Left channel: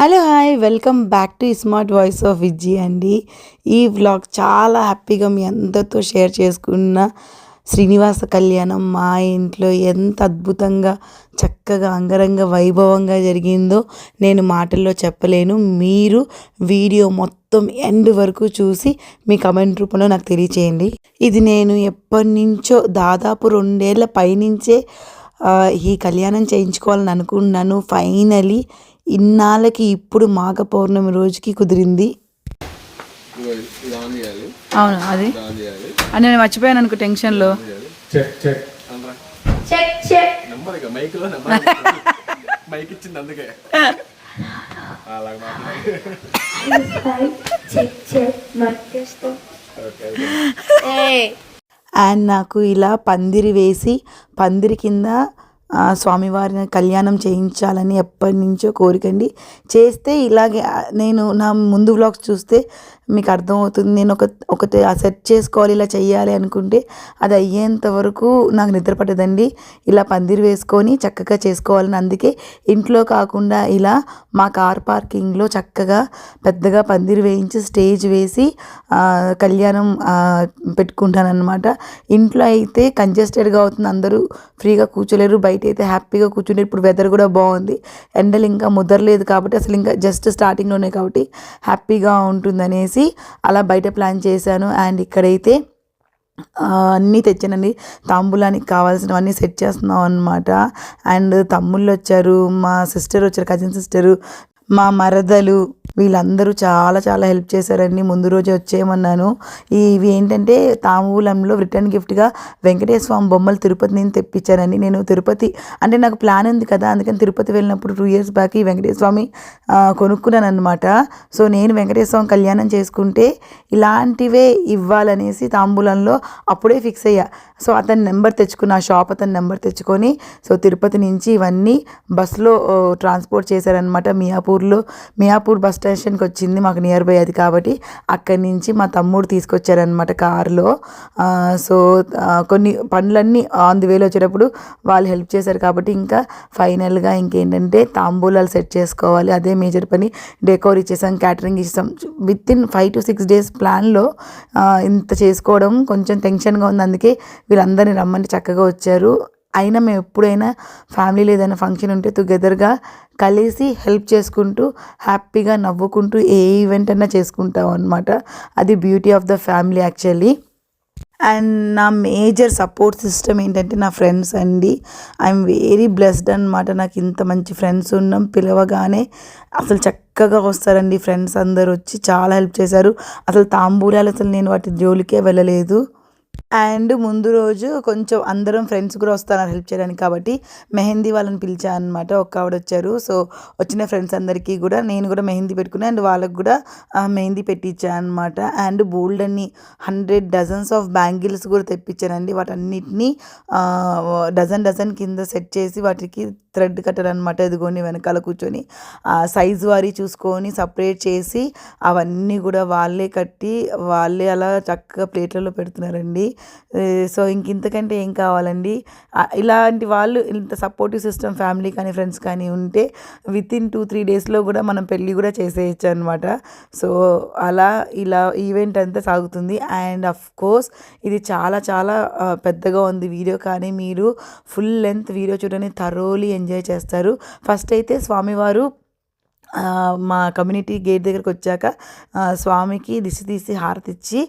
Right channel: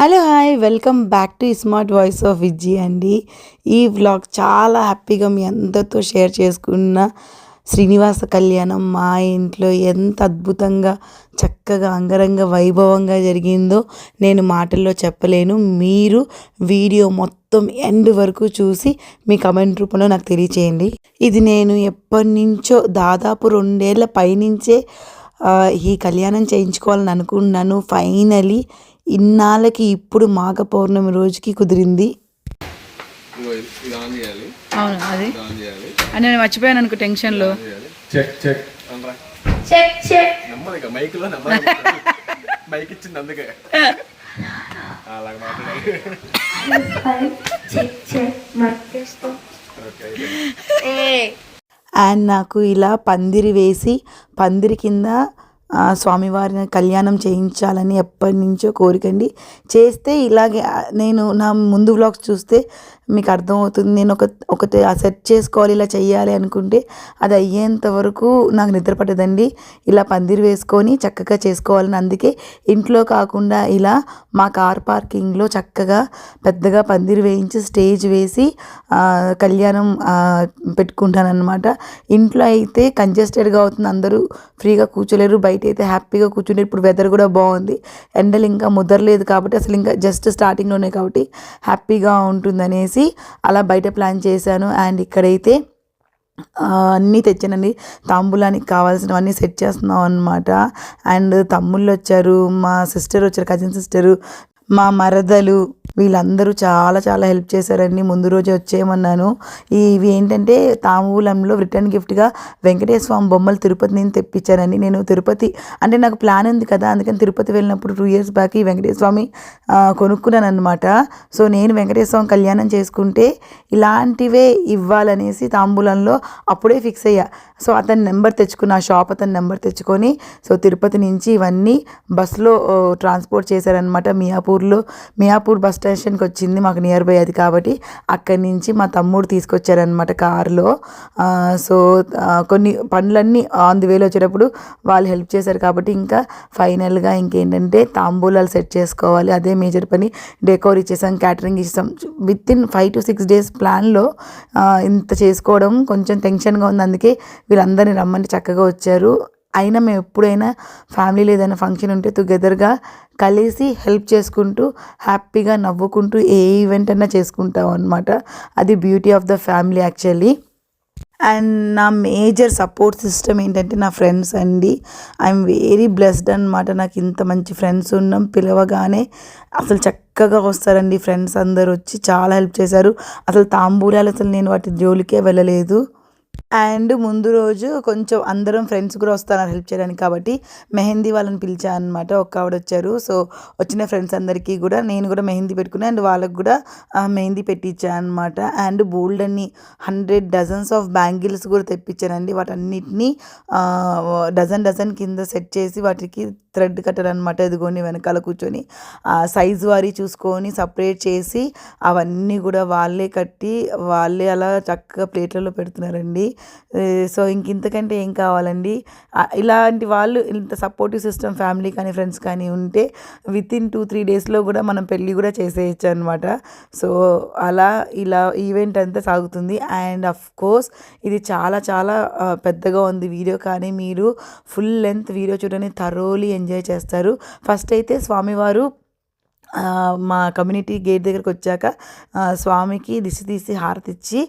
Hello hi welcome back to smart voice of Vijji అండి. ఈ vlog చాలా హ్యాపీగా మీ అందరితో షేర్ చేసుకున్న శ్రీనివాస కళ్యాణం మా ఇంట్లో ఎంత అద్భుతంగా చక్కగా అంగరంగ వైభవంగా జరిగిందో నేను మాటల్లో చెప్పలేను. మీరు వీడియో మొత్తం ఎండ్ వరకు చూసి మీ కమెంట్ రూపంలో నాకు తెలియచేయండి. ఇది నేను ఎప్పటి నుంచో దాదాపు 2 ఏళ్ల పైనుంచే ఈ కళ్యాణం చేయించుకోవాలని అనుకున్నాను. ఫైనలీ ఇన్నాళ్ళకి ఇప్పుడు మాఘ పౌర్ణమి రోజుకి కుదిరింది. అవును, అది నేను మర్చిపోయాను అనుకో టెన్షన్లో. అండ్ నాకు ఇలా పందిరి వేసి పందిరి కింద స్వామివారిని కళ్యాణం చేయించాలని ఎప్పటి నుంచో కోరికండి. చేస్తే ఇలాగే నేను నా ముందు వ్లాగ్స్ చూస్తే మీకు అర్థమవుతుంది. నేను ఒకటి సెట్ చేసుకోవాలి, ఇలా చెయ్యాలి అనుకుంటే అది అయ్యేంత వరకు నాకు నిద్ర పట్టదండి. ఇలా పందిరి వేసుకొని చక్కగా చేసుకోవాలని, అందుకే ఇంట్లో కాకుండా ఇలా మా కార్ పార్కింగ్లో చక్కగా పెద్దగా పందిరి వేయించి స్టేజ్ వేసి కళ్యాణం పెట్టుకుంటానన్నమాట. ఇంట్లో అయితే కంజెస్టెడ్గా అవుతుంది, అందరూ ఫ్రీగా కూర్చోలేరు. బయట అయితే హ్యాపీగా కూర్చుంటే ఇప్పుడు వెదర్ కూడా బాగుంది, ఎండలు ఇంకా ముదరలేదు కాబట్టి అసలు ఇంకా జస్ట్ స్టార్టింగ్లోనే కాబట్టి హ్యాపీగా ఉంటుందనేసి అలా బయట ప్లాన్ చేశాను. అండ్ ఇక్కడైతే అన్నీ తెచ్చానండి, తాంబూలానికి కావాల్సినవన్నీ సెట్ చేస్తున్నాం అనమాట. అండ్ తమ్ముళ్ళు వచ్చారు, మా సిస్టర్ వచ్చారు, కజిన్ సిస్టరు, మా మరదలు, వీళ్ళందరూ చాలా చాలా హెల్ప్ చేశారండి. ముందు రోజే వచ్చేయమన్నాను. ఇవి ఏంటంటే తాంబూలంలో రిటర్న్ గిఫ్ట్గా వెంకటేశ్వర స్వామి బొమ్మలు తిరుపతి నేను తెప్పించానండి. నేను తిరుపతి అంటే నాకు ప్లాన్ ఉంది కదా, అందుకని తిరుపతి వెళ్ళినప్పుడు 2 years బ్యాక్ ఈ వెంకటేశ్వర స్వామి కొనుక్కున్నాను అనమాట. సో నేను వెంకటేశ్వర స్వామి కళ్యాణం చేసుకుంటే ఇలాంటివే ఇవ్వాలనేసి తాంబూలంలో అప్పుడే ఫిక్స్ అయ్యా. సో అతని నెంబర్ తెచ్చుకున్న, ఆ షాప్ అతని నెంబర్ తెచ్చుకొని సో తిరుపతి నుంచి ఇవన్నీ బస్సులో ట్రాన్స్పోర్ట్ చేశారనమాట. మియాపూర్ బస్ స్టేషన్కి వచ్చింది, మాకు నియర్ బై అది కాబట్టి అక్కడి నుంచి మా తమ్ముడు తీసుకొచ్చారనమాట కారులో. సో కొన్ని పనులన్నీ ఆన్ ది వేలో వచ్చేటప్పుడు వాళ్ళు హెల్ప్ చేశారు కాబట్టి ఇంకా ఫైనల్గా ఇంకేంటంటే తాంబూలాలు సెట్ చేసుకోవాలి, అదే మేజర్ పని. డెకోర్ ఇచ్చేసాం, క్యాటరింగ్ ఇచ్చేసాం. వితిన్ 5 to 6 days ప్లాన్లో ఇంత చేసుకోవడం కొంచెం టెన్షన్గా ఉంది. అందుకే వీళ్ళందరినీ రమ్మని చక్కగా వచ్చారు. అయినా మేము ఎప్పుడైనా ఫ్యామిలీలో ఏదైనా ఫంక్షన్ ఉంటే టుగెదర్గా కలిసి హెల్ప్ చేసుకుంటూ హ్యాపీగా నవ్వుకుంటూ ఏ ఈవెంట్ అయినా చేసుకుంటాం అనమాట. అది beauty of the family actually. And నా మేజర్ సపోర్ట్ సిస్టమ్ ఏంటంటే నా ఫ్రెండ్స్ అండి. ఐఎమ్ వెరీ బ్లెస్డ్ అనమాట. నాకు ఇంత మంచి ఫ్రెండ్స్ ఉన్నాం. పిలవగానే అసలు చక్కగా వస్తారండి ఫ్రెండ్స్. అందరు వచ్చి చాలా హెల్ప్ చేశారు. అసలు తాంబూలాలు అసలు నేను వాటి జోలికే వెళ్ళలేదు. అండ్ ముందు రోజు కొంచెం అందరం ఫ్రెండ్స్ కూడా వస్తున్నారు హెల్ప్ చేయడానికి కాబట్టి మెహందీ వాళ్ళని పిలిచాను అనమాట. ఒక ఆవిడ వచ్చారు. సో వచ్చిన ఫ్రెండ్స్ అందరికీ కూడా నేను కూడా మెహందీ పెట్టుకున్నాను అండ్ వాళ్ళకు కూడా మెహందీ పెట్టించాను అనమాట. అండ్ బోల్డ్ అన్ని 100 dozens ఆఫ్ బ్యాంగిల్స్ కూడా తెప్పించానండి. వాటన్నిటినీ డజన్ కింద సెట్ చేసి వాటికి థ్రెడ్ కట్టర్ అనమాట. ఇదిగోండి వెనకాల కూర్చొని సైజు వారీ చూసుకొని సపరేట్ చేసి అవన్నీ కూడా వాళ్ళే కట్టి వాళ్ళే అలా చక్కగా ప్లేట్లలో పెడుతున్నారండి. సో ఇంతకంటే ఏం కావాలండి. ఇలాంటి వాళ్ళు ఇంత సపోర్టివ్ సిస్టమ్ ఫ్యామిలీ కానీ ఫ్రెండ్స్ కానీ ఉంటే వితిన్ 2-3 daysలో కూడా మనం పెళ్ళి కూడా చేసేయచ్చు అనమాట. సో అలా ఇలా ఈవెంట్ అంతా సాగుతుంది. అండ్ అఫ్ కోర్స్ ఇది చాలా చాలా పెద్దగా ఉంది వీడియో, కానీ మీరు ఫుల్ లెంత్ వీడియో చూడని థరోలీ ఎంజాయ్ చేస్తారు. ఫస్ట్ అయితే స్వామివారు మా కమ్యూనిటీ గేట్ దగ్గరికి వచ్చాక స్వామికి దిష్టి తీసి హారతి ఇచ్చి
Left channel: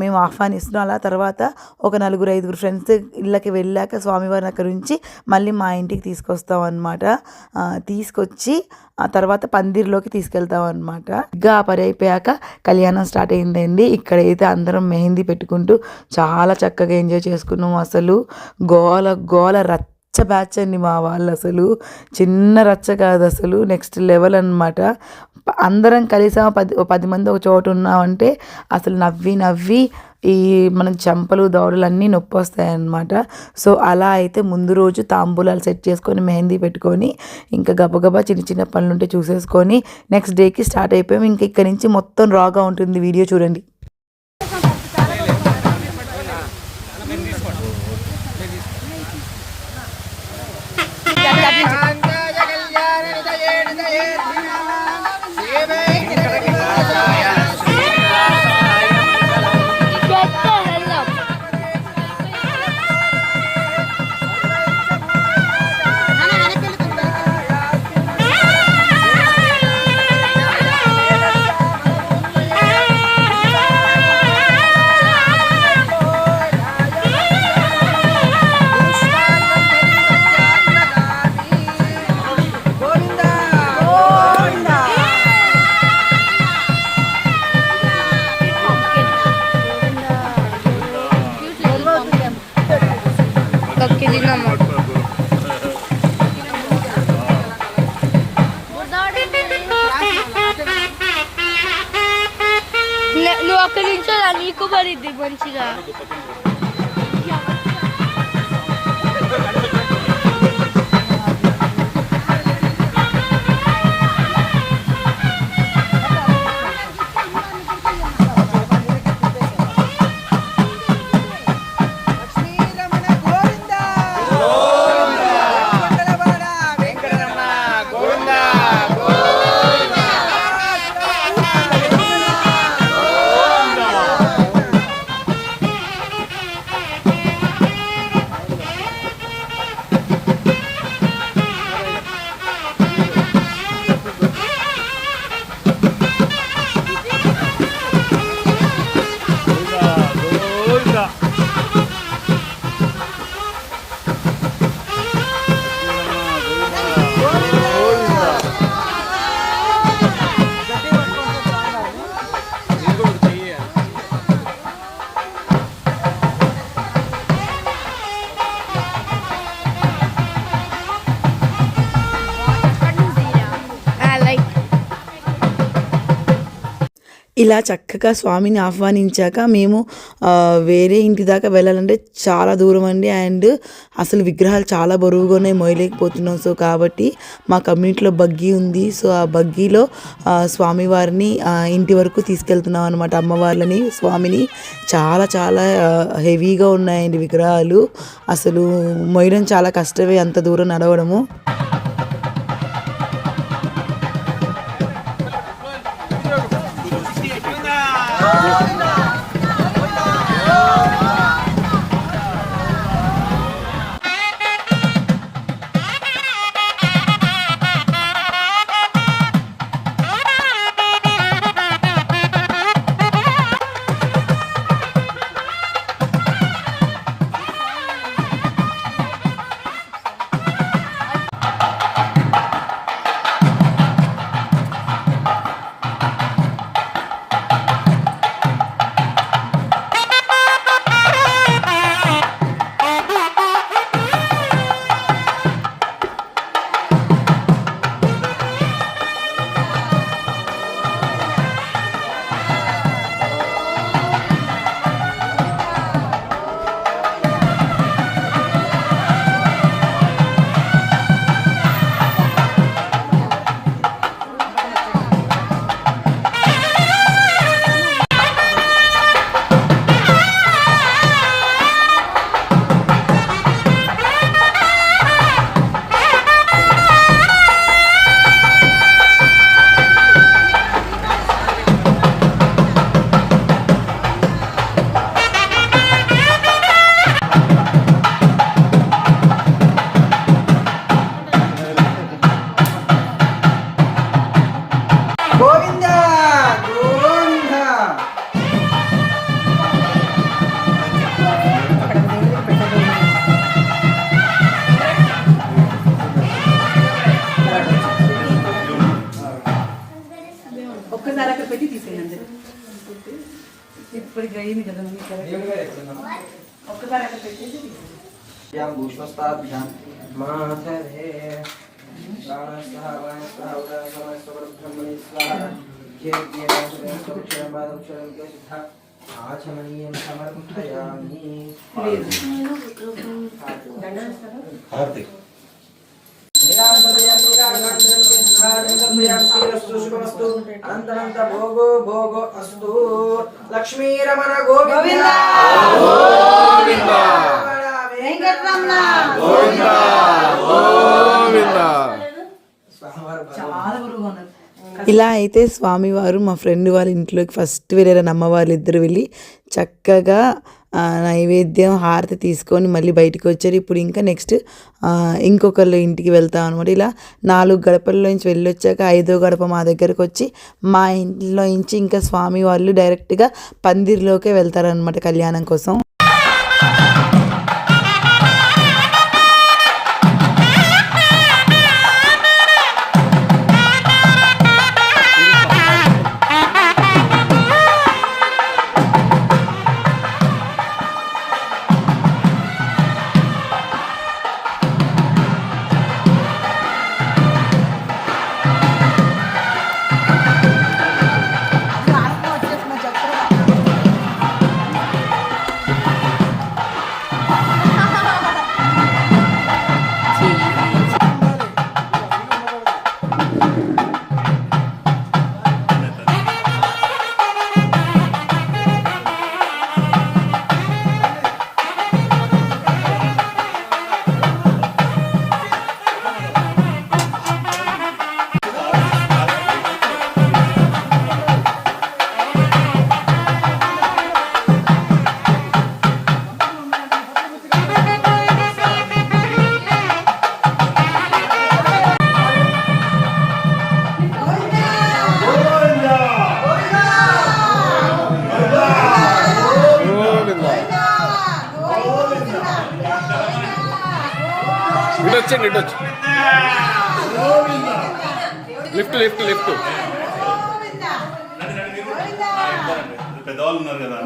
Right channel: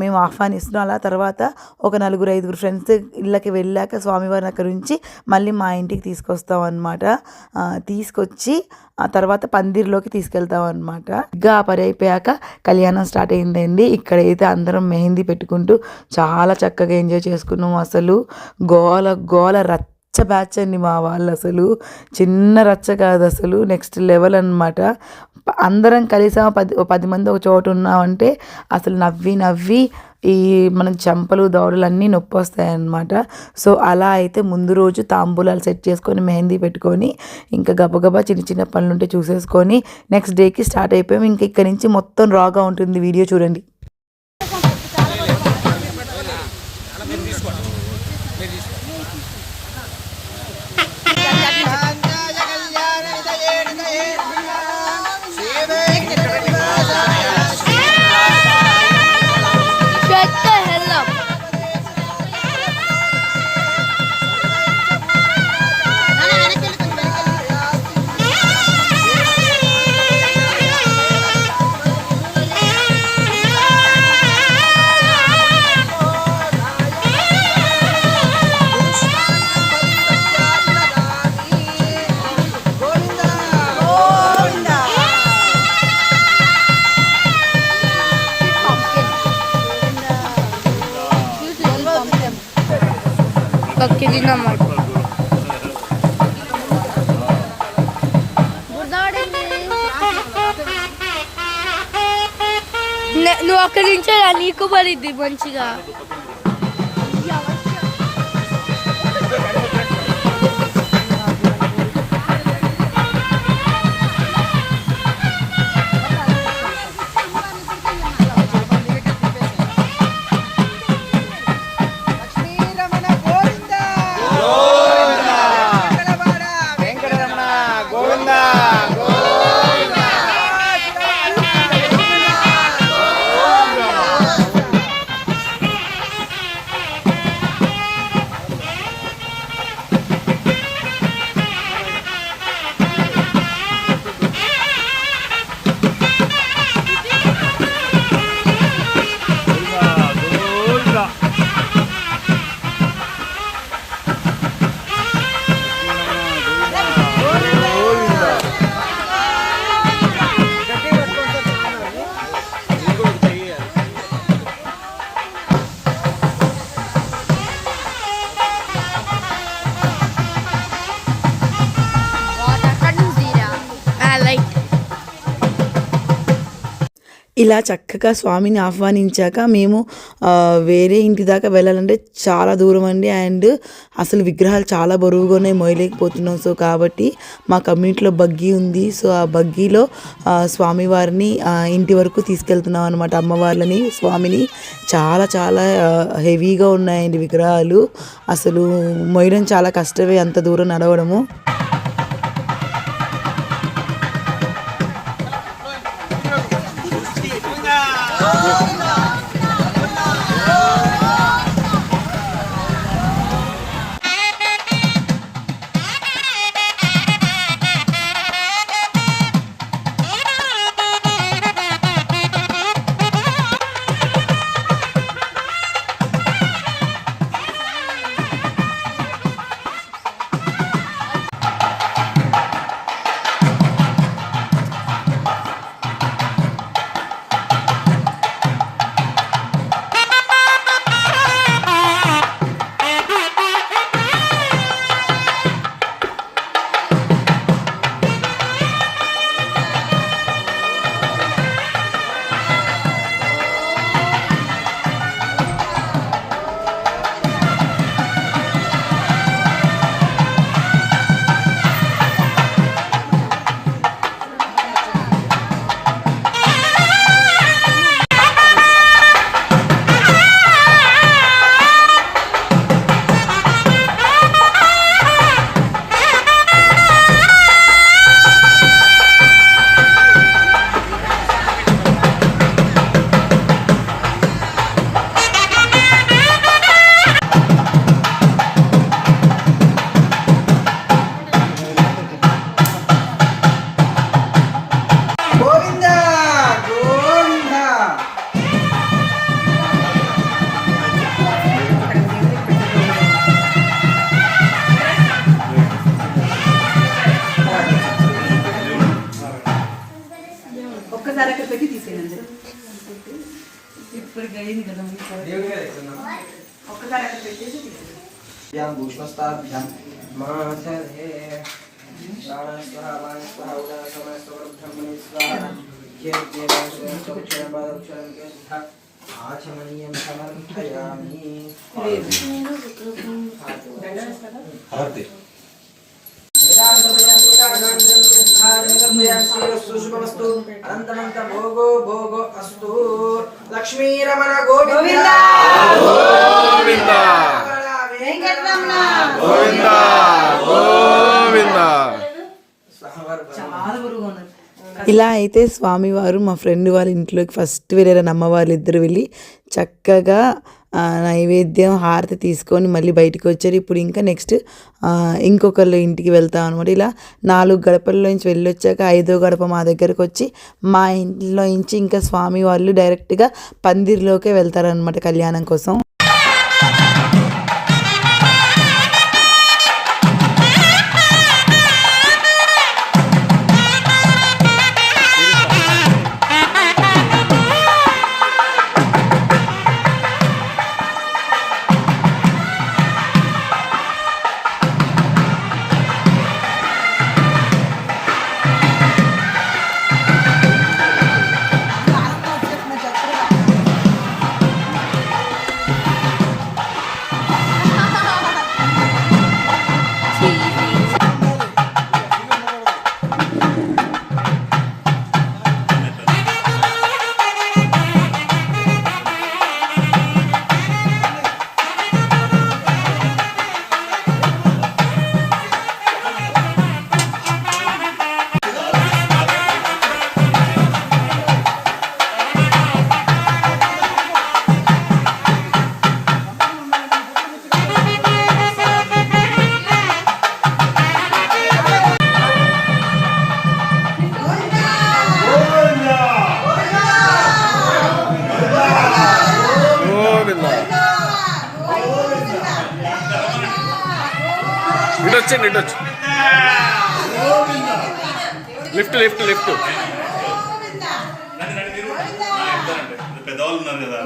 మేము ఆహ్వానిస్తున్నాం. అలా తర్వాత ఒక 4-5 ఫ్రెండ్స్ ఇళ్ళకి వెళ్ళాక స్వామివారిని అక్కడి నుంచి మళ్ళీ మా ఇంటికి తీసుకొస్తాం అనమాట. తీసుకొచ్చి ఆ తర్వాత పందిర్లోకి తీసుకెళ్తాం అనమాట. ఇంకా పని అయిపోయాక కళ్యాణం స్టార్ట్ అయిందండి. ఇక్కడైతే అందరం మెహందీ పెట్టుకుంటూ చాలా చక్కగా ఎంజాయ్ చేసుకున్నాం. అసలు గోల రచ్చ బ్యాచ్ అండి మా వాళ్ళు. అసలు చిన్న రచ్చ కాదు, అసలు నెక్స్ట్ లెవెల్ అనమాట. అందరం కలిసి 10 మంది ఒక చోట ఉన్నామంటే అసలు నవ్వి ఈ మన చెంపలు దవడలు అన్నీ నొప్పి వస్తాయన్నమాట. సో అలా అయితే ముందు రోజు తాంబూలాలు సెట్ చేసుకొని మెహందీ పెట్టుకొని ఇంకా గబగబా చిన్న పనులుంటే చూసేసుకొని నెక్స్ట్ డేకి స్టార్ట్ అయిపోయాం. ఇంకా ఇక్కడి నుంచి మొత్తం రాగా ఉంటుంది వీడియో చూడండి. ఒక నిమిషం నీకు పడిద్ది మంచిగా. ఇలా చక్కగా స్వామిని ఆహ్వానించాక మేము వేరే ఇంటి దాకా వెళ్ళాలంటే చాలా దూరం అండి. అండ్ అసలు విగ్రహాలు చాలా బరువుగానే మోయలేకపోతున్నాం. సో కాబట్టి మా కమ్యూనిటీలో బగ్గీ ఉంది. సో ఆ బగ్గీలో స్వామివారిని ఇంటి వరకు తీసుకెళ్తున్నాం అనమాట. అమ్మవార్లని స్వామిని చాలా చాలా హెవీగా ఉన్నాయండి విగ్రహాలు. అసలు మోయడం చాలా కష్టమే, అంత దూరం నడవడము. ఒక్కసారి అక్కడ పెట్టి తీసేయండి. ఇప్పుడు అయింది కదా ఒక్కసారి అక్కడ పెట్టేసి ఆచమనీయం సమర్పయామి. అనంతమంత భోగో భోగో అస్తు. లక్ష్మీరమణ గోవింద గోవింద గోవింద గోవింద. చాలా గురువుగా ఉన్నారు. ఇలా అయితే స్వామివారు మా ఫ్రెండ్ వాళ్ళ ఇంట్లోకి ఫస్ట్ వెళ్ళారని అమ్మ వాళ్ళు ఇద్దరు వెళ్ళి చక్కగా నైవేద్యం హారతి తీసుకొని మళ్ళీ బయటకు వచ్చారు. ఇప్పుడు ఇంకా నెక్స్ట్ ఇంకొకళ్ళు ఇంటికి వెళ్తాం అనమాట. ఇలా 4 గడపల్లోంచి వెళ్ళొచ్చాక 5వ గడప మా దగ్గరకు వచ్చి మా ఇంట్లో నుంచి ఇంకా స్వామి వాళ్ళు డైరెక్ట్గా పందిరిలోకే వెళ్తారనమాట కళ్యాణం కోసం. వచ్చండి ఇటు వచ్చి లిఫ్ట్ లిఫ్ట్ లిఫ్ట్ పెద్దవాళ్ళు ఉన్నారు కదా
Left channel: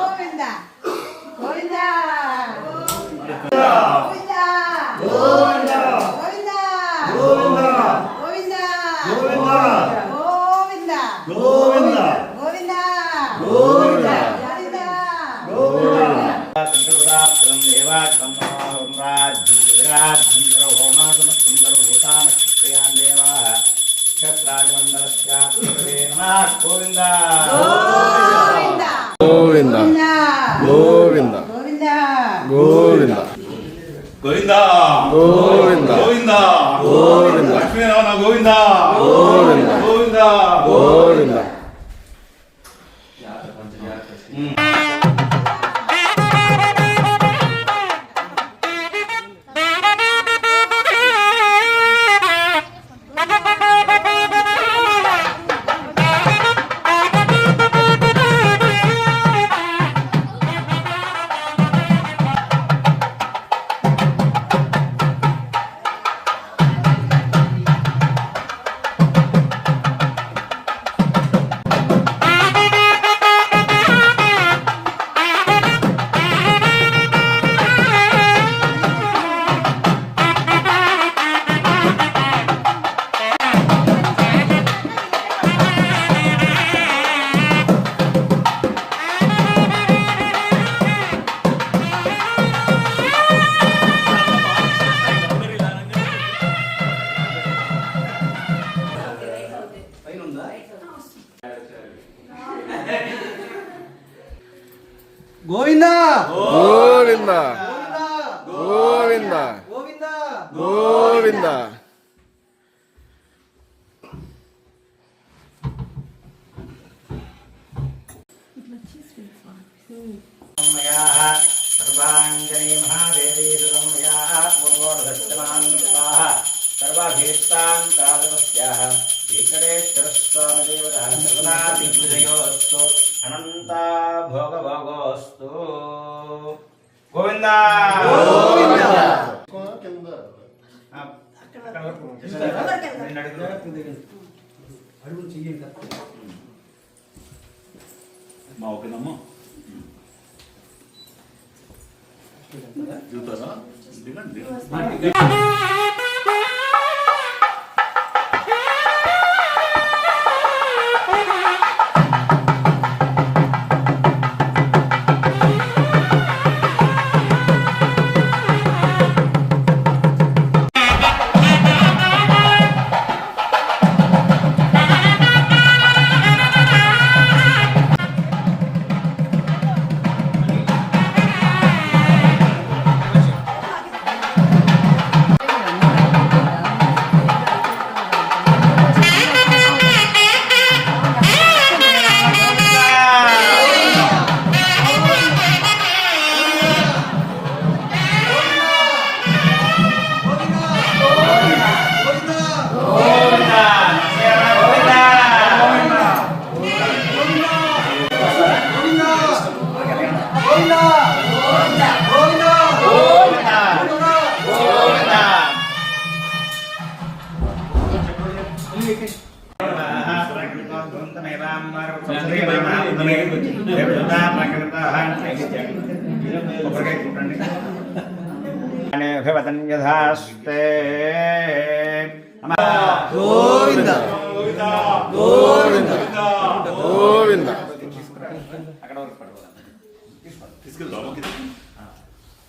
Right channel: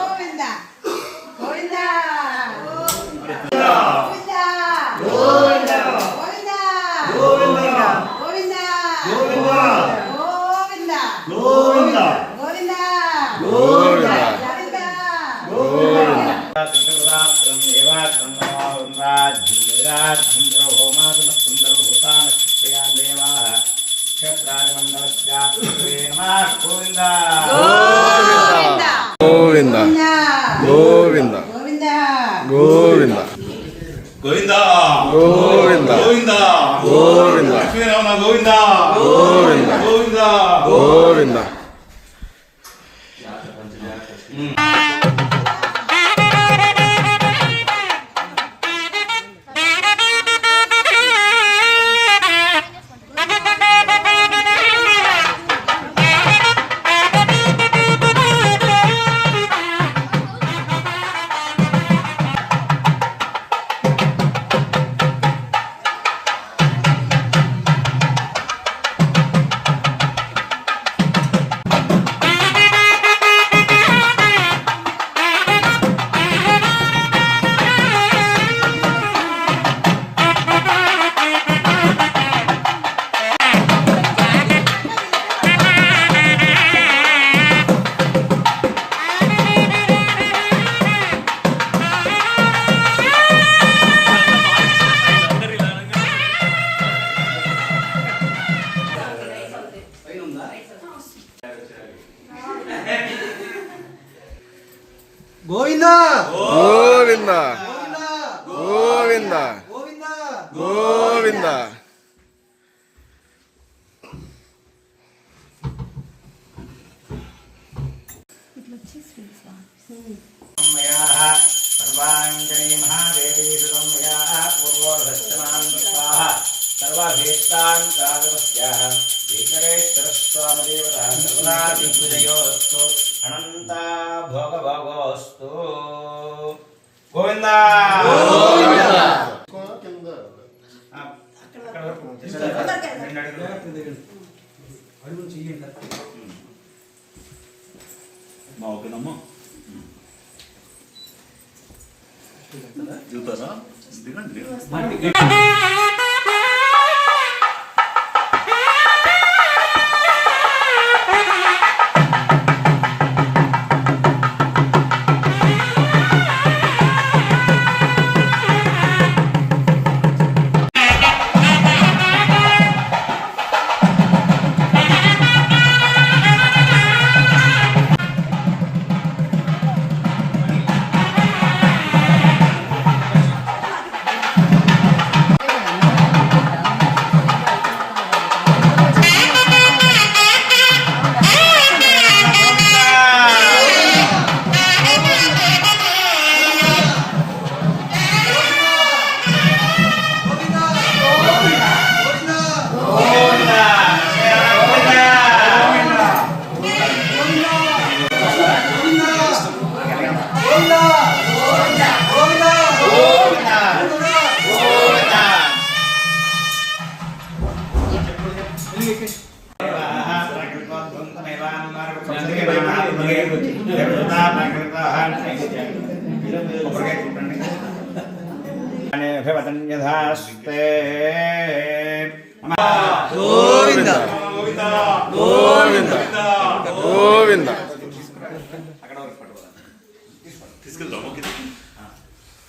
గోవింద గోవింద గోవింద గోవింద గోవింద గోవింద గోవింద లక్ష్మీనారాయణ గోవింద గోవింద గోవింద గోవింద గోవింద గోవింద గోవింద గోవింద सर्वांजलि महादेवी सर्वाभीष्टान्तादवस्याः श्रीकरेश्वरस्वामदेवतः सर्वदा दिग्विजयोस्तु अनन्ता भोगभोगोस्तु गोविन्द మా ఓకేనమ్మా దిగుతారా దిగండి यथास्ते గోవింద గోవింద గోవింద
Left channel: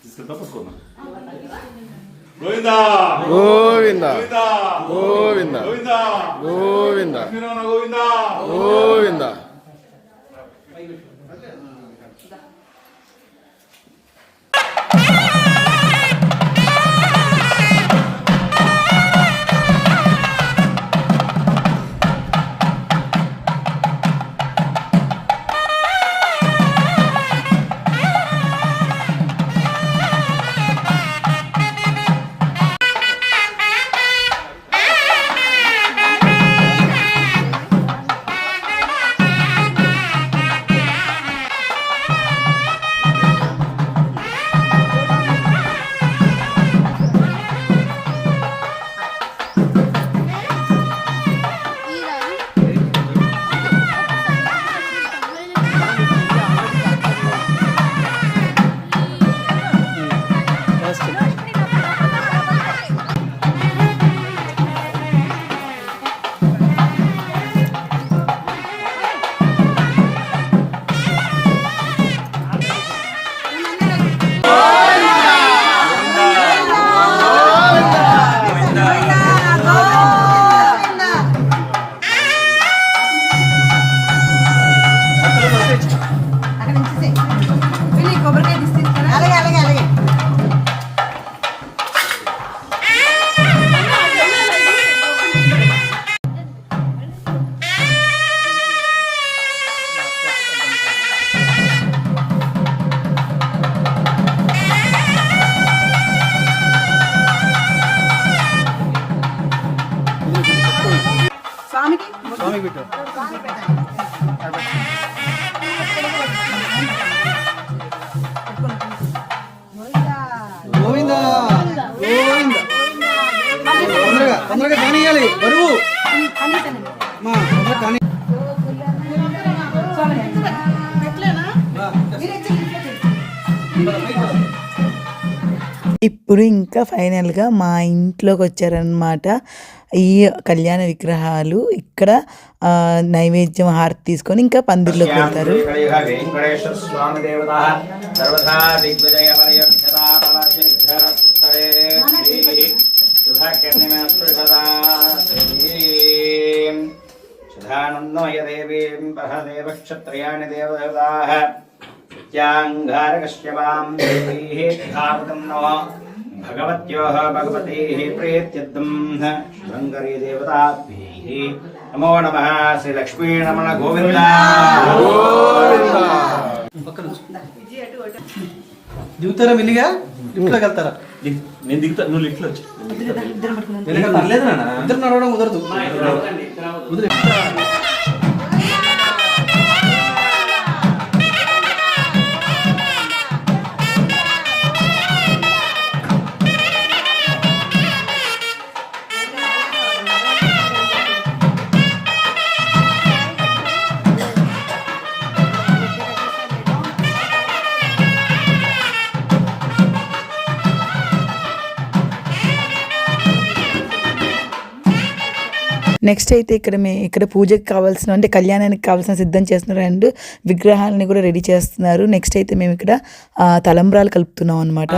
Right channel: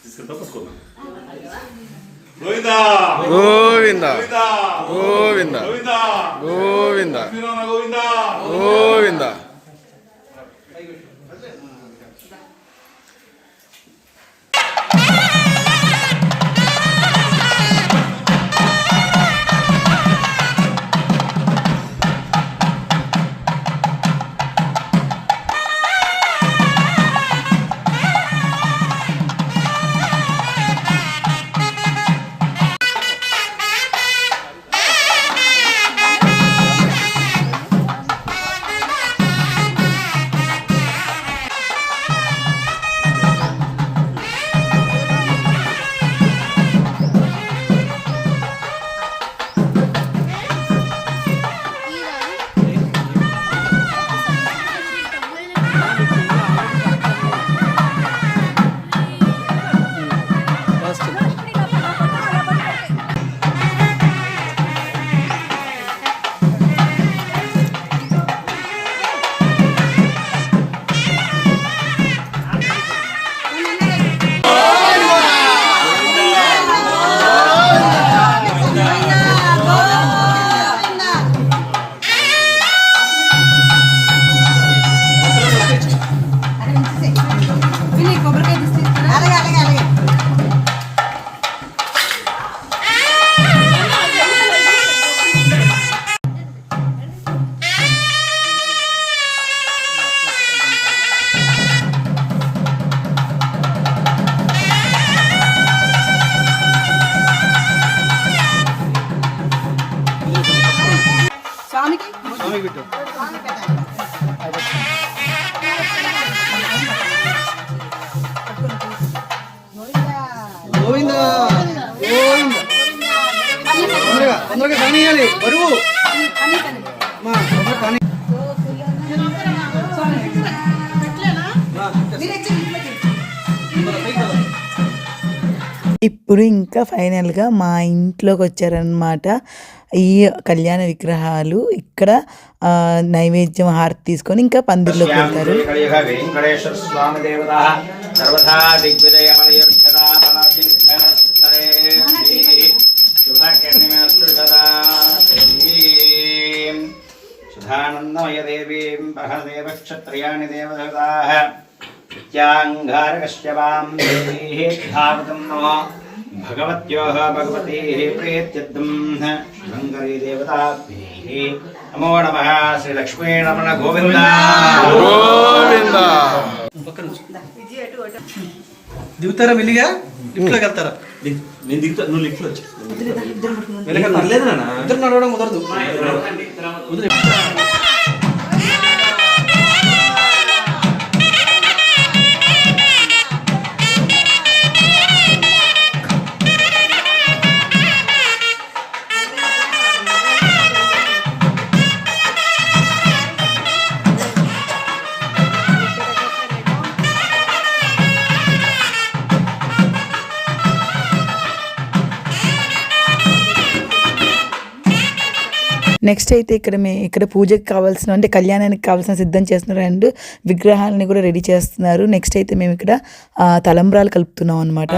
తీసుకెళ్తా పట్టుకో గోవింద గోవింద గోవింద గోవింద గోవింద గోవింద లక్ష్మీనారాయణ గోవింద గోవింద గోవింద గోవింద అందరికి కనియాలి బరువు మా కని ఇప్పుడు ఇంకా ఫైనల్గా మా ఇంట్లోకి వచ్చారనమాట ఈ కళ్యాణ విగ్రహాలు. ఇక్కడ నైవేద్యం హారతి తీసుకొని ఇంకా పందిర్లోకి వెళ్తారు. వెంకటేశ్వర స్వామి దేవత సర్వదా దిగ్విజయ సుధానందమయ దేవీం పహదేవ క్షత్రియాణి దేవదేవతాః నిత్యాంగారకశ్యవాం దేవీః నమో భగవత్యోః భగవతీః ప్రీత్యర్థం శుభంకరీ దేవతాభ్యైః నమో నమః. శ్రీ లక్ష్మీ రమణ గోవింద గోవింద. దిగుతారా మెల్లిగా లిఫ్ట్లోకి వెళ్తారా? నేను దిగుతా, నువ్వు లిఫ్ట్లో వచ్చి ఇద్దరు నడవడం కుదరదు. నెక్స్ట్ అయితే ఇక్కడ పూజకి కావాల్సిన అంటే కళ్యాణానికి కావాల్సిన సిద్ధం చేస్తున్నారు అండ్ విగ్రహాలని కూడా రెడీ చేస్తున్నారు. నెక్స్ట్ అయితే మేము ఇక్కడ తలంబ్రాలు కలుపుతున్నాం అనమాట.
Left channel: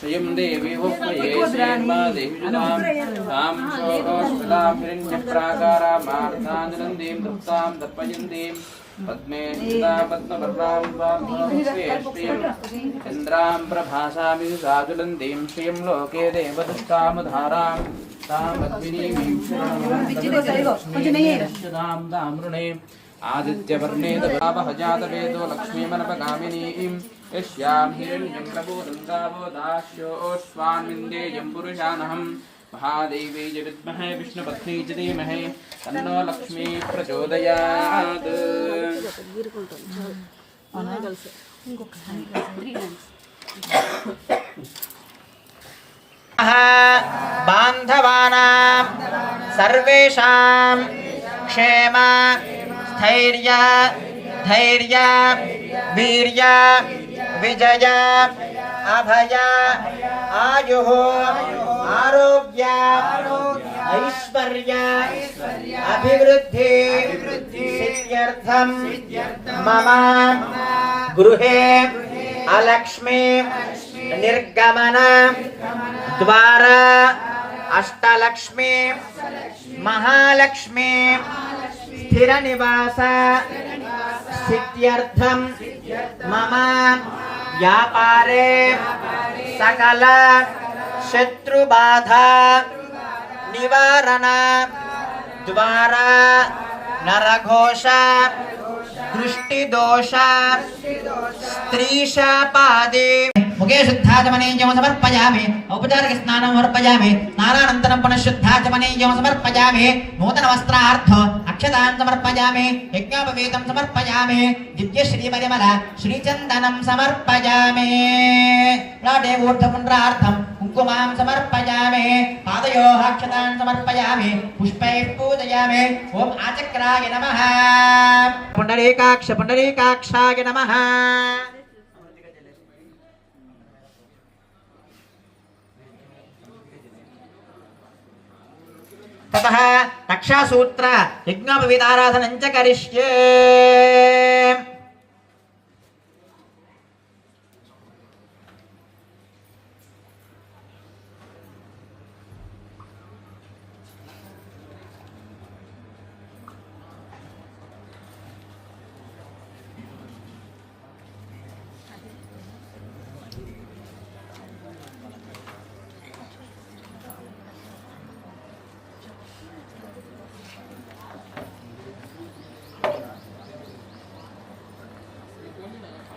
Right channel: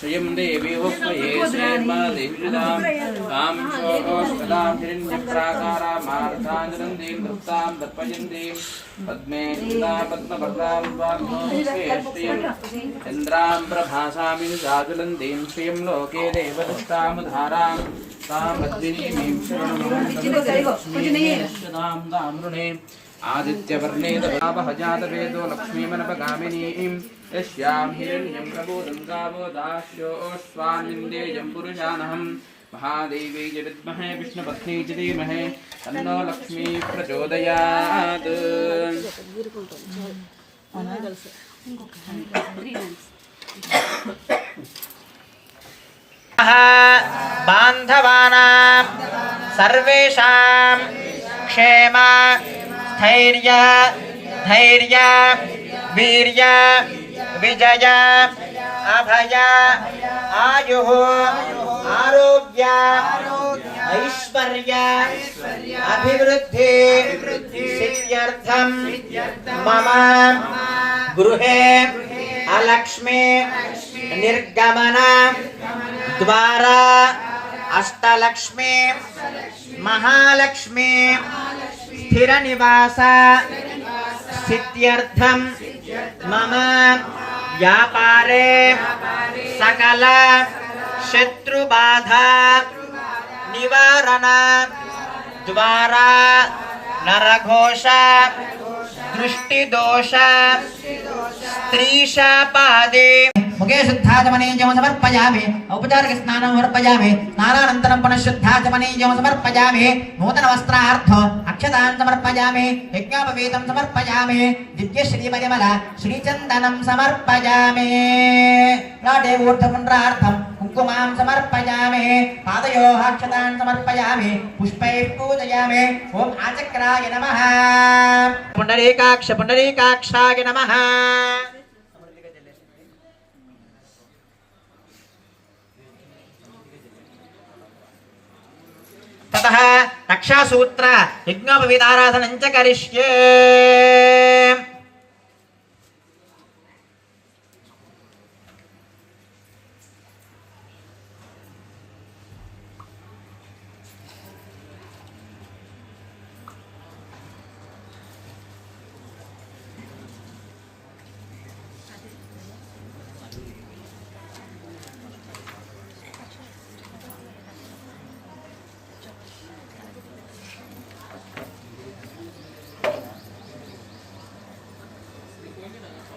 श्रियं देवी वक्मये श्रीर्मा देवीजुदां तां शोकोष्पदां हिरण्यप्राकारां मारुताञ्जलन्दीं धत्तां दत्पयन्दीं पद्मे पद्मभद्रां वाग्मोश्रीं चन्द्रां प्रभासामिं साजुलन्दीं श्रियं लोके देवदत्तामुधारां तां पद्मिनीं श्रीं दामृणे आदित्यवर्णे दभावहजातवेदो लक्ष्मीमनपगामिनीं यस्यां हिरण्यं प्रबोधं गावो दास्योऽश्वान्विन्देयं पुरुषानहं महादेवी च विद्महे विष्णुपत्नी च धीमहि तन्नो लक्ष्मी प्रचोदयात्. बान्धवानां सर्वेषां क्षेम स्थैर्य धैर्य वीर्य विजय अभय आयुः आरोग्य ऐश्वर्य अभिवृद्धि सिद्ध्यर्थं मम गृहे अलक्ष्मी निर्गमन द्वारा अष्टलक्ष्मी महालक्ष्मी स्थिर निवास सिद्ध्यर्थं मम व्यापारे सकल शत्रुबाधा निवारण द्वारा नरघोष दृष्टिदोष स्त्रीशापादे मुखे शुद्धाचमनीयं समर्पयामि औपचारिक स्नानं समर्पयामि स्नानानन्तरं पुनः शुद्धाचमनीयं समर्पयामि नूतन वस्त्रार्थ अक्षतां समर्पयामि यज्ञोपवीतं समर्पयामि दिव्यश्रीपरिमल श्रीचन्दनं समर्पयामि राडे ऊर्ध्वपुण्ड्रार्थं कुङ्कुमां समर्पयामि पादयोः अक्षतां समर्पयामि पुष्पैः पूजयामि ॐ आचक्राय नमः पुण्डरीकाक्षाय नमः ततः रक्षासूत्र यज्ञोपवीताराधनं च करिष्ये.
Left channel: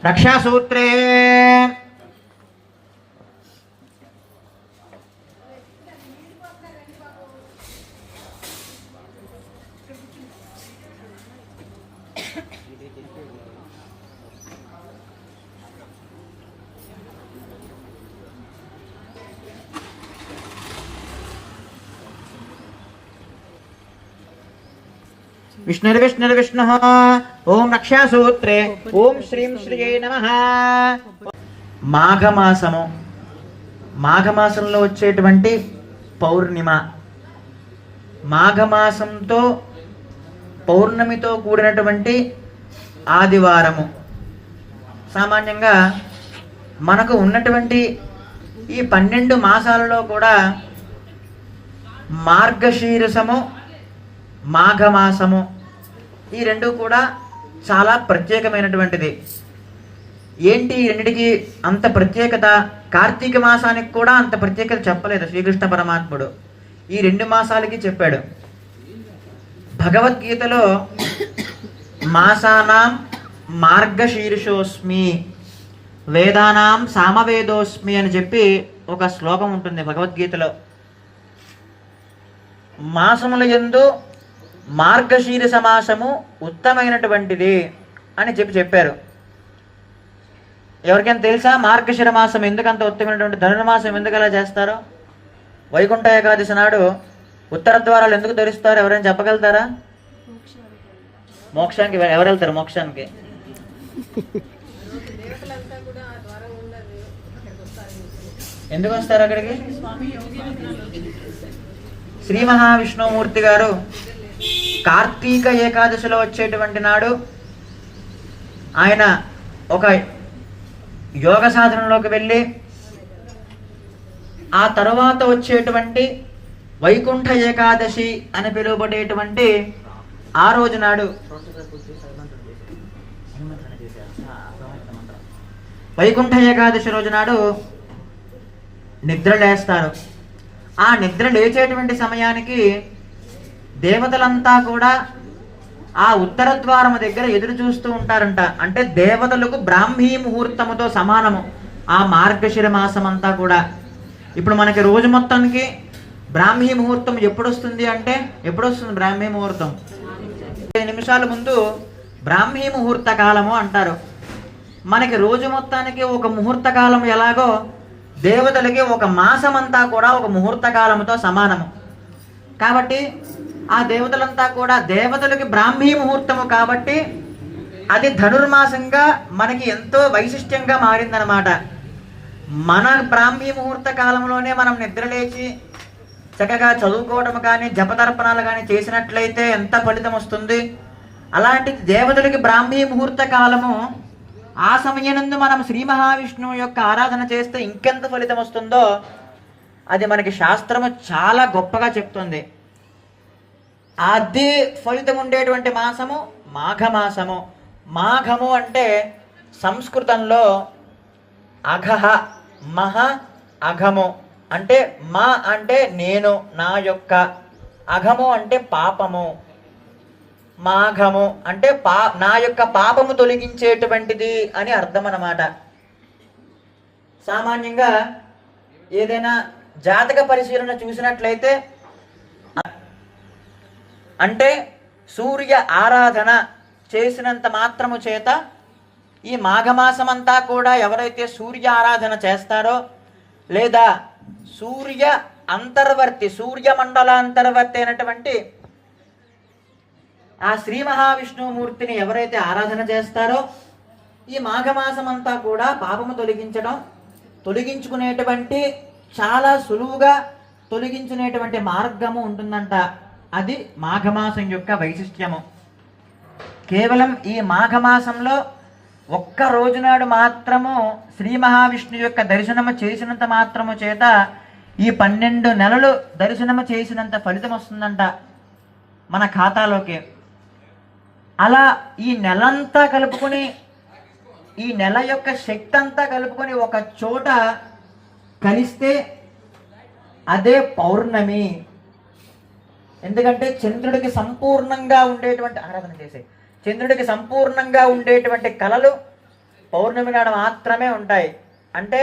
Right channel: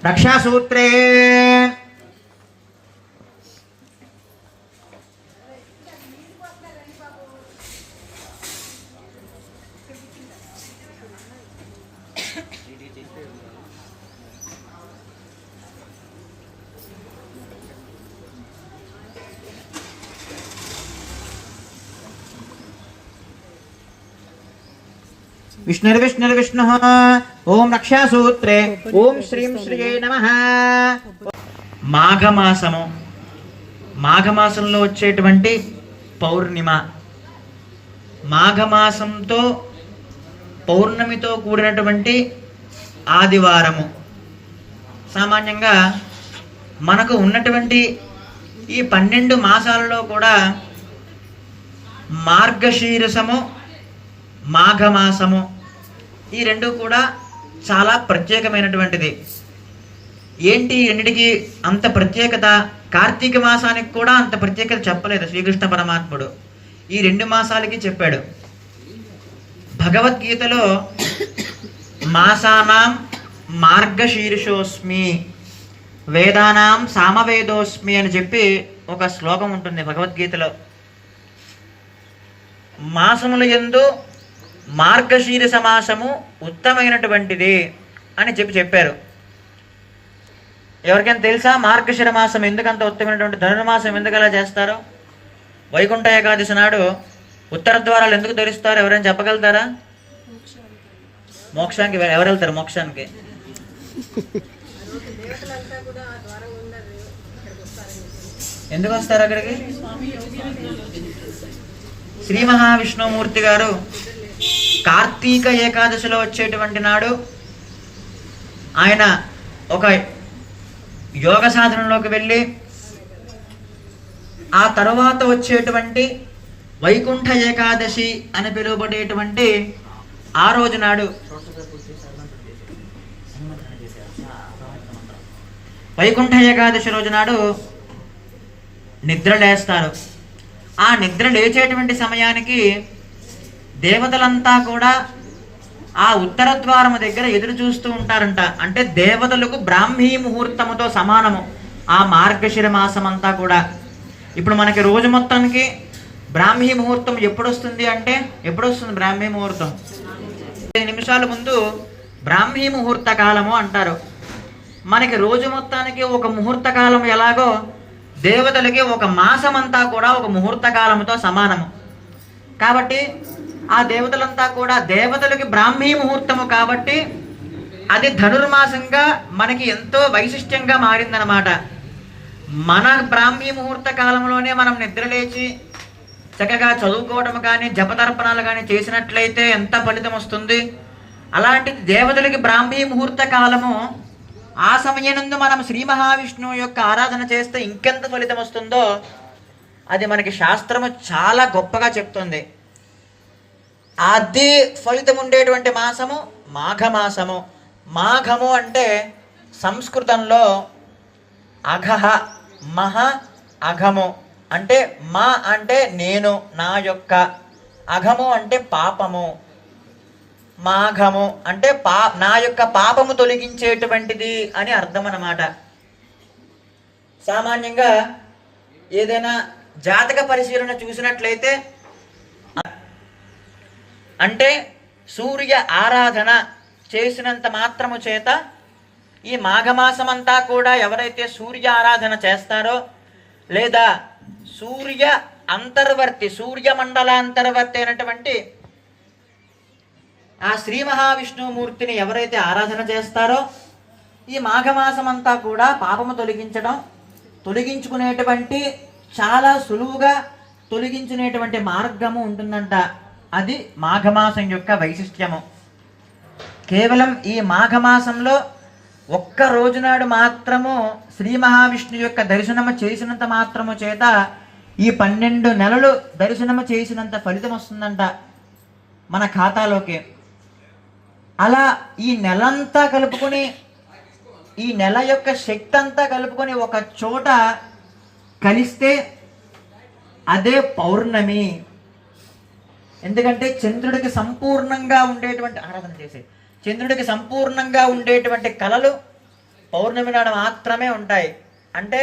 రక్షాసూత్రే విష్ణుర్విష్ణుర్విష్ణు ఓం రక్షాసూత్రే ఓం శ్రీం శ్రీయే నమః. మాఘమాసము, మాఘమాసంలో వచ్చేటువంటి పౌర్ణిమ, మాఘమాసంతో పౌర్ణమితో కూడినటువంటి ఆదివారము. సామాన్యంగా మనకు ఉన్నటువంటి ఈ 12 మాసాలలో కూడా మార్గశీర్షము, మాఘమాసము ఈ రెండు కూడా చాలా ప్రత్యేకమైనటువంటిది. ఏంటి రెండిటికి అంత ప్రత్యేకత? కార్తీక మాసానికి కూడా అంత ప్రత్యేకత చెప్పలేదు శ్రీకృష్ణ పరమాత్ముడు, ఈ 2 మాసాలకి చెప్పాడు. భగవద్గీతలో మాసానాం మార్గశీర్షోస్మి వేదానాం సామవేదోస్మి అని చెప్పి ఒక శ్లోకం ఉంటుంది భగవద్గీతలో. మాసముల యందు మార్గశీర్ష మాసము ఉత్తమైనటువంటిది అని చెప్పారు. ఎవరికైనా తెలుసా మార్గశిర మాసం ఎందుకంత ఉత్తమైనటువంటి? ధనుర్మాసం ఎందుకు అలా చేస్తారో? వైకుంఠ ఏకాదశి నాడు ఉత్తర ద్వారాలు ఎందుకు తెరుస్తారు? ఎవరైనా చెప్పగలుగుతారా? మోక్షానికి ఎవరు వెళ్తారు? మోక్షానికి ఎందుకు వస్తారు అక్కడికి? శ్రీ మహావిష్ణుమూర్తి గారు కార్తీక ఏకాదశిలో వచ్చేటువంటి నాడు ఆయన ఒక యోగ సాధనలోకి వెళ్ళి ఆ తర్వాత వచ్చేటువంటి వైకుంఠ ఏకాదశి అని పిలువబడేటువంటి ఆ రోజు నాడు వైకుంఠ ఏకాదశి రోజు నాడు నిద్ర లేస్తారు. ఆ నిద్ర లేచేటువంటి సమయానికి దేవతలంతా కూడా ఆ ఉత్తర ద్వారము దగ్గర ఎదురు చూస్తూ ఉంటారంట. అంటే దేవతలకు బ్రాహ్మీ ముహూర్తముతో సమానము ఆ మార్గశిర మాసం అంతా కూడా. ఇప్పుడు మనకి రోజు మొత్తానికి బ్రాహ్మీ ముహూర్తం ఎప్పుడు వస్తుంది అంటే, ఎప్పుడు వస్తుంది బ్రాహ్మీ ముహూర్తం? 5 నిమిషాల ముందు బ్రాహ్మీ ముహూర్త కాలము అంటారు. మనకి రోజు మొత్తానికి ఒక ముహూర్త కాలం ఎలాగో దేవతలకి ఒక మాసం అంతా కూడా ఒక ముహూర్త కాలముతో సమానము. కాబట్టి ఆ దేవతలంతా కూడా దేవతలకి బ్రాహ్మీ ముహూర్తము కాబట్టి అది ధనుర్మాసంగా మనకి ఎంతో వైశిష్ట్యంగా మారిందనమాట. మన బ్రాహ్మీ ముహూర్త కాలంలోనే మనం నిద్రలేచి చక్కగా చదువుకోవడం కానీ జపతర్పణాలు కానీ చేసినట్లయితే ఎంత ఫలితం వస్తుంది? అలాంటి దేవతలకి బ్రాహ్మీ ముహూర్త కాలము ఆ సమయనందు మనం శ్రీ మహావిష్ణువు యొక్క ఆరాధన చేస్తే ఇంకెంత ఫలితం వస్తుందో అది మనకి శాస్త్రము చాలా గొప్పగా చెప్తుంది. అది ఫలితం ఉండేటువంటి మాసము మాఘమాసము. మాఘము అంటే సంస్కృతంలో అఘహ, మహ, అఘము అంటే మా అంటే నేను, నా యొక్క, అఘము అంటే పాపము, మాఘము అంటే నా యొక్క పాపము తొలగించేటువంటిది అని అర్థం అన్నమాట. సామాన్యంగా ఏదైనా జాతక పరిశీలన చూసినట్లయితే అంటే సూర్య ఆరాధన చేసినంత మాత్రము చేత ఈ మాఘమాసమంతా కూడా ఎవరైతే సూర్య ఆరాధన చేస్తారో లేదా సూర్య అంతర్వర్తి, సూర్యమండలాంతర్వర్తి అయినటువంటి ఆ శ్రీ మహావిష్ణుమూర్తిని ఎవరైతే ఆరాధన చేస్తారో ఈ మాఘమాసమంతా కూడా పాపము తొలగించుకునేటువంటి చాలా సులువుగా తొలగించుకునేటువంటి మార్గము ఉంటుందంట. అది మాఘమాసం యొక్క వైశిష్ట్యము. కేవలం ఈ మాఘమాసంలో ఒక్క రోజునాడు మాత్రము శ్రీ మహావిష్ణువు యొక్క దర్శనము చేసినంత మాత్రము చేత ఈ 12 నెలలు దర్శనము చేసినంత ఫలితం వస్తుందంట మన ఖాతాలోకి. అలా ఈ నెలంతా కలుపుకొని, ఈ నెల యొక్క శక్తి అంతా కలుపుకొని ఒక చోట కలిస్తే అదే పౌర్ణమి. ఎందుకంటే చంద్రుడికి సంపూర్ణంగా ఉండేటువంటి ఆరాధన చేసే చంద్రుడికి సంపూర్ణంగా ఉండేటువంటి కళలు పౌర్ణమి నాడు మాత్రమే ఉంటాయి. అంటే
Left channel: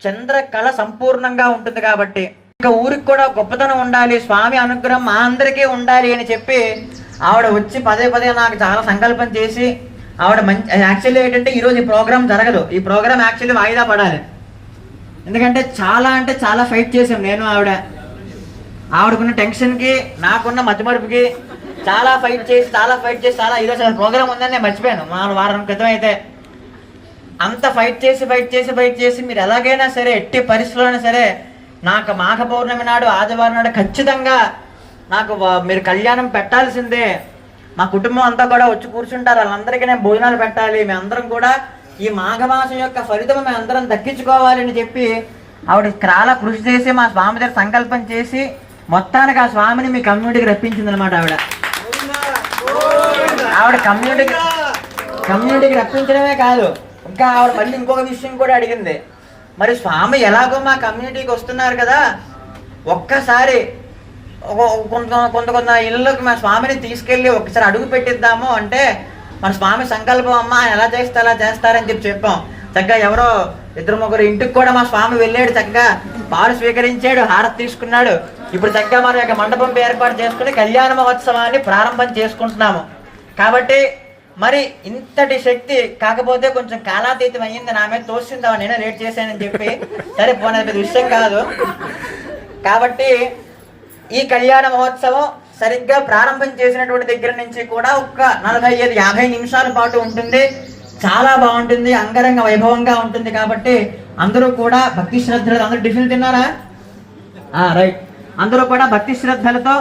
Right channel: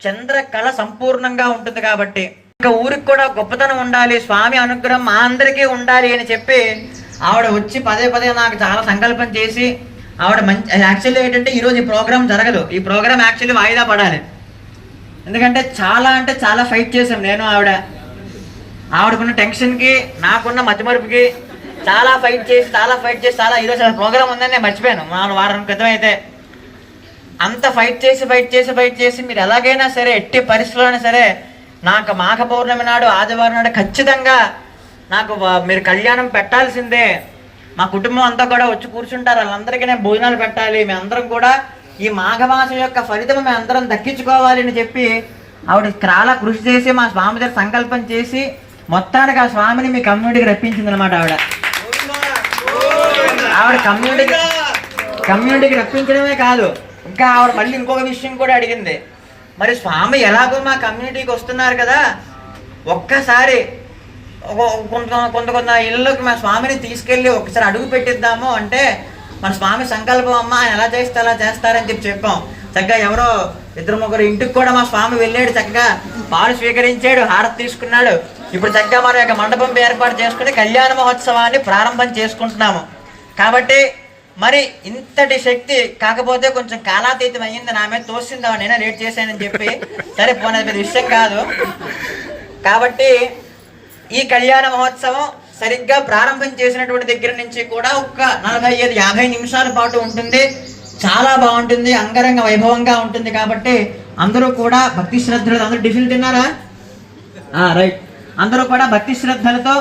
చంద్రకళ సంపూర్ణంగా ఉంటుంది కాబట్టి. ఇంకా ఊరికి కూడా గొప్పతనం ఉండాలి, స్వామి అనుగ్రహం మా అందరికీ ఉండాలి అని చెప్పి ఆవిడ వచ్చి పదే పదే నాకు చాలా సంకల్పం చేసి ఆవిడ మంచి యాక్చువల్లీ ఏంటంటే ఈరోజు ఈ ప్రోగ్రామ్ జరగదు. ఈ ప్రోగ్రామ్ యాక్చువల్లీ వాయిదా పడాలి. ఎందుకంటే చాలా అంటే చాలా ఫైట్ చేశాను నేను ఆవిడకున్న టెన్షన్కి నాకున్న మతిమరుపుకి చాలా ఫైట్ చేసి చాలా ఈరోజు ప్రోగ్రామ్ ఉందని నేను మర్చిపోయాను. వారం క్రితం అయితే అంత ఫైట్ చేసి మీరు ఎలాగైనా సరే ఎట్టి పరిస్థితుల్లోనే సరే నాకు మాఘ పౌర్ణమి నాడు ఆదివారం నాడు ఖచ్చితంగా నాకు మీరు కళ్యాణం పెట్టాల్సిందే. మా కుటుంబం అంతా కూడా వచ్చి కూర్చుంటారు, వాళ్ళందరికీ నేను భోజనాలు పెట్టాలి, మేమందరం కూడా ఈ మాఘమాసం యొక్క ఫలితం మేమందరం దక్కించుకోవాలి అని చెప్పి ఆవిడ చాలా కృషి చేసి మా స్వామి దగ్గర సంకల్పం చేసి మొత్తానికి ఆ స్వామిని మీ కమ్యూనిటీకి రప్పించింది అనమాట. ఆవిడ కమ్యూనిటీకి రప్పించడమే కాదు, ఇంకా ఆవిడ మళ్ళీ ఇంకొక విషయం కూడా అడిగింది. మరి స్వామి ఎలాగో మా కమ్యూనిటీకి వస్తున్నారు కదా, ఒక్కసారి కొంత ఇళ్ళలోకి మా స్వామిని తీసుకెళ్ళి ఒకసారి అడుగు పెట్టిద్దాము అంటే మన స్వామి సంకల్పం అమ్మ ఎలా చేస్తే అలా చేస్తారని చెప్పాం. చక్కగా ఎవరో 2-3 ఇంటికి కూడా మా స్వామి వెళ్ళాడు, చక్కగా పాలు స్వీకరించాడు, హారతి తీసుకున్నాడు. ఇప్పుడు చక్కగా మన యొక్క మండపం ఏర్పాటు చేసుకుని కళ్యాణ మహోత్సవాన్ని ప్రారంభం చేసుకుంటున్నాము. కాబట్టి మరి ఇంతటి శక్తి కాకపోతే కొంచెం కాలాతీతం అయ్యింది, నా మీద తోసిందా నేనే లేట్ చేశానని చెప్పి. సరే పోనీ విషయం కాదు. కాబట్టి ఈ కళ్యాణ మహోత్సవం సరిగ్గా ప్రారంభం చేసినటువంటి దగ్గర నుంచి కూడా ఒక 45-50 నిమిషాల పాటు ఉంటుంది. చాలా బాగుంటుంది, అంగరంగ వైభవంగా ఉంటుంది. కాబట్టి అందరూ కూడా భక్తి శ్రద్ధలతో, అందరూ టిఫిన్ తిన్నారా? రైట్. అందరూ కూడా భక్తి శ్రద్ధలతో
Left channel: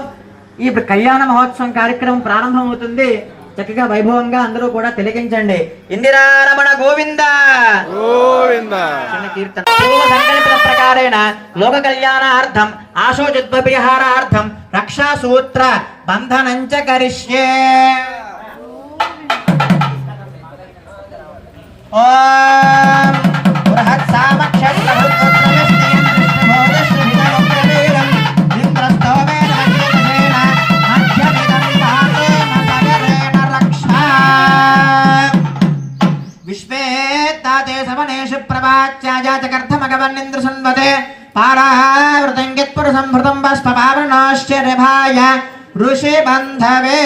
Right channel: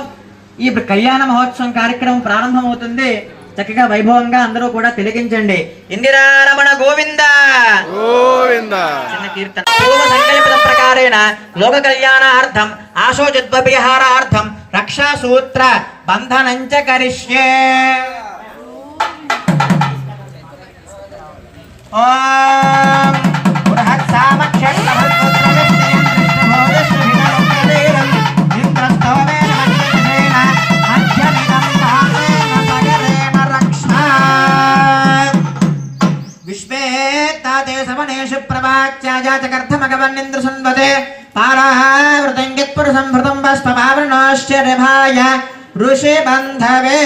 ఈ కళ్యాణ మహోత్సవం కార్యక్రమం ప్రారంభం అవుతుంది. చక్కగా వైభవంగా అందరూ కూడా తిలకించండి. ఇందిరారమణ గోవింద గోవింద. చిన్న కీర్తన. పూర్వ సంకల్పిత ప్రకారేణ లోక కళ్యాణార్థం ఆశోజద్విహారార్థం రక్షా సూత్ర బంధనంచ కరిష్యే. ఓం బృహత్ సామక్షట్ విశ్వేత్తాదేశవనేషు ప్రభాత్యాజాతకర్థమగవన్నింద్ర సున్వతే పారావృతంగిత్పురుషం భృతం బాష్పపావృణాశ్చర్యభాయ ఋషి బంధవే.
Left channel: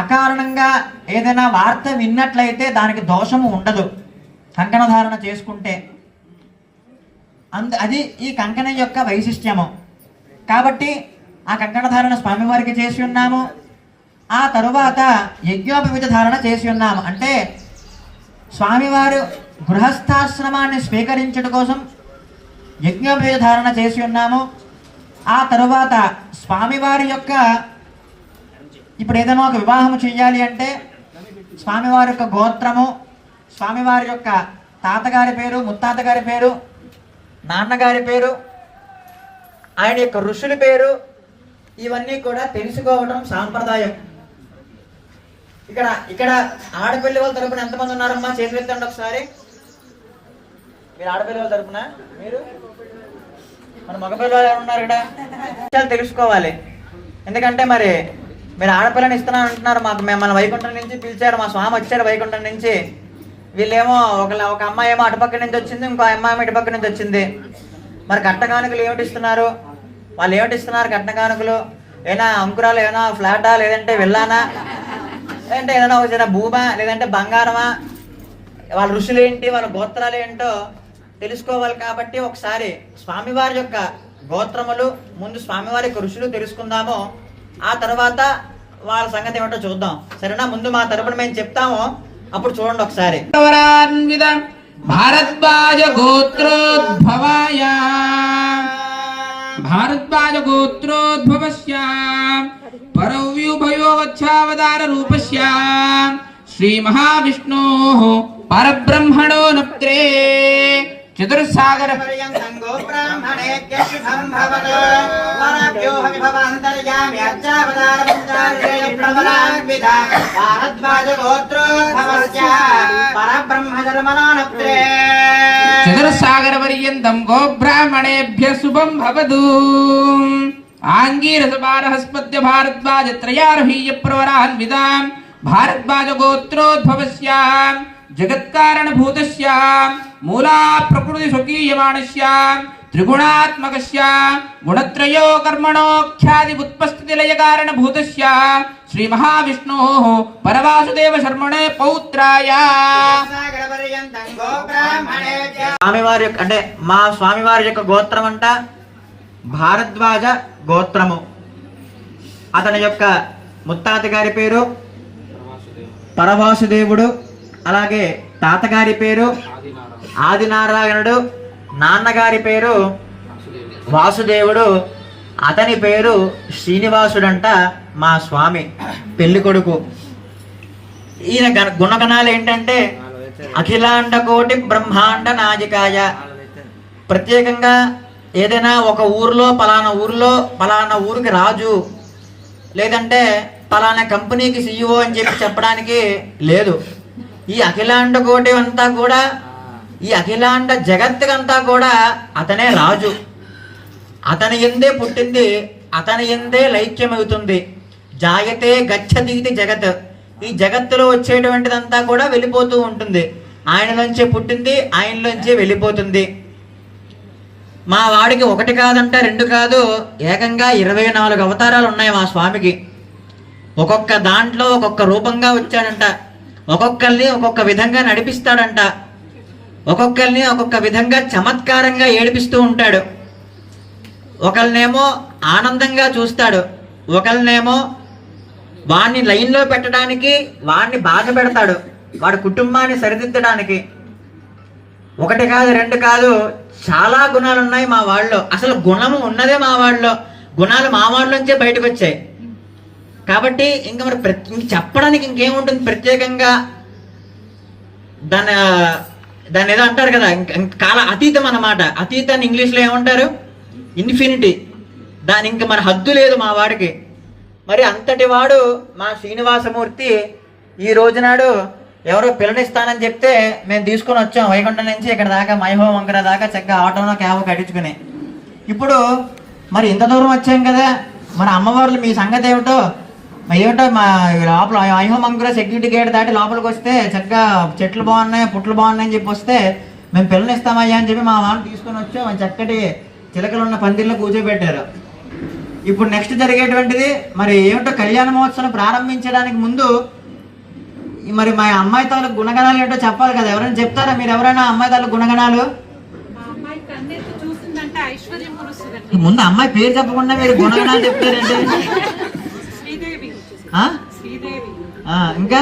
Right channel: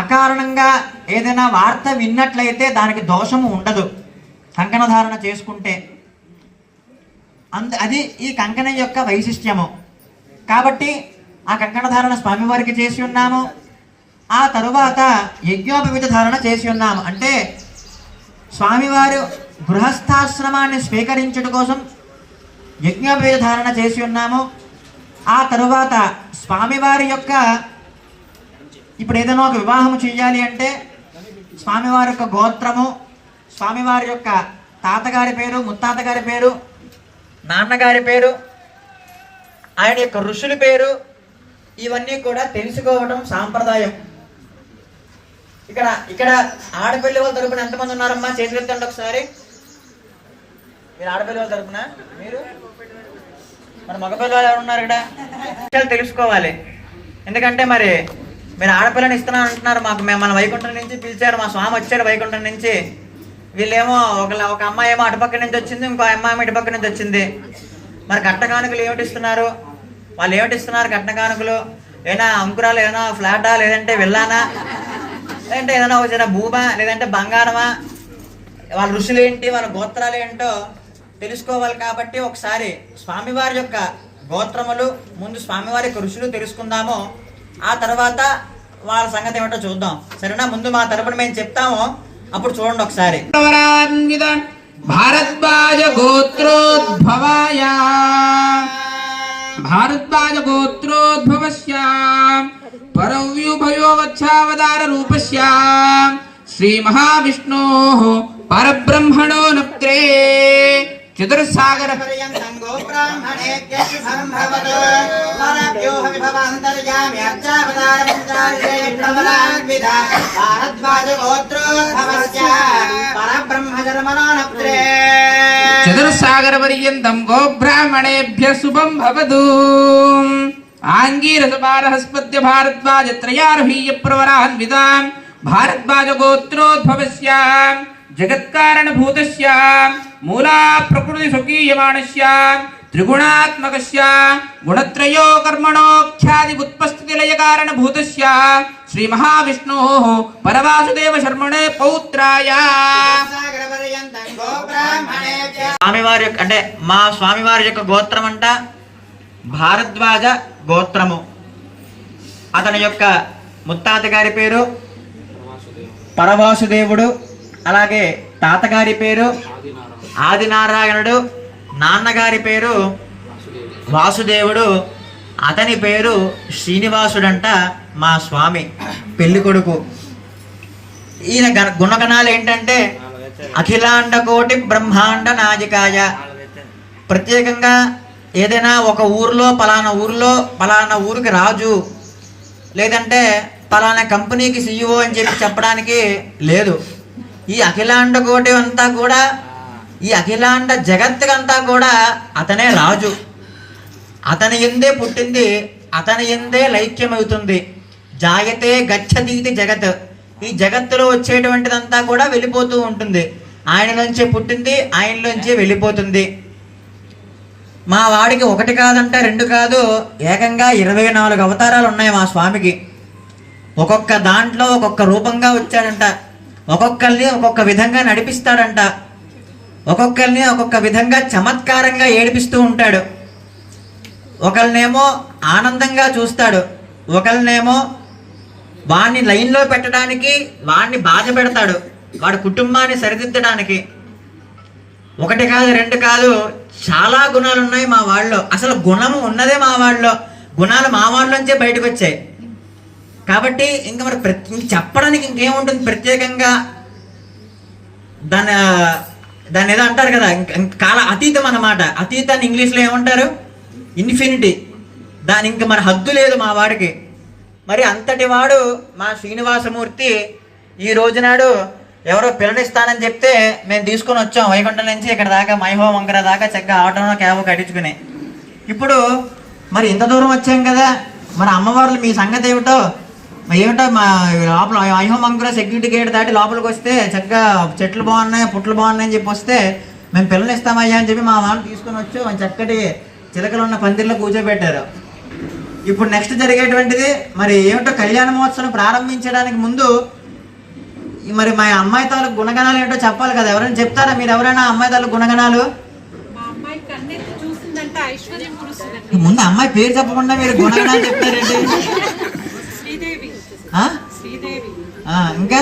అకారణంగా ఏదైనా వార్త విన్నట్లయితే దానికి దోషము ఉండదు కంకణ ధారణ చేసుకుంటే. అది ఈ కంకణం యొక్క వైశిష్ట్యము. కాబట్టి ఆ కంకణ ధారణ స్వామివారికి చేసి ఉన్నాము. ఆ తరువాత యజ్ఞోపవీత ధారణ చేసి ఉన్నాము. అంటే స్వామివారు గృహస్థాశ్రమాన్ని స్వీకరించడం కోసం యజ్ఞోపవీత ధారణ చేసి ఉన్నాము. ఆ తరువాత స్వామివారి యొక్క ఇప్పుడు ఏదైనా ఒక వివాహం చేయాలి అంటే స్వామివారి యొక్క గోత్రము, స్వామివారి యొక్క తాతగారి పేరు, ముత్తాతగారి పేరు, నాన్నగారి పేరు, ఆయన యొక్క ఋషుల పేరు, ఇవన్నీ కూడా తెలుసుకోవడం సాంప్రదాయం. ఇక్కడ ఆడపిల్ల వాళ్ళ తరపున ఎంతమంది ఉన్నారమ్మా? చేతులు ఎత్తండి ఒకసారి. మీరు ఆడపిల్లలు తరపున మీరు మన మగపిల్లలు ఎవరు ఉన్నారు ఇక్కడ విషయాలు తెలుసుకోవాలి. ఎందుకంటే మరి మీరు ఆడపిల్లని ఇస్తున్నా అంటున్నారు, మాకు మన వైకుంఠం నుంచి పిలిచారు, మా స్వామి వచ్చాడు వైకుంఠం నుంచి. వీళ్ళేమో ఒక అమ్మాయి ఏమో అటుపక్క నుంచి వచ్చింది, ఇంకో అమ్మాయి ఇటుపక్క నుంచి వచ్చింది. మరి కట్నకానుకలు ఏమిటి ఇస్తున్నారు? వాళ్ళు ఏమిటి ఇస్తున్నారు కట్నకానుకలు? ఏనా అంకురాలు, ఏమైనా ఫ్లాటా, లేదంటే వెళ్ళానా, లేదంటే ఏదైనా ఒక చిన్న భూమా, లేదంటే బంగారమా? వాళ్ళ ఋషులు ఏంటి, వాళ్ళ గోత్రాలు ఏంటో తెలుసుకోవాలి. కాబట్టి ఒకసారి స్వామివారి యొక్క గోత్రములు, ముందు స్వామివారి యొక్క ఋషులు తెలుసుకుందాము. ఆ తర్వాత వాళ్ళ సంగతి ఏమిటో చూద్దాం. సరేనా? ముందు మా తరపున మేము చెప్తాము, అప్పుడు చూడండి ఒకసారి. భారద్వాజ గోత్రోద్భవాయ భారద్వాజ గోత్రోద్భవస్య పరవ్యూభయోవచ్ఛావతార రూపస్య శ్రీ మహావిష్ణోః పరబ్రహ్మణో నప్త్రే చతుర్సాగర పర్యంతం గోబ్రాహ్మణేభ్యః సంభవతు పరభ్యోః విభవాంతర్యామి అర్చావతార పుంజార్యే ప్రబలాన్విత భారద్వాజ గోత్రోద్భవస్య పరబ్రహ్మధర్మణో నప్త్రే చతుర్సాగర పర్యంతం గోబ్రాహ్మణేభ్యః శుభం భవతు. ఆంగీరస బారహస్పత్య భారద్వాజ త్రయార్హీయ ప్రవరాన్వితాం భారద్వాజ గోత్రోద్భవస్య జగత్కారణ భూతస్య మూలా ప్రకృతి స్వకీయమానస్య త్రిగుణాత్మకస్య గుణత్రయో కర్మణోఖ్యాది ఉత్పస్థితి లయ కారణ భూతస్య శ్రీ మహావిష్ణోః పరవాసుదేవ శర్మణే పౌత్రాయ. స్వామివారి యొక్క అంటే మా స్వామివారి యొక్క గోత్రం అంట భారద్వాజ గోత్రము. అతని యొక్క ముత్తాత గారి పేరు పరవాసుదేవుడు, అలాగే తాతగారి పేరు ఆదినారాయణుడు, నాన్నగారి పేరు వాసుదేవుడు, అతని పేరు శ్రీనివాసుడంట మా స్వామి పెళ్లి కొడుకు. ఈయన గుణగణాలు ఏంటంటే అఖిలాండ కోటి బ్రహ్మాండ నాయకాయ. ప్రత్యేకంగా ఏదైనా ఒక ఊరిలో పలానా ఊరికి రాజు, లేదంటే పలానా కంపెనీకి CEO అని చెప్పి చెప్పడానికి లేదు. ఈ అఖిలాండ కోటి అంతా కూడా, ఈ అఖిలాండ జగత్తుకంతా కూడా అతనే రాజు. అతని ఎందే పుట్టింది, అతని ఎందే లైక్యమవుతుంది. జాయతే గచ్చతీతి జగత్. ఈ జగత్తులో వచ్చేటువంటిదంతా కూడా వెళ్ళిపోతూ ఉంటుంది. ఆయన నుంచే పుట్టింది, ఆయనలోంచే వెళ్ళిపోతుంది. మా వాడికి ఒకటి కాదంట, రెండు కాదు, ఏకంగా 24 అవతారాలు ఉన్నాయి మా స్వామికి. ఒక్కొక్క దాంట్లో ఒక్కొక్క రూపంగా వచ్చాడంట. ఒక్కొక్కరిని ఒక్కొక్క విధంగా నడిపిస్తాడంట. ఒక్కొక్కరిని ఒక్కొక్క విధంగా చమత్కారంగా ఏడిపిస్తూ ఉంటాడు. ఒకరినేమో ఆనందంగా చూస్తాడు, ఒకరినేమో వాడిని లైన్లో పెట్టడానికి, వాడిని బాధ పెడతాడు, వాడి కుటుంబాన్ని సరిదిద్దడానికి. ఒకటి కాదు, రెండు కాదు, చాలా గుణాలు ఉన్నాయి మా వాళ్ళలో. అసలు గుణము ఉన్నదే మా వాళ్ళలో, గుణాలు మా వాళ్ళలోంచే బయటకు వచ్చాయి. కాబట్టి ఇంకా మరి చెప్పడానికి ఇంకేముంటుంది ప్రత్యేకంగా? దాన్ని ఏదో అంటారు కదా, కాల అతీతం అన్నమాట. అతీతాన్ని ఇంగ్లీష్లో ఏమంటారు? ఇన్ఫినిటీ. దాని ఇంకా మన హద్దు లేదు మా వాడికి. మరి అంతటి వాడు మా శ్రీనివాసమూర్తి ఈ రోజునాడు ఎవరో పిల్లనిస్తానని చెప్తే మేము తీసుకొని వచ్చాం వైకుంఠం నుంచి ఇక్కడ దాకా, మైహో వంకర దాకా చక్కగా ఆటోనో క్యాబ్ కట్టించుకుని. ఇప్పుడు మరి ఇంత దూరం వచ్చాం కదా, మన అమ్మవార్లు మీ సంగతి ఏమిటో మా లోపల ఐహోమ్ అంకుర సెక్యూరిటీ గేట్ దాటి లోపలికి వస్తే చక్కగా చెట్లు బాగున్నాయి, పుట్లు బాగున్నాయని చెప్పి వస్తే మేము పిల్లలు ఇస్తామయ్యా అని చెప్పి మా వాళ్ళు తీసుకొని వచ్చాం. చక్కటి చిలకలు ఉన్న పందిర్లో కూర్చోబెట్టారు. ఇప్పుడు నెక్స్ట్ జరిగేటువంటిది మరి ఏమిటో, కళ్యాణ మహోత్సవం ప్రారంభించడానికి ముందు మరి మా అమ్మాయి తాలూకు గుణగణాలు ఏంటో చెప్పాలి కదా. ఎవరైనా చెప్తారా మీరు? ఎవరైనా అమ్మాయి తాలూకు గుణగణాలు? ముందు అమ్మాయి పేరు చెప్పకుండా మీరు గుణగణాలు చెప్తారేంటి? ఇంకా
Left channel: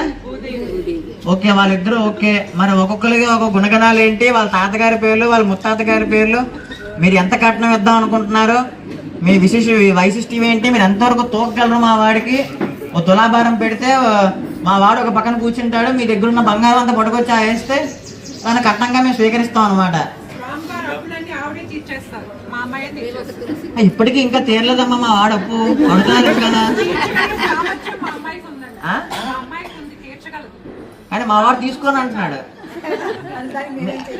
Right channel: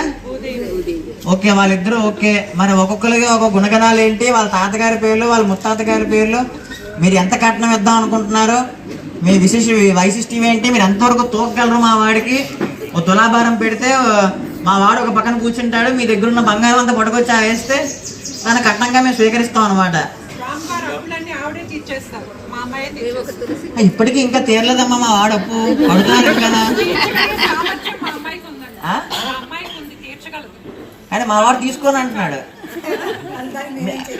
ఓకే, వాళ్ళిద్దరు ఓకే. మరి ఒక్కొక్కరికి ఒక గుణగణాలు ఏంటి? వాళ్ళ తాతగారి పేర్లు, వాళ్ళ ముత్తాత గారి పేర్లు, మీరు ఎంత కట్నం ఇద్దాం అనుకుంటున్నారు, మీ వైశిష్ట్యం ఏంటి, మీరు ఎంతవరకు తోకగలరు మా వాడికి? ఓ తులాభారం పెడితే మా వాడు ఒక పక్కన కూర్చుంటాడు, మీ దగ్గర ఉన్న బంగారం అంతా పట్టుకొచ్చి వేస్తే దాన్ని కట్నంగా మేము స్వీకరిస్తాం అనమాట. ఇప్పటికీ ఇంకా తీరలేదమ్మా మా వాడు అప్పు, అడుగుతారు కదా. కానీ మా వాడు తీసుకొని అంటున్నాడు.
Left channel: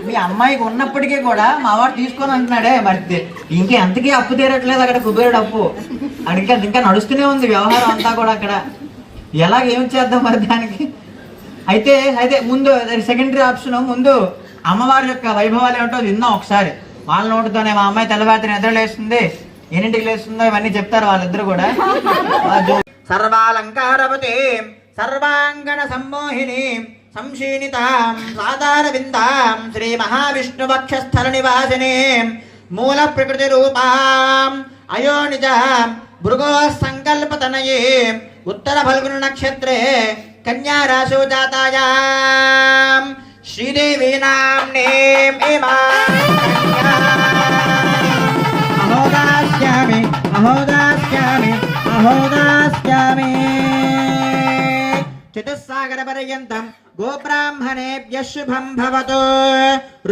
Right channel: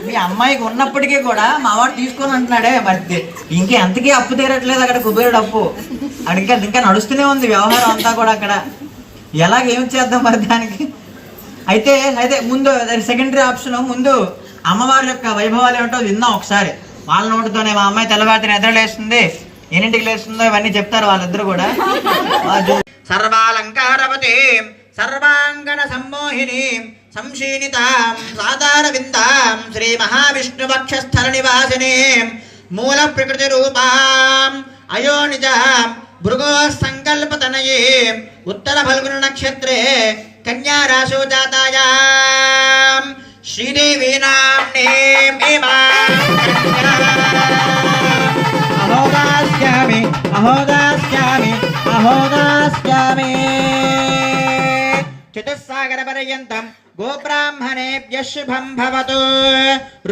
మీ అమ్మాయికి ఉన్నప్పటికీ కూడా మా వాడు తీసుకొని అంటున్నాడే, మరి ఇంకా ఎంతకీ అప్పు తీరట్లేదు అక్కడ, కుబేరుడు అప్పు అక్కడ ఇంకా నడుస్తూనే ఉంది వ్యవహారం అంతా కూడా అక్కడ. ఏం చేద్దాం మరి దానికి. అయితే ముందు సెకండరీ ఆప్షన్, ముందు అమ్మవారి యొక్క వైభవాలు ఏమిటో విన్నాం ఒకసారి. వాళ్ళ నోటితోనే మా అమ్మాయి తెల్లవారిని నిద్రలేస్తుంది, ఎన్నింటికి లేస్తుందో ఇవన్నీ చెప్తారు వాళ్ళిద్దరు కూడా. సర్వాలంకారవతే సర్వాంగణ సమ్మోహిని సంశీనితాం సాధార విందాం శ్రీ మహావిష్ణు వక్షస్థల నివాసిని మూల ప్రకృతి రూపాం అయోనిజాం భృగో సంకల్పతనయే ఉత్తర ఫల్గుణ నక్షత్రే కన్యా రాశో జాతాయాం శ్రీదేవి నామ్నేం అహోదాస్యామి అహోదాస్యామి అహోదాస్యామి చతుస్సాగర పర్యంతం గోబ్రాహ్మణేభ్యః శుభం భవతు.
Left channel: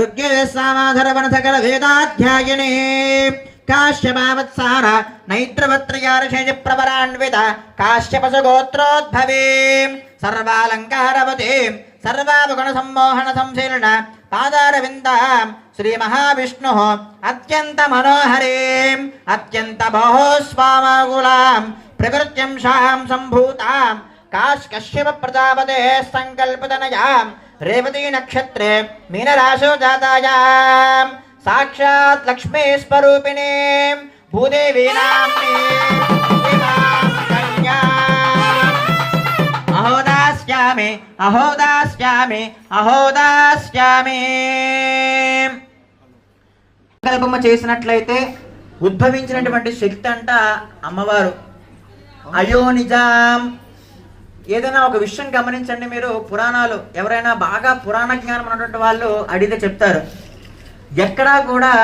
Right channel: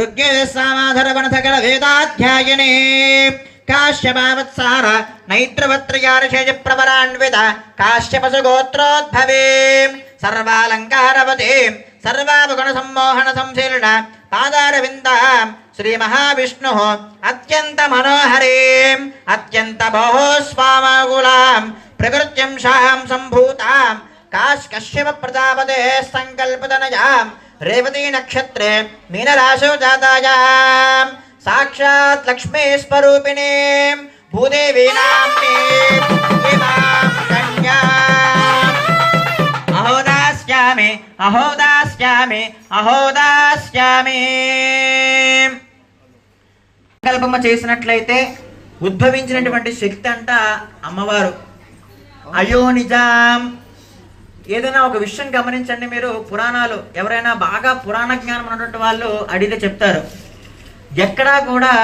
ఋగ్వేద సామాధర వనసకల వేదాధ్యాయిని కాశ్యపావత్సార నైత్రవత్రయార్షేయ ప్రవరాన్విత కాశ్యపశ గోత్రోద్భవే సర్వాలంకారవతే సర్వావగుణ సమ్మోహన సంశీలన పాదారవిందాం శ్రీ మహావిష్ణు అత్యంత మనోహరీం అత్యంత బహోస్వామగులాం ప్రకృత్యం శాం సంభూతాం కశ్యప ప్రజాపతే సంకల్పతనయాం రేవతీ నక్షత్రే మీనరాశో జాతాయాం సాక్షాత్ లక్ష్మీ స్వరూపిణీం భూదేవీ నామ్నీం అహోదాస్యామి అహోదాస్యామి అహోదాస్యామి. సంకల్పము చేసినట్లయితే ఉద్భవించినటువంటి శక్తి అంట అమ్మవారు. అయోనిజాం. ఏదైనా ఒక విషయం గమనించండి మీరు, పురాణాలు ఎవరైనా బాగా పురాణ జ్ఞానం ఉన్నటువంటి వాళ్ళు అడిగితే చెప్తారు, ఎక్కడా కూడా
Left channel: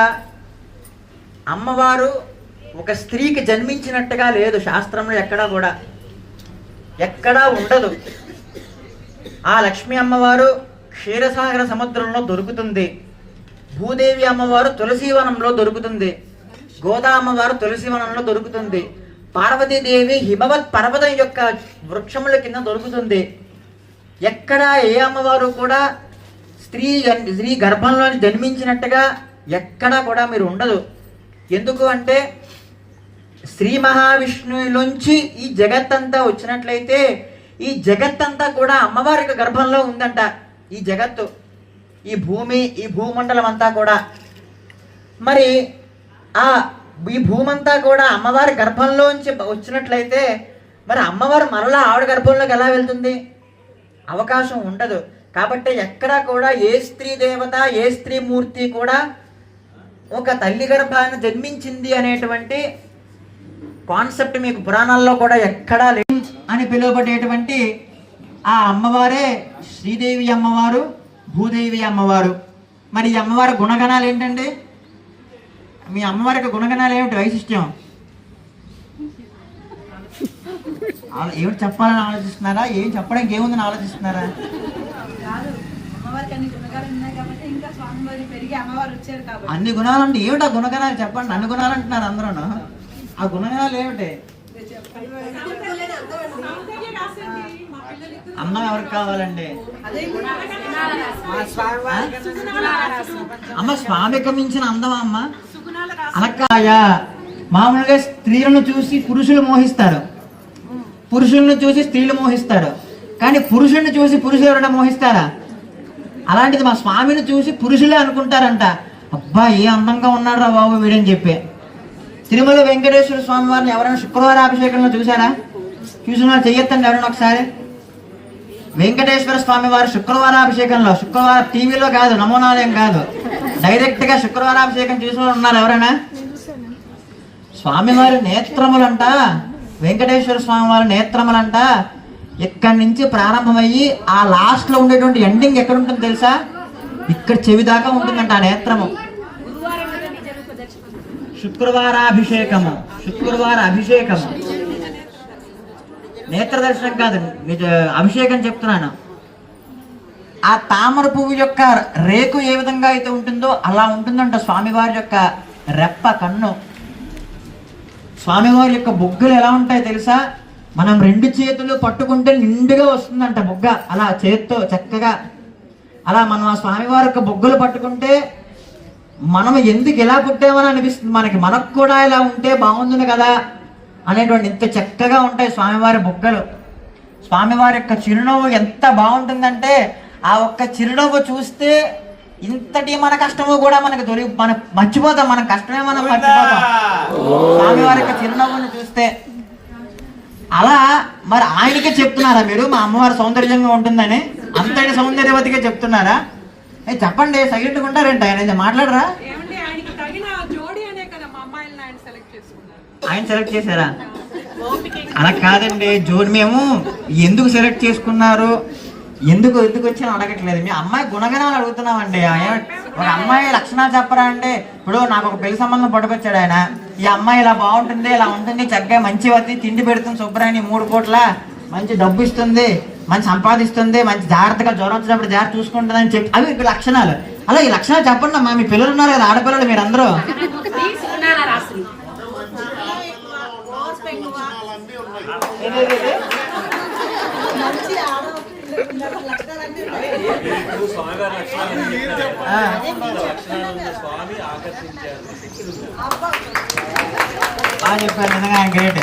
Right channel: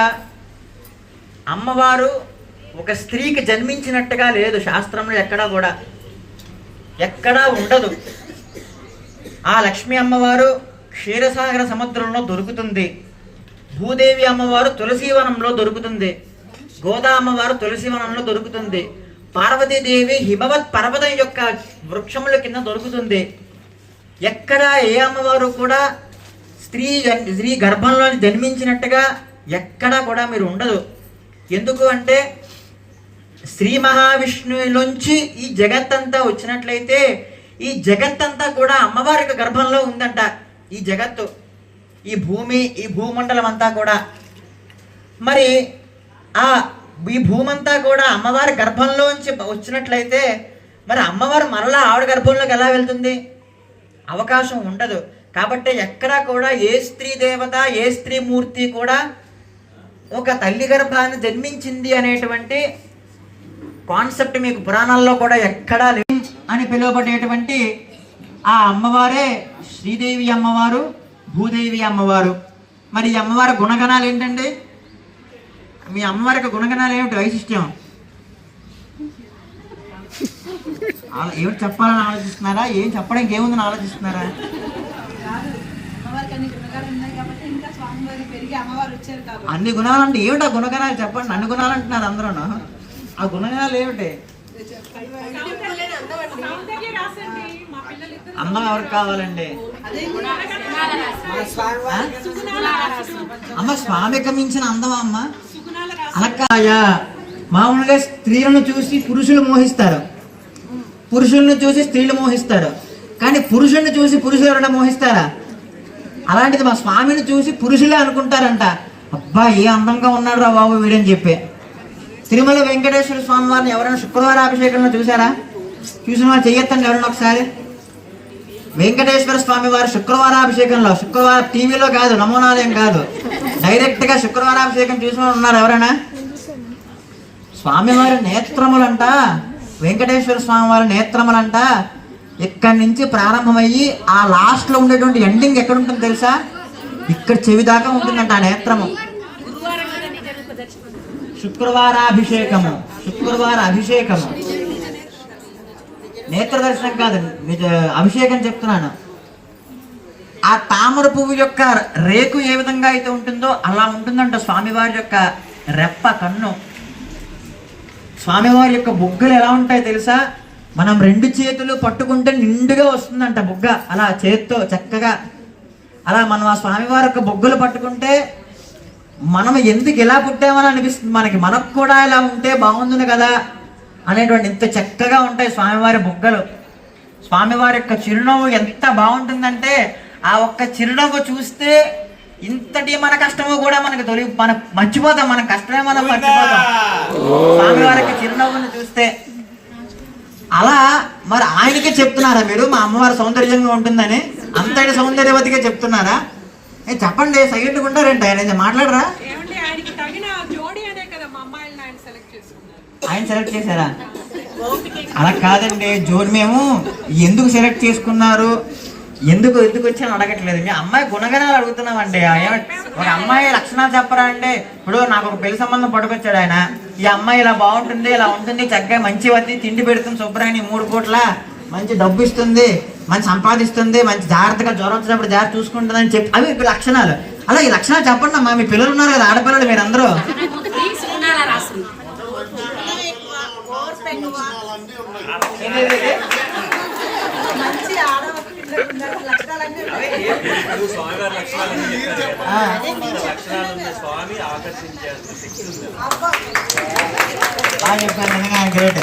అమ్మవారు ఒక స్త్రీకి జన్మించినట్టుగా లేదు శాస్త్రంలో, ఎక్కడా ఉండదు. ఆ లక్ష్మీ అమ్మవారు క్షీరసాగర సముద్రంలో దొరుకుతుంది, భూదేవి అమ్మవారు తులసీవనంలో దొరుకుతుంది, గోదా అమ్మవారు తులసీవనంలో దొరుకుతుంది, పార్వతీదేవి హిమవత్ పర్వతం యొక్క వృక్షముల కింద దొరుకుతుంది. ఎక్కడ ఏ అమ్మవారు కూడా స్త్రీ గర్భంలో జన్మించినట్టుగా ఎక్కడా కూడా మీరు ఉండదు. ఎందుకు అంటే శ్రీ మహావిష్ణువులోంచి ఈ జగత్తంతా వచ్చినట్లయితే ఈ జగత్తంతా కూడా అమ్మవారి యొక్క గర్భంలో ఉందంట. ఈ జగత్తు, ఈ భూమి, ఈ భూమండలం అంతా కూడా. మరి ఈ భూమంతా కూడా అమ్మవారి గర్భంలోంచి వచ్చినట్లయితే మరి అమ్మవారు మరలా ఆవిడ గర్భంలోకి ఎలా వెళ్తుంది? అవకాశం ఉండదు. కాబట్టి ఎక్కడా కూడా ఏ స్త్రీ దేవత, ఏ స్త్రీ మూర్తి కూడా ఒక తల్లి గర్భాన్ని జన్మించింది అనేటువంటి కాన్సెప్ట్ మీకు పురాణాల్లో కూడా ఎక్కడా లేదు. అని పిలువబడేటువంటి ఆ అమ్మవారే శ్రీదేవి అమ్మవారు, భూదేవి అమ్మవారు. మరి ఈ అమ్మవారి గుణగణాలు ఏంటండి? మీ అమ్మవారికి గుణగణాలు ఏమిటి, వైశిష్ట్యం ఏమిటి చెప్పాలని ఆలోచిస్తున్నారా? ఏం చెప్పడానికి ఏముందని ఆలోచిస్తున్నారా? అన్ని గుణాలు అంటే ఏమిటి? ఆ గుణగణాలు చెప్పండి. అన్ని గుణాలు అంటున్నారు అందరూ. ఆ గుణగణాలు ఏమిటి? అందం ఎవరికి కావాలండి? అమ్మ స్వామికి మించిన అందమా అమ్మ? అనకాయ మామూలుగా స్త్రీలను చూసి పురుషులు మోహిస్తారు, పురుషులను చూసి స్త్రీలు మోహిస్తారు, కానీ పురుషుల్ని చూసి పురుషులు ఎవరైనా మోహిస్తారా? అలాంటిది మా స్వామిని చూసి పురుషులే అనుకుంటారంట, అబ్బా ఏ అందంగా ఉన్నాడు రా బాబు వీడని చెప్పి. తిరుమల వెంకటేశ్వర స్వామి వారిని ఎవరైనా శుక్రవారం అభిషేకంలో చూసారా? చూసిన వారు చెయ్యొద్దండి ఎవరైనా ఒకసారి. వెంకటేశ్వర స్వామి వారి శుక్రవారాభిషేకంలో, శుక్రవారం టీవీలో కాదు, నమూనాలేం కాదు, డైరెక్ట్ గా శుక్రవారాభిషేకం చూసిన వారు ఉన్నారు ఎవరైనా? స్వామివారి నేత్రములంట, వెంకటేశ్వర స్వామి వారి నేత్రములంట ఇక్కడి నుంచి ప్రారంభమయ్యి ఆ లాస్ట్ లో ఉండేటువంటి ఎండింగ్ ఎక్కడ ఉంటుంది తెలుసా? ఇక్కడ చెవి దాకా ఉంటుందంట ఆ నేత్రము. శుక్రవారాభిషేకము, శుక్రవార అభిషేకము, నేత్ర దర్శనం కాదు, నిజ అభిషేకం చెప్తున్నాను. ఆ తామర పువ్వు యొక్క రేకు ఏ విధంగా అయితే ఉంటుందో అలా ఉంటుందంట స్వామివారి యొక్క రెప్ప, కన్ను. స్వామివారి యొక్క బుగ్గలు ఎలా ఉంటాయో తెలుసా? మనం రెండు చేతులు పట్టుకుంటే నిండుగా వస్తుందంట బుగ్గ, అలా చేత్తో చక్కగా. అలా మనం ఆ స్వామివారి యొక్క బొగ్గులు పట్టుకుంటే మనం ఎందుకు ఇలా పుట్టామని అనిపిస్తుంది మనకు కూడా ఇలా ఉంటే బాగుంటుంది కదా అనేటువంటి ఇంత చక్కగా ఉంటాయి స్వామివారి బొగ్గలు. స్వామివారి యొక్క చిరునవ్వు ఎంత బాగుంటుందంటే ఆ ఒక్క చిరునవ్వు చూస్తే ఇంతటి మన కష్టము కూడా మనం మర్చిపోతాం, మన కష్టమే మనం మర్చిపోతాం స్వామివారి యొక్క చిరునవ్వుని చూస్తే. అలా మరి ఆయనకే చెప్తున్నారా మీరు మా అమ్మవారి సౌందర్యంగా ఉంటుందని? అంతటి సౌందర్యవతిగా చెప్తున్నారా? చెప్పండి, సైలెంట్గా ఉంటారేంటి? ఆయన మాట్లాడరా? ఆయన సెలెక్ట్ చేశారా? అలా కాదండి, జోడి మేము ఎందుకు సెలెక్ట్ చేసుకున్నారు, ఎందుకు వచ్చాను అడగట్లేదు. మీ అమ్మాయి గుణగణాలు అడుగుతున్నామండి. ఒక అమ్మాయి లక్షణాలు చెప్పరా అంటే, ఇప్పుడు నాకు ఒక పెళ్లి సంబంధం పట్టుకొచ్చాడు ఆయన. ఈ అమ్మాయి ఇలా బాగుంటుంది, ఇలా ఉంటుంది, చక్కగా మంచి వద్ద తిండి పెడుతుంది, శుభ్రాన్ని 3 కోట్ల మంచి డబ్బు ఇస్తుంది, మంచి సంపాదిస్తుంది, మంచి జాగ్రత్తగా జ్వరం వచ్చినప్పుడు జాగ్రత్త చూసుకుంటుంది అని చెప్పి అవి లక్షణాలు. అలా ఈ లక్షణాలు చెప్పండి అమ్మా. మీ పిల్లలు ఉన్నారు కదా, ఆడపిల్లలు మీరందరూ. గ్రేట్.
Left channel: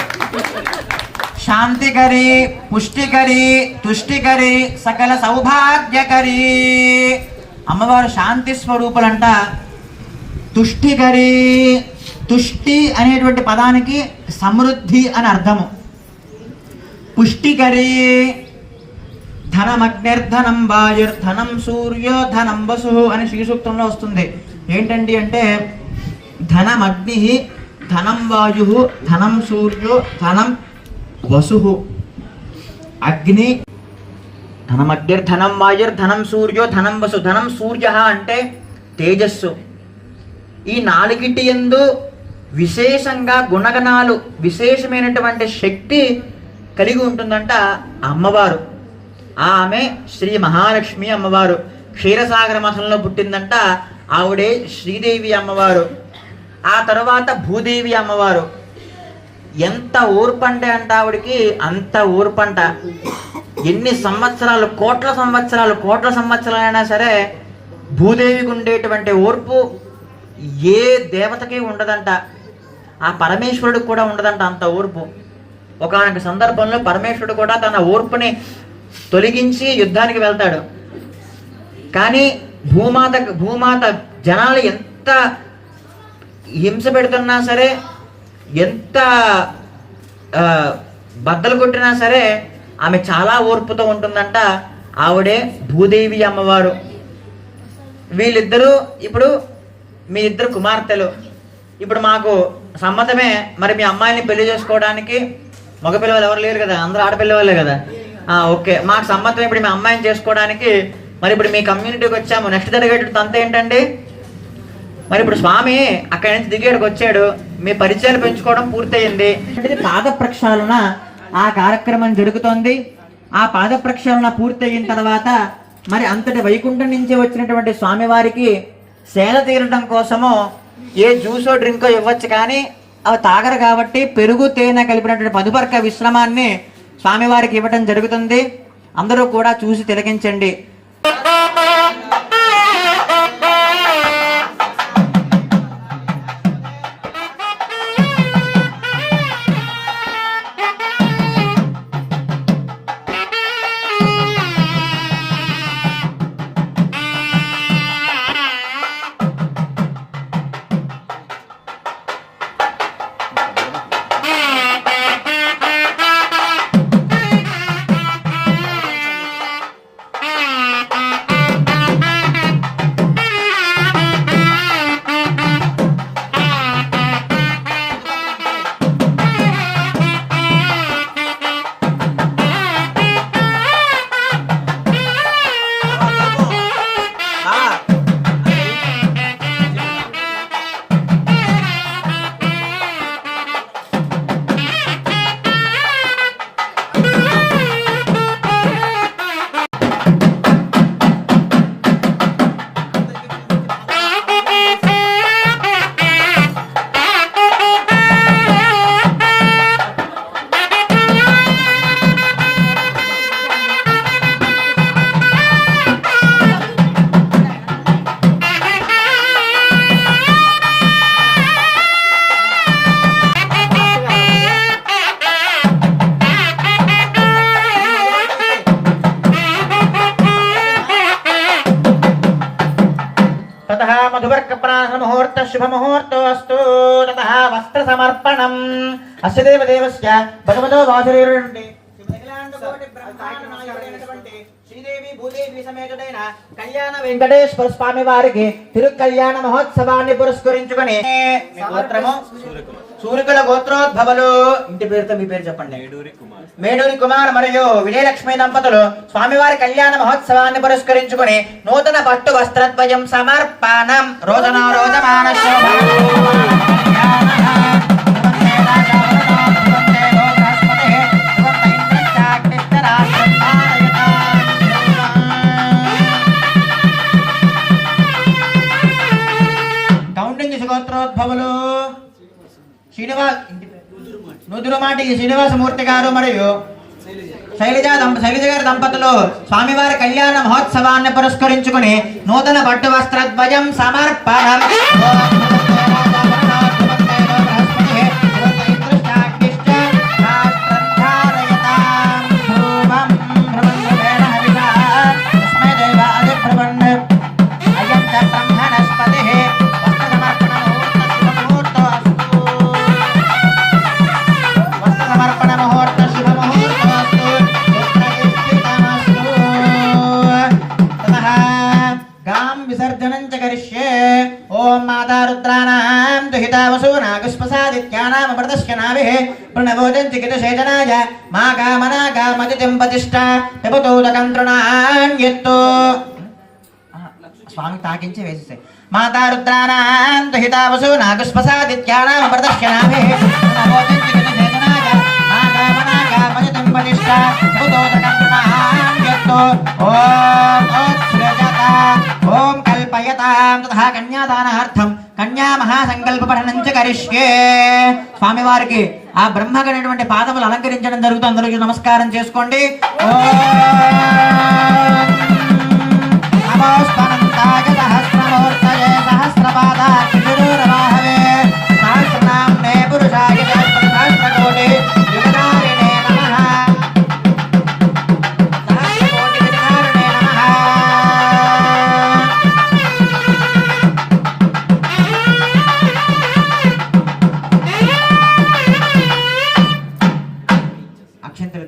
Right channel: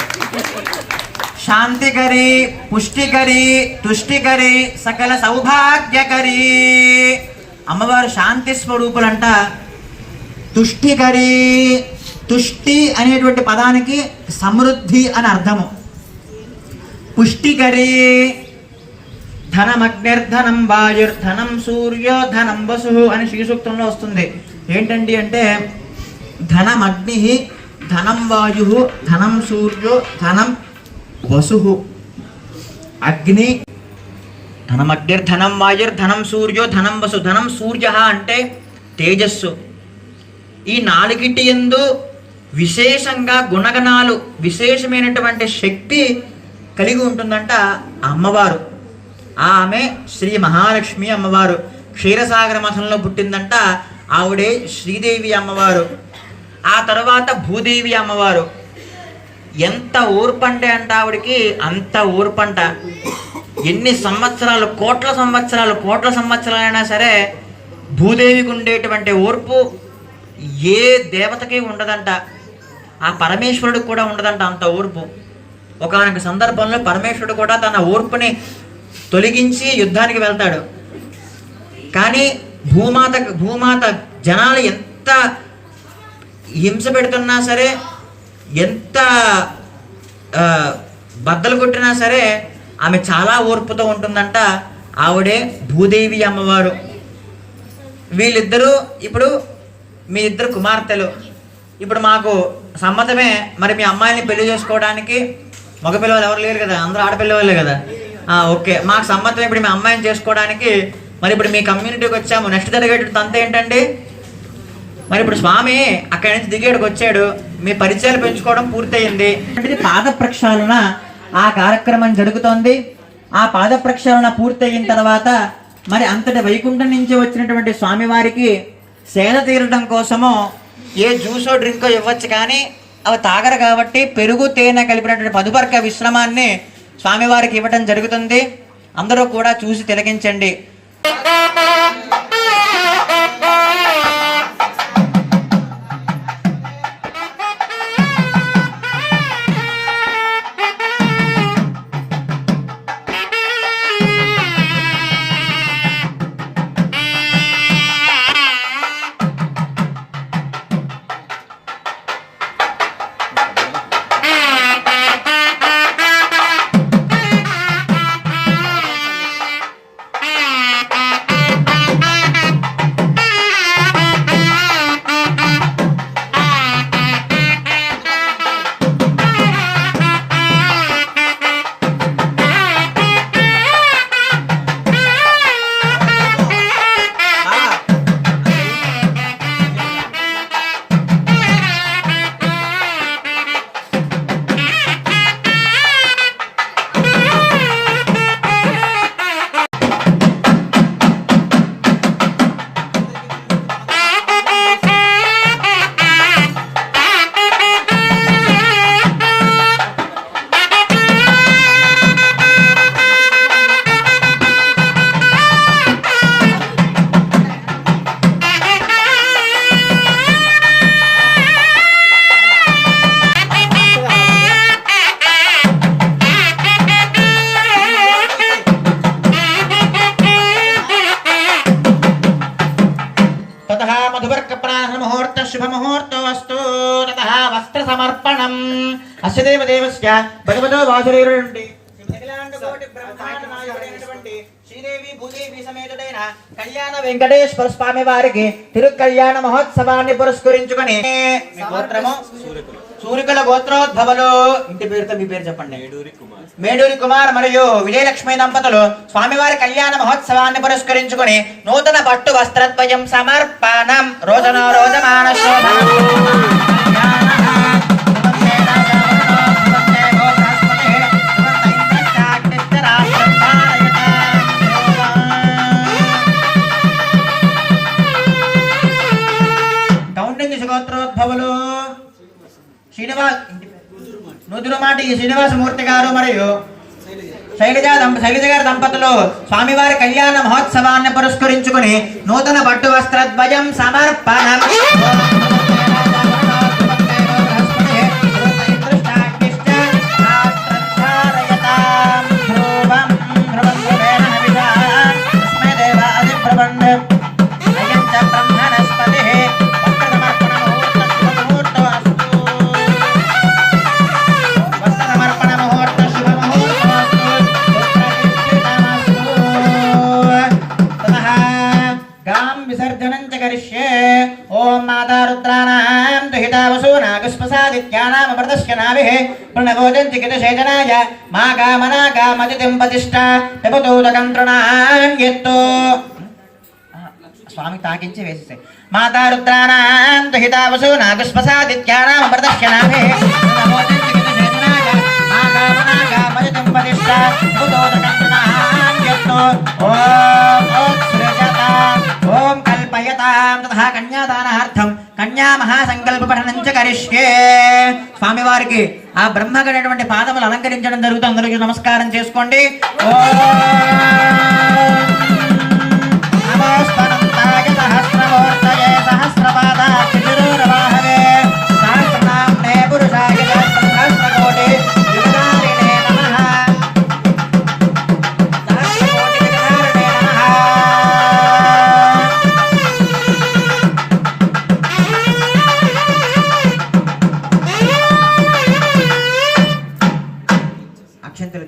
శాంతికరి, పుష్టికరి, తుష్టికరి, సకల సౌభాగ్యకరి. అమ్మవారు శాంతి స్వరూపులంట. తుష్టికరి, తుష్టి అనేటువంటి పదానికి సమృద్ధి అని అర్థము. పుష్టికరి ధనమగ్నిర్ధనం వాయుర్ధనం సూర్యో ధనం వసు అని శ్రీసూక్తంలో వస్తుంది. ఏంటండి అంటే ధనమగ్ని, ధనం వాయు, ధనం సూర్యో, ధనం వసు. అగ్ని, ధనమగ్నిర్ధనం వాయుర్ధనం సూర్యో ధనం వసు. ధనం సూర్య అంటే తేజస్సు. ఈ 4టి యందు విశేషంగా గుణగణాలు, విశేషమైనటువంటి శక్తి కలిగి ఉంటుందంట అమ్మవారు. ఆమె శ్రీ మహాలక్ష్మి అమ్మవారు. క్షీరసాగర మఠంలో పుట్టిందంట. ఆవిడే శ్రీదేవి అమ్మవారు. ఆ తర్వాత భూదేవి అమ్మవారు. ఎంత ఓర్పంటే అంట ఆవిడికి, అంత ఓర్పంట. ఎన్ని సంవత్సరాలు, కోట్ల సంవత్సరాలైనా సరే భూదేవికి ఉండేటువంటి ఓర్పు ఏ దేవతకి ఉండదంట. ఆ పరమేశ్వరుడికి కూడా ఉండదంట అంత ఓర్పు. ఒకానొక సందర్భంలో పరమేశ్వరుడు కూడా తన ఓర్పుని తొలగించి యుద్ధానికి వెళ్తాడు. కానీ భూమాత జనాలు ఎంత హింస పెడుతున్నా సరే, ఎంత బద్దలు కొట్టినా సరే ఆమె చాలా ఓర్పుతో ఉంటుందంట. ఆవిడే భూదేవి అమ్మవారు. వీళ్ళిద్దరూ ఇప్పుడు మీ 2 కుమార్తెలు. ఇప్పుడు మాకు సమ్మతమే. మరి మీ అమ్మాయిని పెళ్లి చేసుకోవడానికి మగపిల్లలు ఎవరు లేరు కదా, అందరూ ఆడపిల్లవాళ్ళే కదా. ఓకే, మాకు సమ్మతం. ఇప్పుడు మీ అమ్మాయిని చేసుకోవడానికి మరి ఇప్పుడు మీ కమ్యూనిటీకి వచ్చాము. నెక్స్ట్ జరిగేటువంటి తంత ఏంటండి? మరి ఇప్పుడు స్వామి అక్కడి నుంచి దిగేడికి వచ్చాడు, మీ పరిచయాలు పెంచుకోవడం పూర్తయింది. పాద ప్రక్షాళన ఆ కార్యక్రమం జరుగుతోంది. ఆ పాద ప్రక్షాళన పూర్తయిన తర్వాత మరి అంతటి వైకుంఠం నుంచి వచ్చినటువంటి స్వామివారికి సేద తీరడం కోసము ఏ జ్యూసో డ్రింకో ఇవ్వచ్చు, కానీ అవి తాగరు కాబట్టి పెరుగు తేనె కలిపినటువంటి పదుపర్క విశ్రమాన్ని స్వామివారికి ఇవ్వటం జరుగుతుంది. అందరూ కూడా చూసి తిలకించండి. ముహూర్త శుభముహూర్తో అస్తు. తతః వస్త్ర సమర్పణం. అస్య దేవదేవస్య భగవతో వాసుదేవుడి నుండి అఖిలాండ కోటి బ్రహ్మాండ నాయకుడైనటువంటి శ్రీదేవి భూదేవి సమేతుడైన కళ్యాణ వెంకటేశ్వర స్వామి వారికి తిరుకళ్యాణ మహోత్సవాన్ని పురస్కరించుకొని గోత్రము సూరికుల గోత్రోద్భవులు. ఇంటి పేరుతో మీ పేరు చెప్పండి. మేడూరి కుమార్ మరియు విజయలక్ష్మి దంపతులు స్వామివారి కళ్యాణ మహోత్సవాన్ని పురస్కరించుకొని నూతన పట్టు వస్త్రద్వయం సమర్పణం. రోజన రోజమాన గోత్రోద్భవులు శ్రీనివాస్ నుదురుమాటి శ్రీనివాసమూర్తి గారు మరియు శైలజ గారి దంపతులు స్వామివారి కళ్యాణ మహోత్సవాన్ని పురస్కరించుకుని నూతన పట్టు వస్త్రద్వయం సమర్పణం. స్వామి తాకించి వేసేసాయి. మాతా రుద్రాణాం దుహితావసు నాగస్పసాదిత్యానాం ప్రదర్శనాభి ఓం కల్పయతాం తథా కన్యాదానార్థం కన్యా మహాసంకల్ప పఠనం చ కరిష్యే. స్వామివారికి ఆ బ్రహ్మగైనటువంటి పాదములు అలంకరించడం జరుగుతుంది. అందరికీ నమస్కారం చేసుకోండి. అక్షంతలు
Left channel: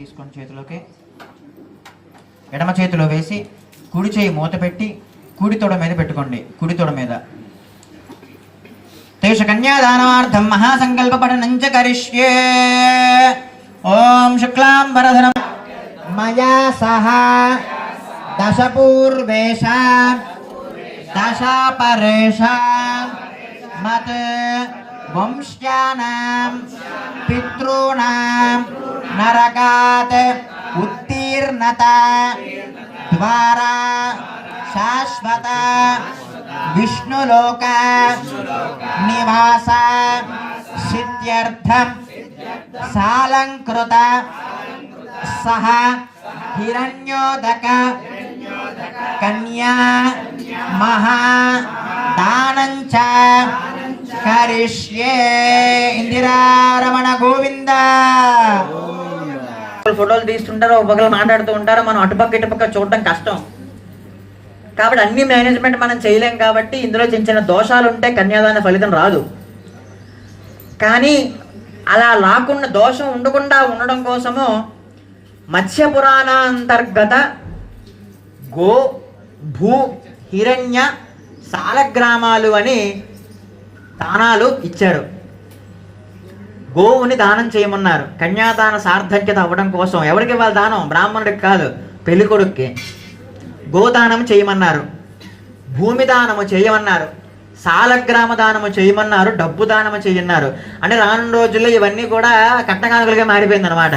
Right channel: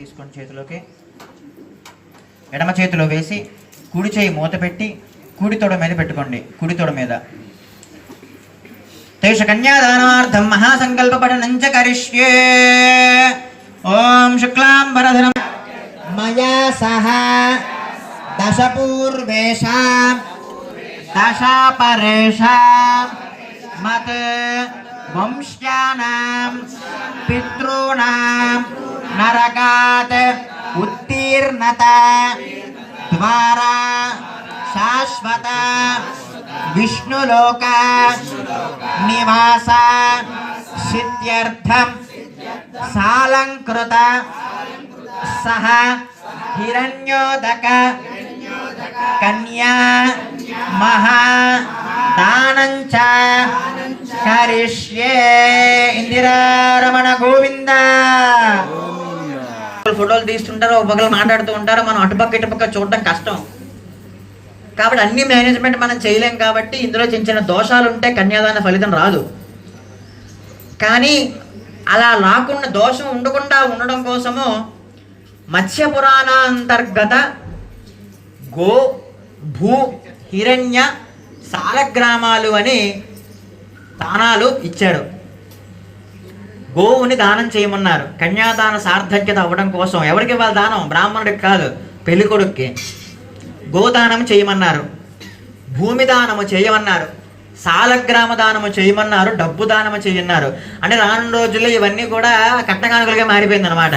తీసుకొని చేతిలోకి ఎడమ చేతిలో వేసి కుడి చేయి మూత పెట్టి కుడి తొడ మీద పెట్టుకోండి. కుడి తొడ మీద తేష కన్యాదానార్థం మహాసంకల్ప పఠనం చ కరిష్యే. ఓం శుక్లాంబరధరం మయా సహ దశ పూర్వేష దశ పరేష మత్ వంశ్యానాం పితॄణాం నరకాత్ ఉత్తీర్ణత ద్వారా శాశ్వత విష్ణులోక నివాస సిద్ధ్యర్థం సాలంకృత సహ హిరణ్యోదక కన్యా మహా దానంచ కరిష్యే. ఇందిరారమణ గోవింద. ఫోటోలు తీస్తుంటారు, ఒకరు మాట్లాడుతూ ఉంటారు. మనం అటుపక్క ఇటుపక్క చూడటం కష్టం కాబట్టి అన్ని మేనేజ్మెంట్ మనం చేయలేం. కాబట్టి ఇందులో చిన్న చిన్న దోషాలు ఉంటే కన్యాదాన ఫలితం రాదు. కానీ అలా రాకుండా దోషం ఉండకుండా ఉండడం కోసము మత్స్య పురాణాంతర్గత గో భూ హిరణ్య సాలగ్రామాలు అని దానాలు ఇచ్చారు. గోవుని దానం చేయమన్నారు. కన్యాదాన సార్థక్యత అవ్వడం కోసం. ఎవరికి ఇవ్వాలి దానం? బ్రాహ్మణుడికి కాదు, పెళ్లి కొడుక్కి. గోదానం చేయమన్నారు, భూమి దానము చేయమన్నారు, సాలగ్రామ దానము చేయమన్నారు, డబ్బు దానము చేయమన్నారు. అంటే రాను రోజుల్లో ఇవన్నీ కూడా కట్నకానుకలుగా మారిపోయింది అనమాట.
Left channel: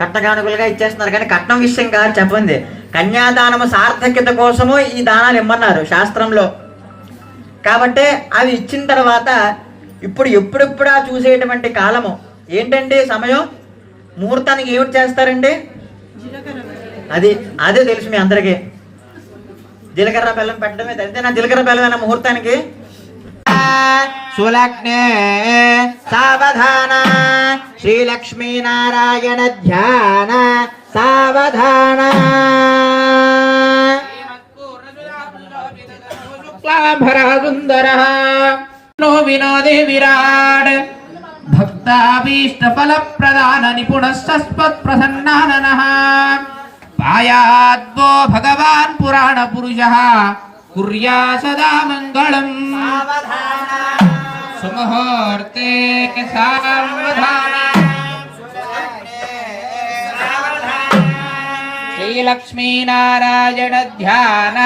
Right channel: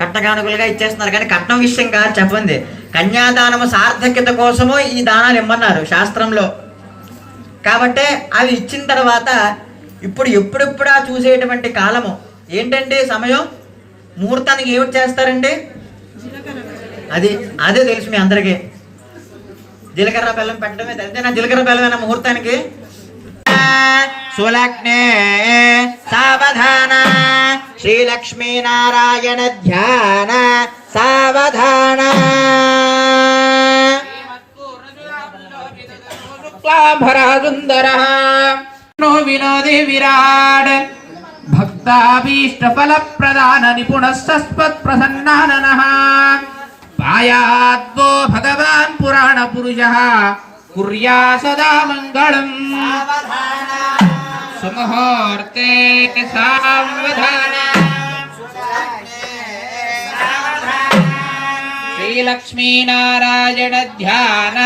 కట్నకానుకలుగా ఇచ్చేస్తున్నారు. కానీ కట్నం విషయం కాదు చెప్పండి. కన్యాదానము సార్థక్యత కోసము ఈ దానాలు ఇమ్మన్నారు శాస్త్రంలో. కాబట్టి అవి ఇచ్చిన తర్వాత ఇప్పుడు ఎప్పుడెప్పుడా చూసేటువంటి కాలము ఏంటంటే సమయం. ముహూర్తానికి ఏమిటి చేస్తారండి? అదే తెలుసు మీ అందరికీ. జీలకర్ర బెల్లం పెట్టడమే. అంతేనా? జీలకర్ర బెల్లమేనా ముహూర్తానికి? సులగ్నే సావధాన శ్రీలక్ష్మీనారాయణ ధ్యాన సావధాన शुक्लाभरसुन्दरः नो विनोदे विराट् भक्ताभीष्टफलप्रदान निपुणः सस्मत्प्रसन्नाननः पायाद्वो भगवान् पुराणपुरुषः कुर्या सदा मङ्गलम् सुमुहूर्ते सावधान श्रीलक्ष्मीनारायण ध्यान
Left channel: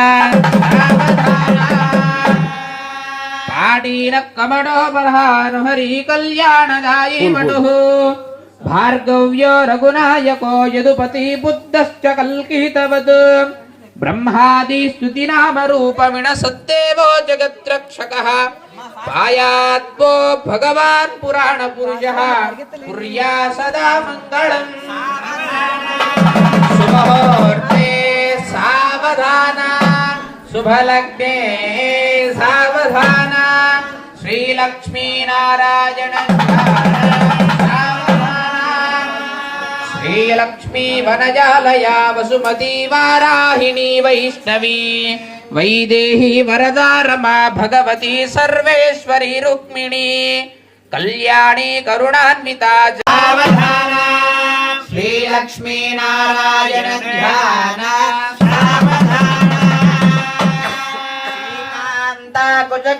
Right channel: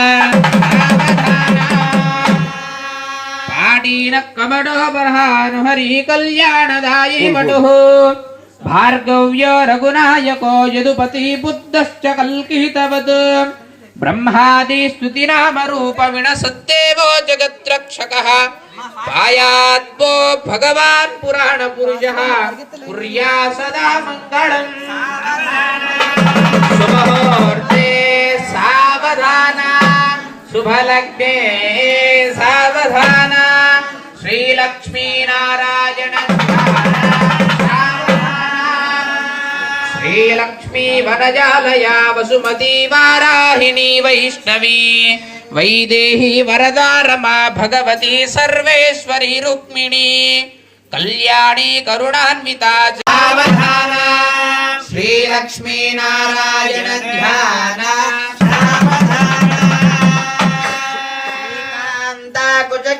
पाटीन कमडो बर्हानु हरि कल्याणदायी वटुः भार्गव्यो रघुनायको यदुपति बुद्धश्च कल्कितवत् ब्रह्मादि स्तुति नाम रूप विनसद्देवो जगद्रक्षकः पायाद्वो भगवान् पुराण पुरुषः कुर्या सदा मङ्गलम् शुभमुहूर्ते सावधान शुभलग्ने सावधान श्रीलक्ष्मीनारायण श्रीलक्ष्मी वनजालया वसुमती वाराहिणी वैष्णवी वैदेही वरदा रमा भगवती सर्वेश्वरी रुक्मिणी कल्याणी करुणान्विता सावधान श्रीलक्ष्मीनारायण ध्यान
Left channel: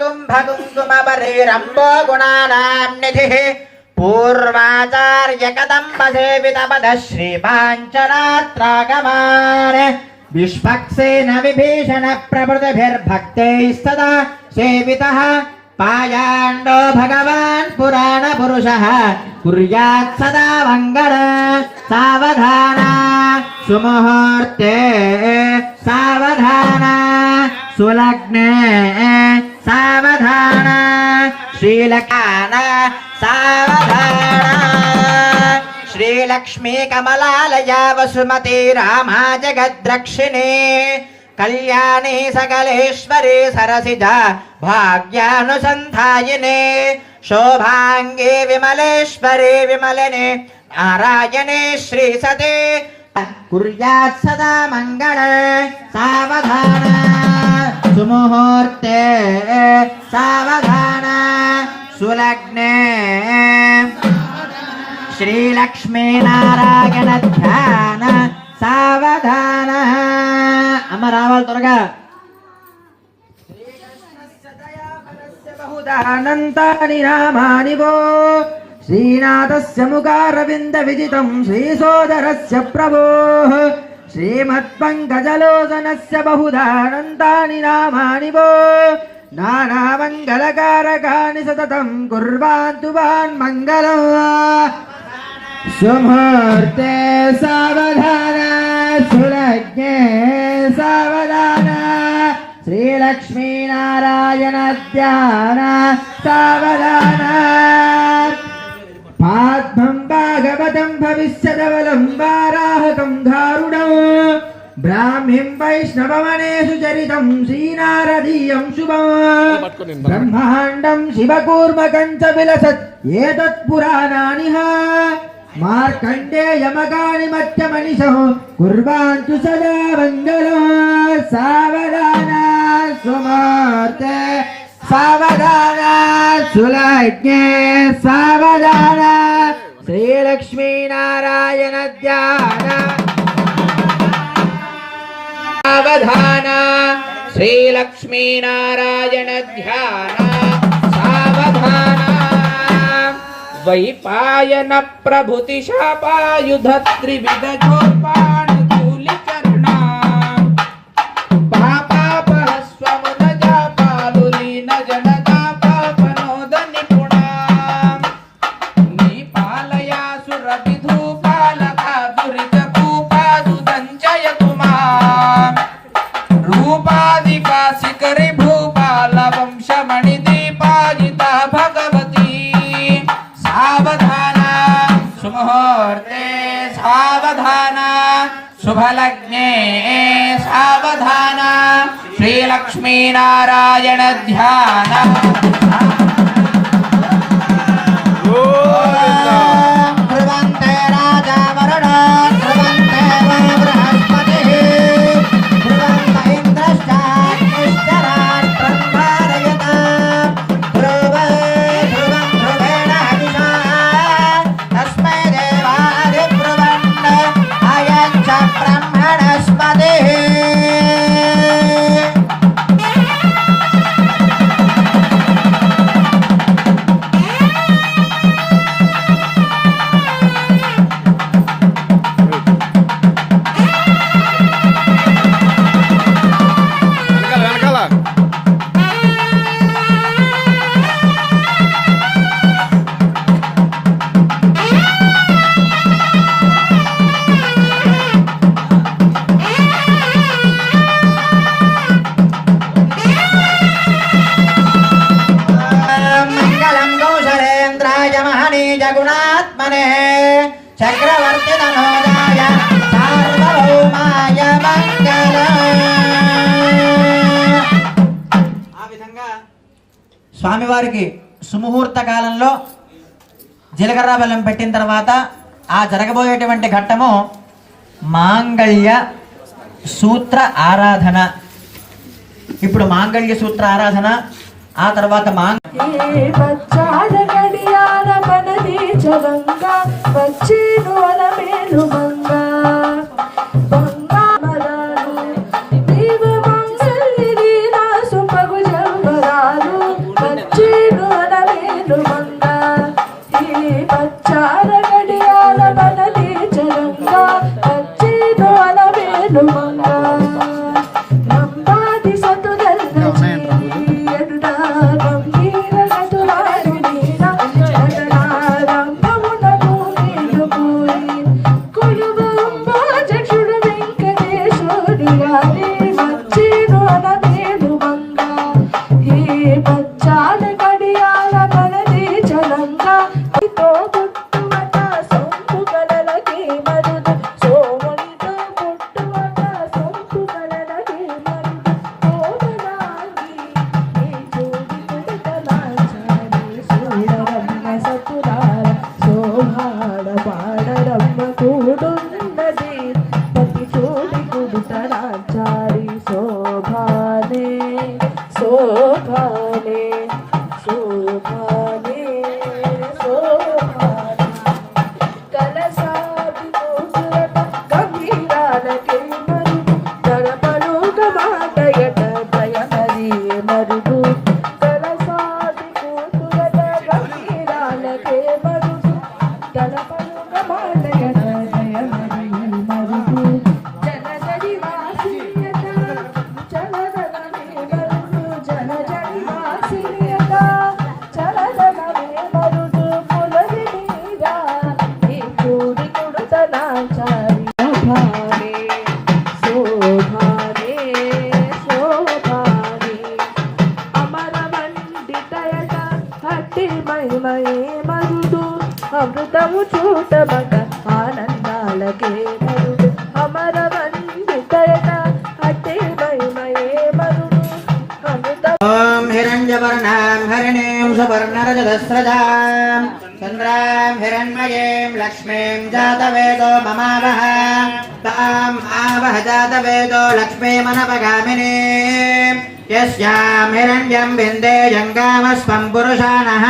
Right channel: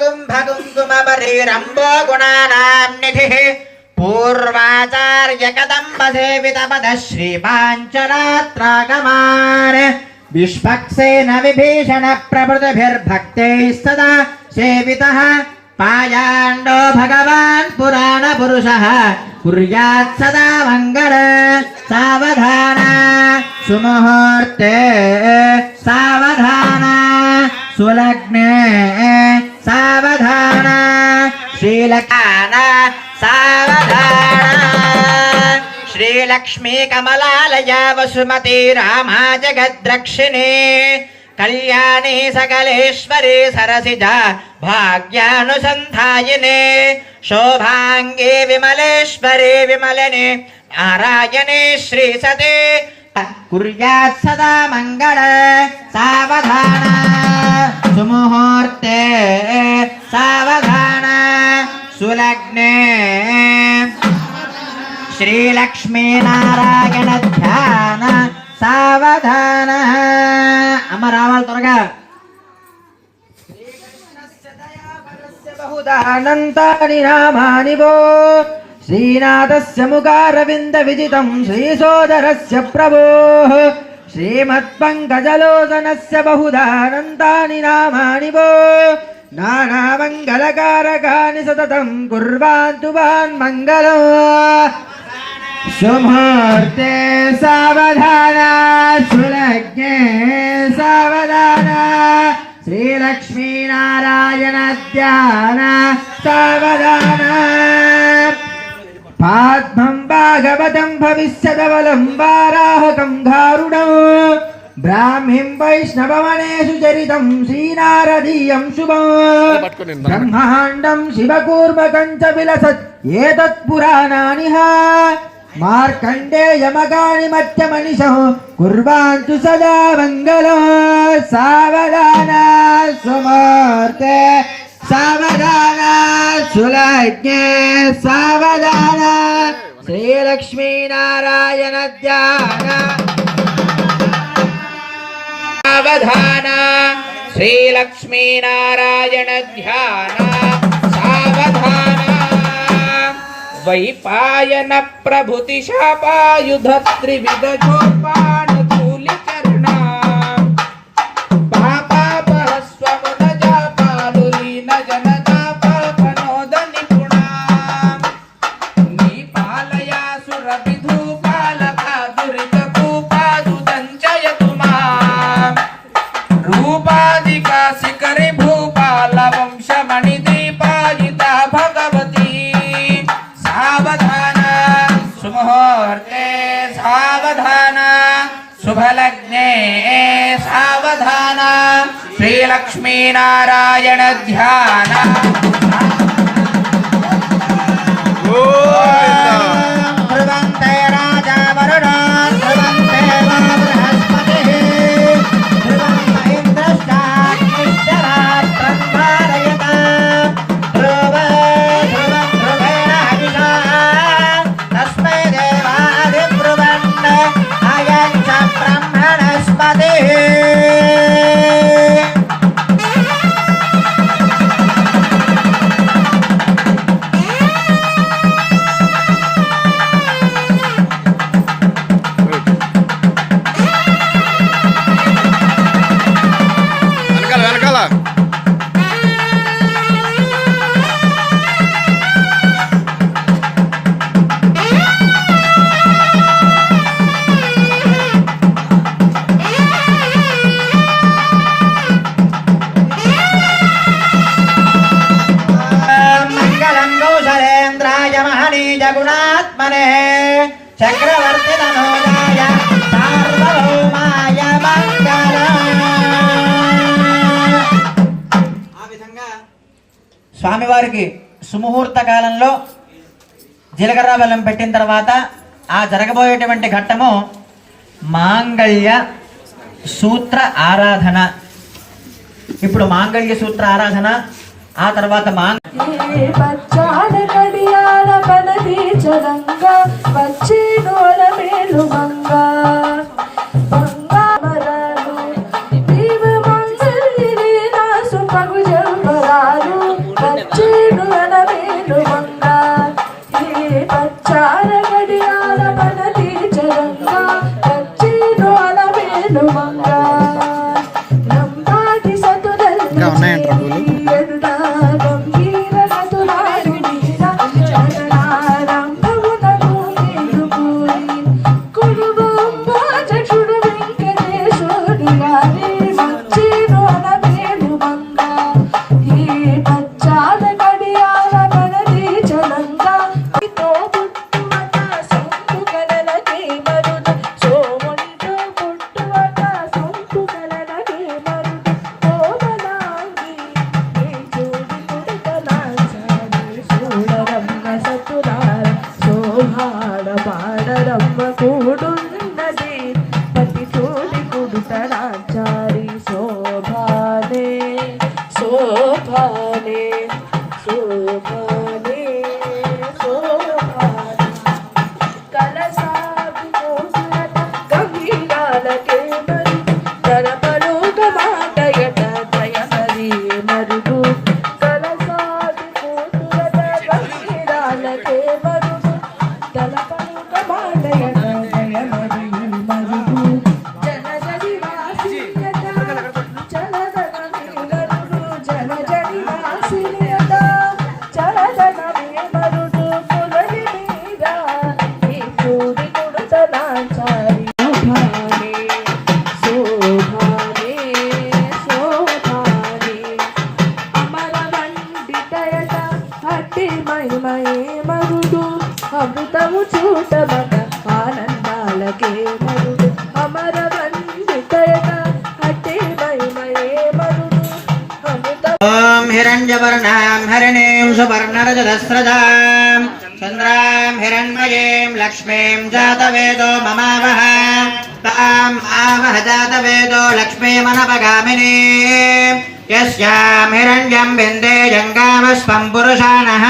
कुंभकुंकुमबलिरम्बो गुणानान्निधिः पूर्वाचार्य कदम्ब सेवित पद श्रीपाञ्चरात्रागमान् विश्वक्सेन विभीषण प्रभृतिभिर्भक्तैः सदा सेवितः पायाण्डो भगवान् पुराण पुरुषः कुर्यात् सदा मङ्गल सावधान सुमुहूर्ते सावधान सुलग्ने सावधान श्रीलकान सावधान श्रीलक्ष्मी कमलालया वसुमती रामा जगद्रक्षिणी कल्याणी सकलेश्वरी सरसिजा भाग्यानुसन्धायिने शोभाङ्गे विमलेश्वरी विमलिने नारायणे श्रीसते कुर्यात् सदा मङ्गल सावधान सुमुहूर्ते सावधान सुलग्ने श्रीलक्ष्मीनारायण ध्यान सावधान अम्म रावाल त्वरगा बहुधानन्तानि नामानि वो श्रीनाथस्य मुखारविन्द विजितं श्रीसोदरस्य प्रभोः श्रीमत्पङ्कजलोचनस्य बहुधानन्तानि नामानि वो नानामङ्गलकारकानि सततं कुर्वान्तु वान् मङ्गलम् सुमुहूर्ते सावधान सुलग्ने सावधान श्रीलक्ष्मीनारायण ध्यान सावधान पाद्मं भागवतं भविष्यदवलं वाराहकं गारुडं ब्राह्मीं वैष्णवमनेषु चरितं श्रीनारदीयं शुभं ब्रह्माण्डं शिवकूर्मकं च विलसत् एतत् पुराणानि मार्कण्डेयमगानि मध्यमनिशः कुर्वान्तु सदा मङ्गलं सावधान सुमुहूर्ते सावधान सुलग्ने सावधान श्रीलक्ष्मीनारायण ध्यान सावधान श्रीलक्ष्मीनारायण ध्यान सावधान वैपायन प्रभृति शापायुध त्रिविगजोपाणुचूलिकर्णा पापापहस्वमुनजापालुलीन जनतापल्पनोद निपुणा नीपालया सुरविधूपालका दुरितभूपादुदञ्जयतु माम् रूपादिका शिखरि भूपाल वंशमणिदीपादिता भगवती सावधान सुमुहूर्ते सावधान शुभलग्ने सावधान श्रीलक्ष्मीनारायण ध्यान गोविंदा ध्रुवन्ते राजा वरुणो ध्रुवन्ते बृहस्पतिः ध्रुवन्त इन्द्रश्चाग्निश्चरात् స్వామివారికి సుముహూర్త కాలంలో జీలకర్ర బెల్లం పెట్టిన తర్వాత ఆ జరగబోయేటువంటి ఘట్టము మాంగళ్య సూత్ర ఆరాధన. ఇప్పుడు మాంగళ్య సూత్ర ఆరాధన, ఆ తర్వాత हिरण्यवर्णां हरिणीं सुवर्णरजतस्रजां चन्द्रां हिरण्मयीं लक्ष्मीं जातवेदो ममावह ताम् आवह जातवेदो लक्ष्मीमनपगामिनीं यस्यां हिरण्यं विन्दे जङ्गामस्वं पुरुषाणः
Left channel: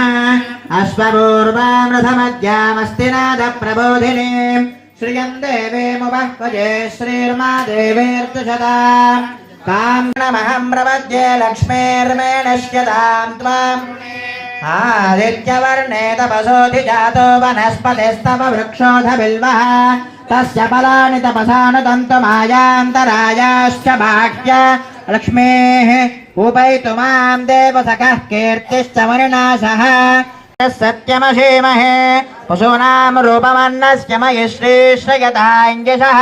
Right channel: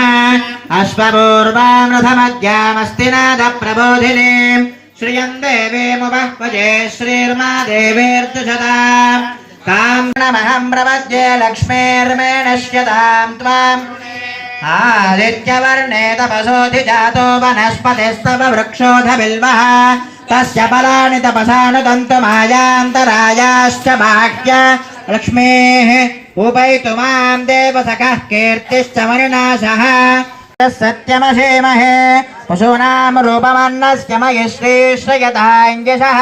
अश्वपूर्वां रथमद्यामस्ति नादप्रबोधिनीं श्रियं देवीमुपह्वजे श्रीर्मा देवीर्जुषदाम् कामहं प्रपद्ये लक्ष्मीर्मेणश्यतां त्वाम् आदित्यवर्णे तपसोऽधिजातो वनस्पतिस्तव वृक्षोऽधबिल्वः तस्य फलानि तपसानुदन्तमायान्तरायाश्च बाह्य लक्ष्मीः उपैतु मां देवसखः कीर्तिश्च मणिनाशः सत्यमशीमहे पशूनां रूपमन्नस्य मयि श्रीश्रयताञ्जसः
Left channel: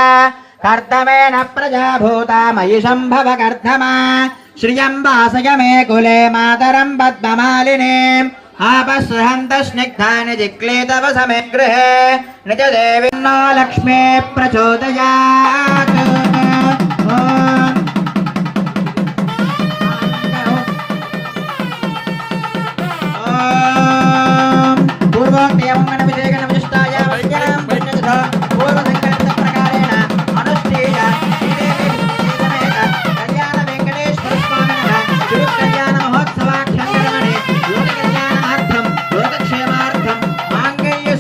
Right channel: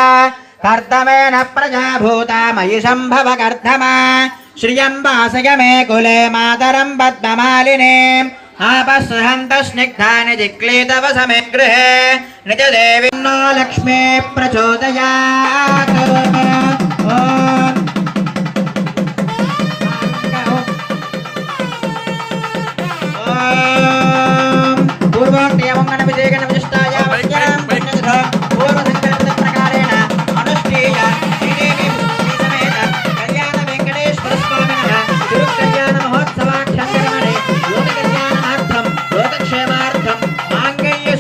कर्तमेन प्रजा भूता मयि सम्भव कर्धमा श्रियं वासय मे कुले मातरं पद्ममालिनीम् आपसृहन्त स्निग्धानि जिक्लीतव समे गृहे निजदेविन्नो लक्ष्मी प्रचोदयात्।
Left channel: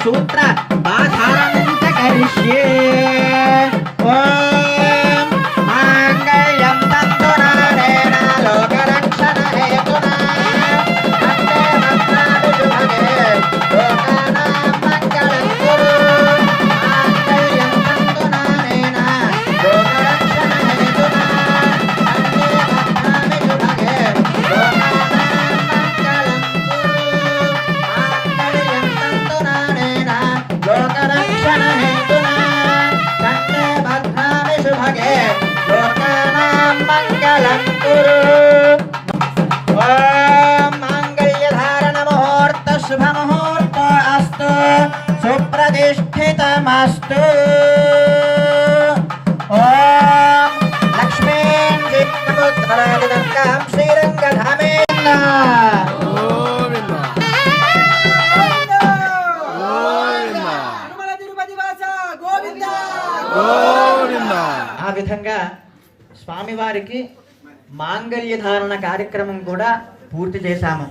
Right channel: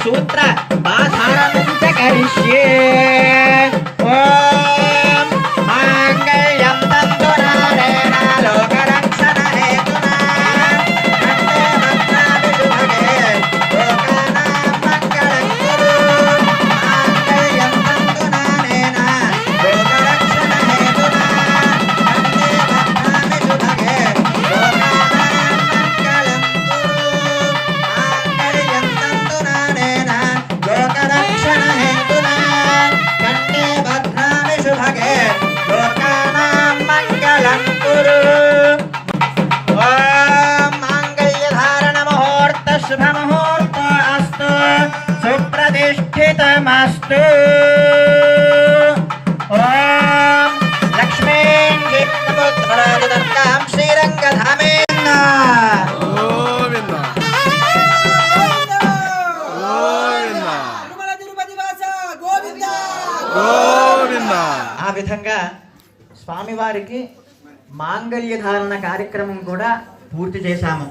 सूत्र बाधारं च करिष्ये। ओम मांगल्यं तन्तु नारेण लोकरक्षणहेतुना प्रतिष्ठितमस्तु। ओम लक्ष्मीं विष्णुपुत्रादिदत्तां श्रीरङ्गधामेन। స్వామివారికి మాంగళ్య ధారణ కార్యక్రమం కూడా పూర్తి చేశాము.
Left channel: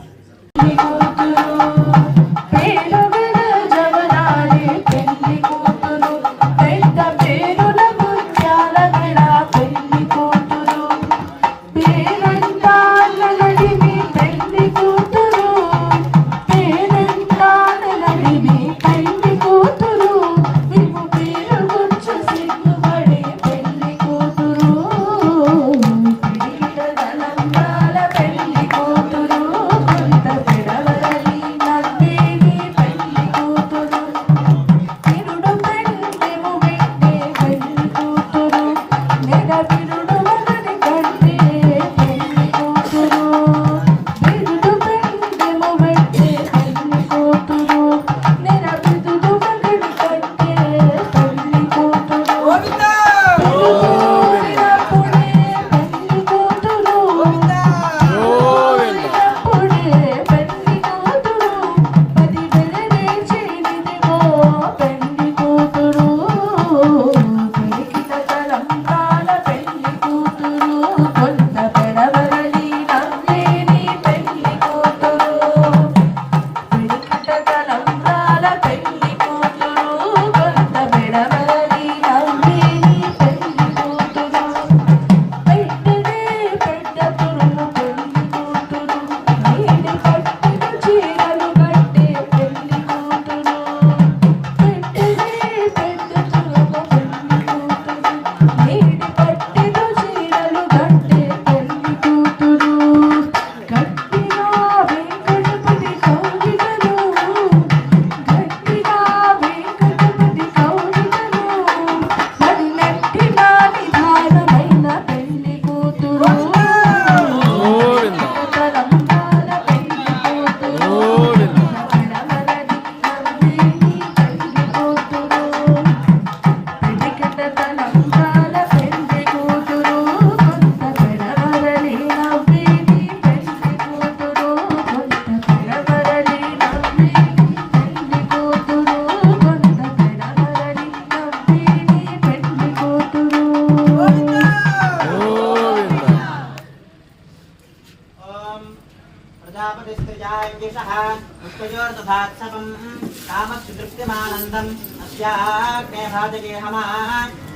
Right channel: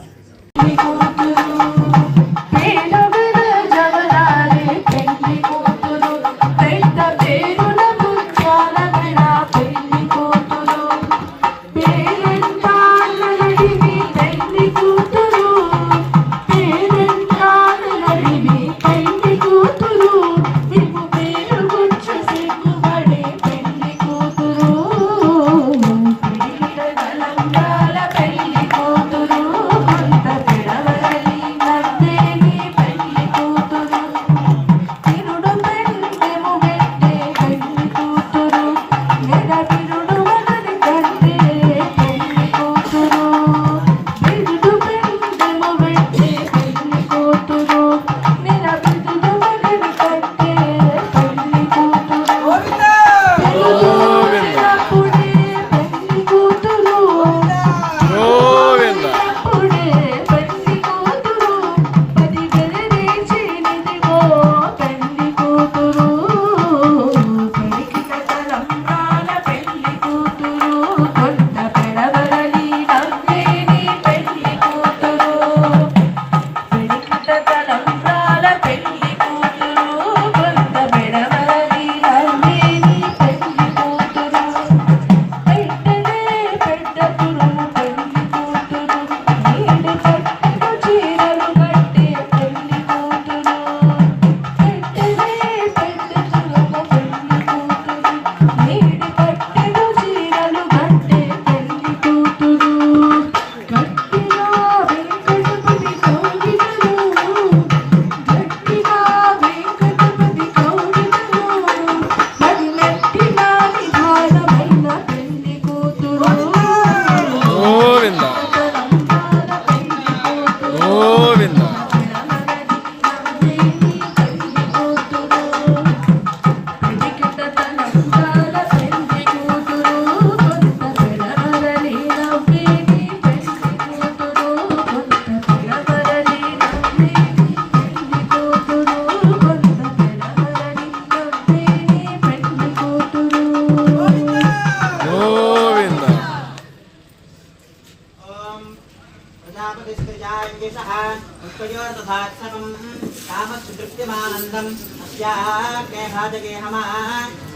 कामस्तृप्यमानन्दम् अस्याग्नेहाजगेहमः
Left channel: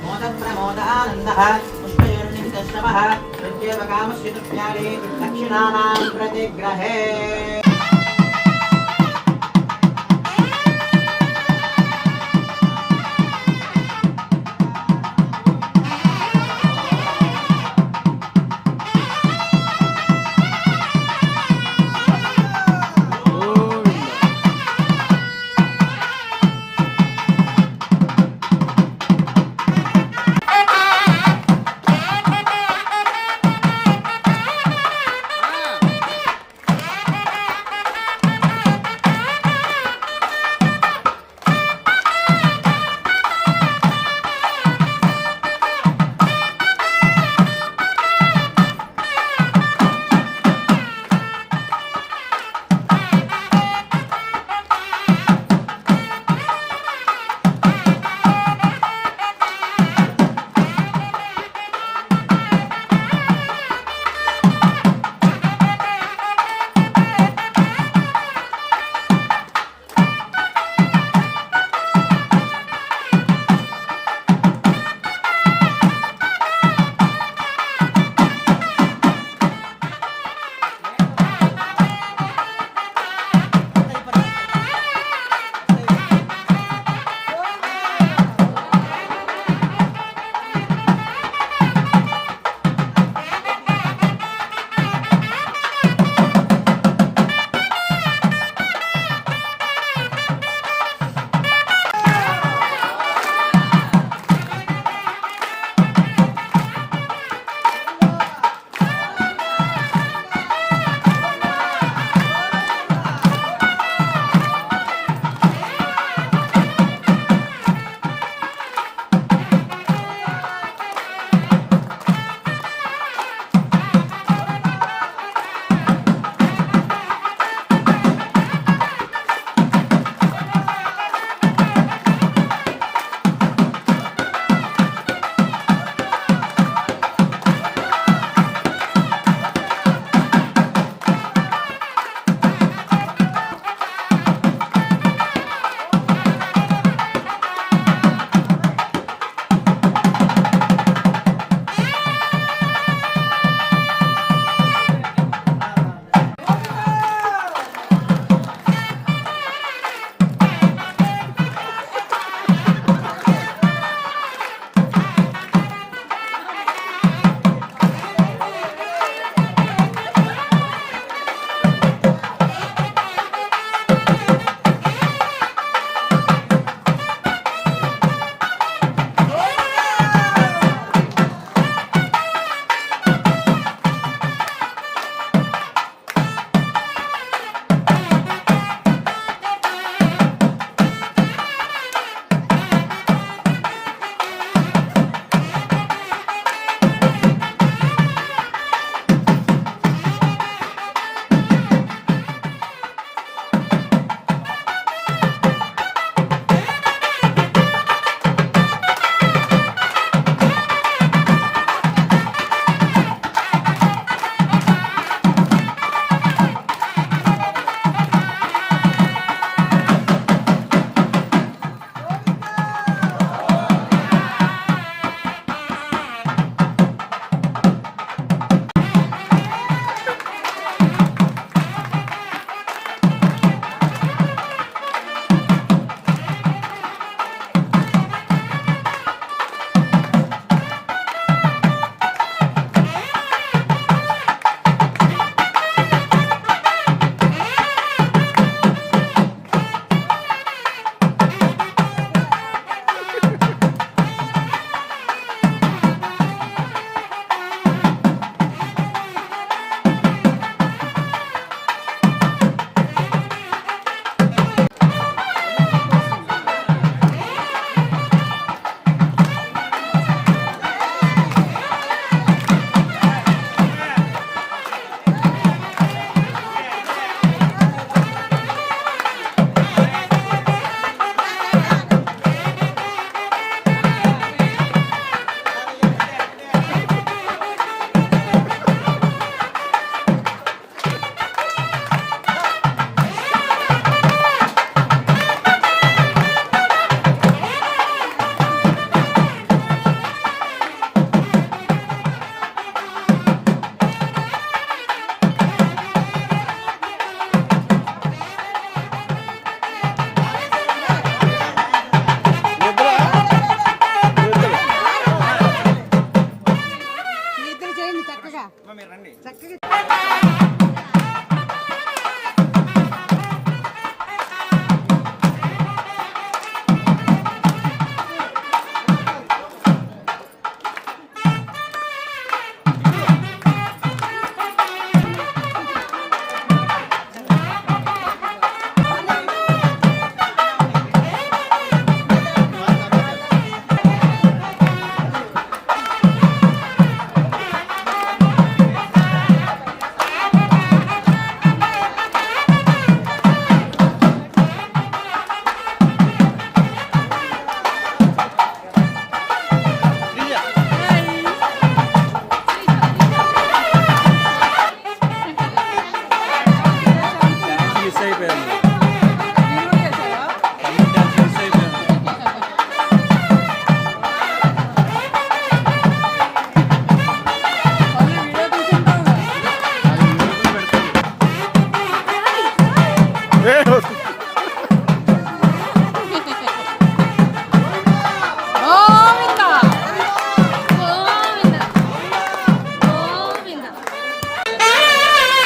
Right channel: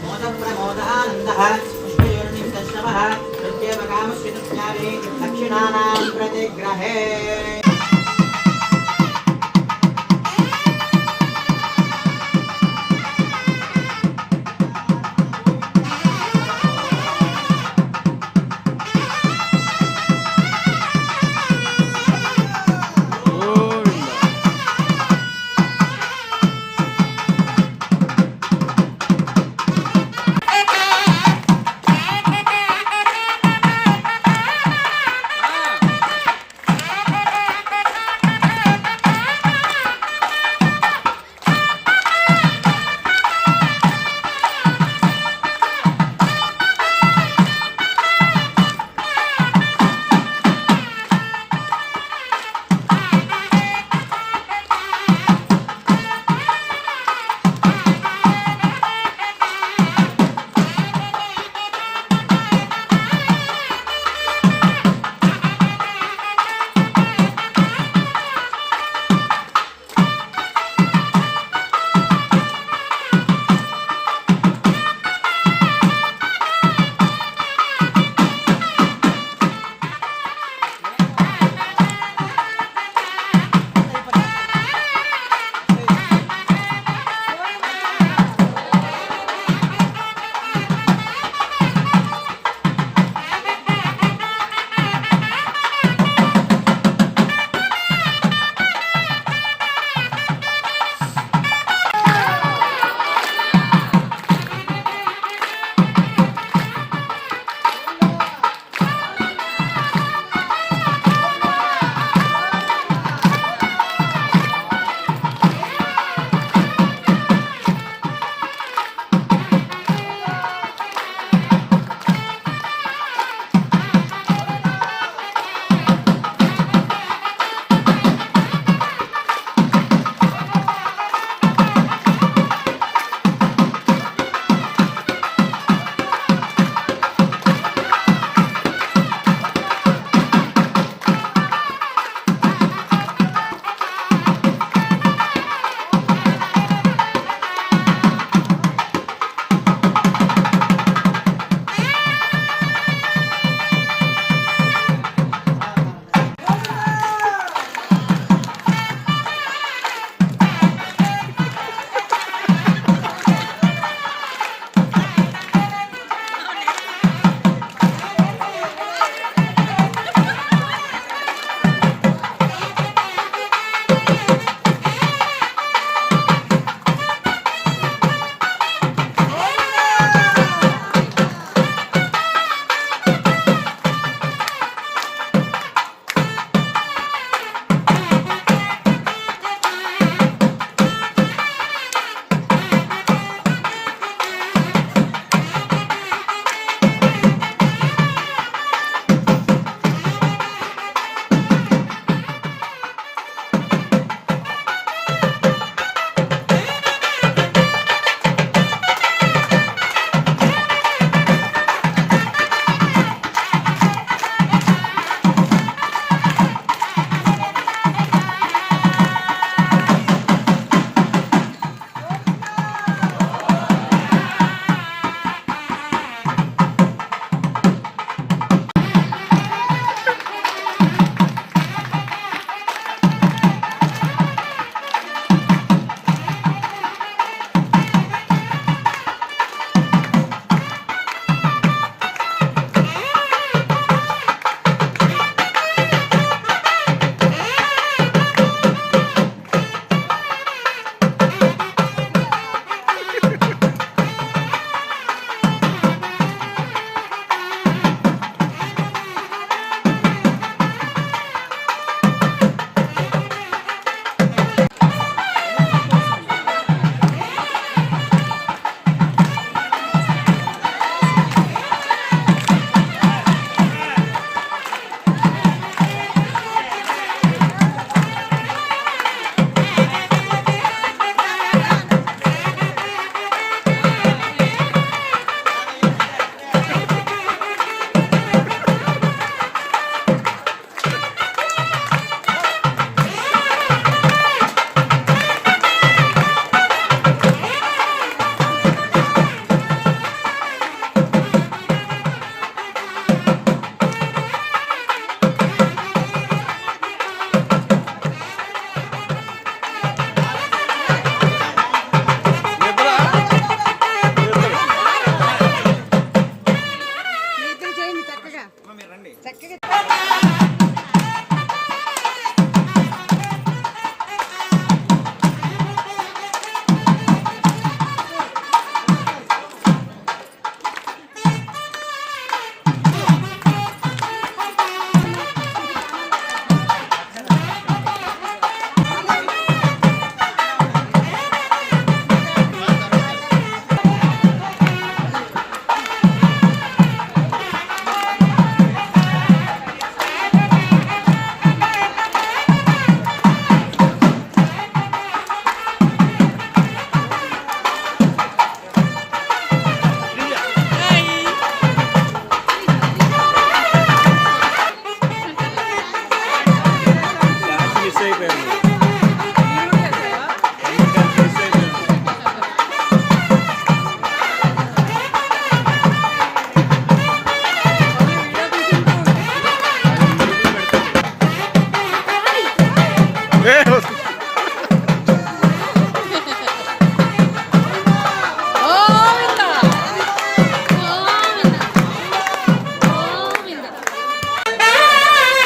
मोदप्रमोदानन्दः पुष्पयोर्निमितश्रवः प्रत्येव कामस्य तृप्त्यादि दक्षिणानां प्रतिग्रहे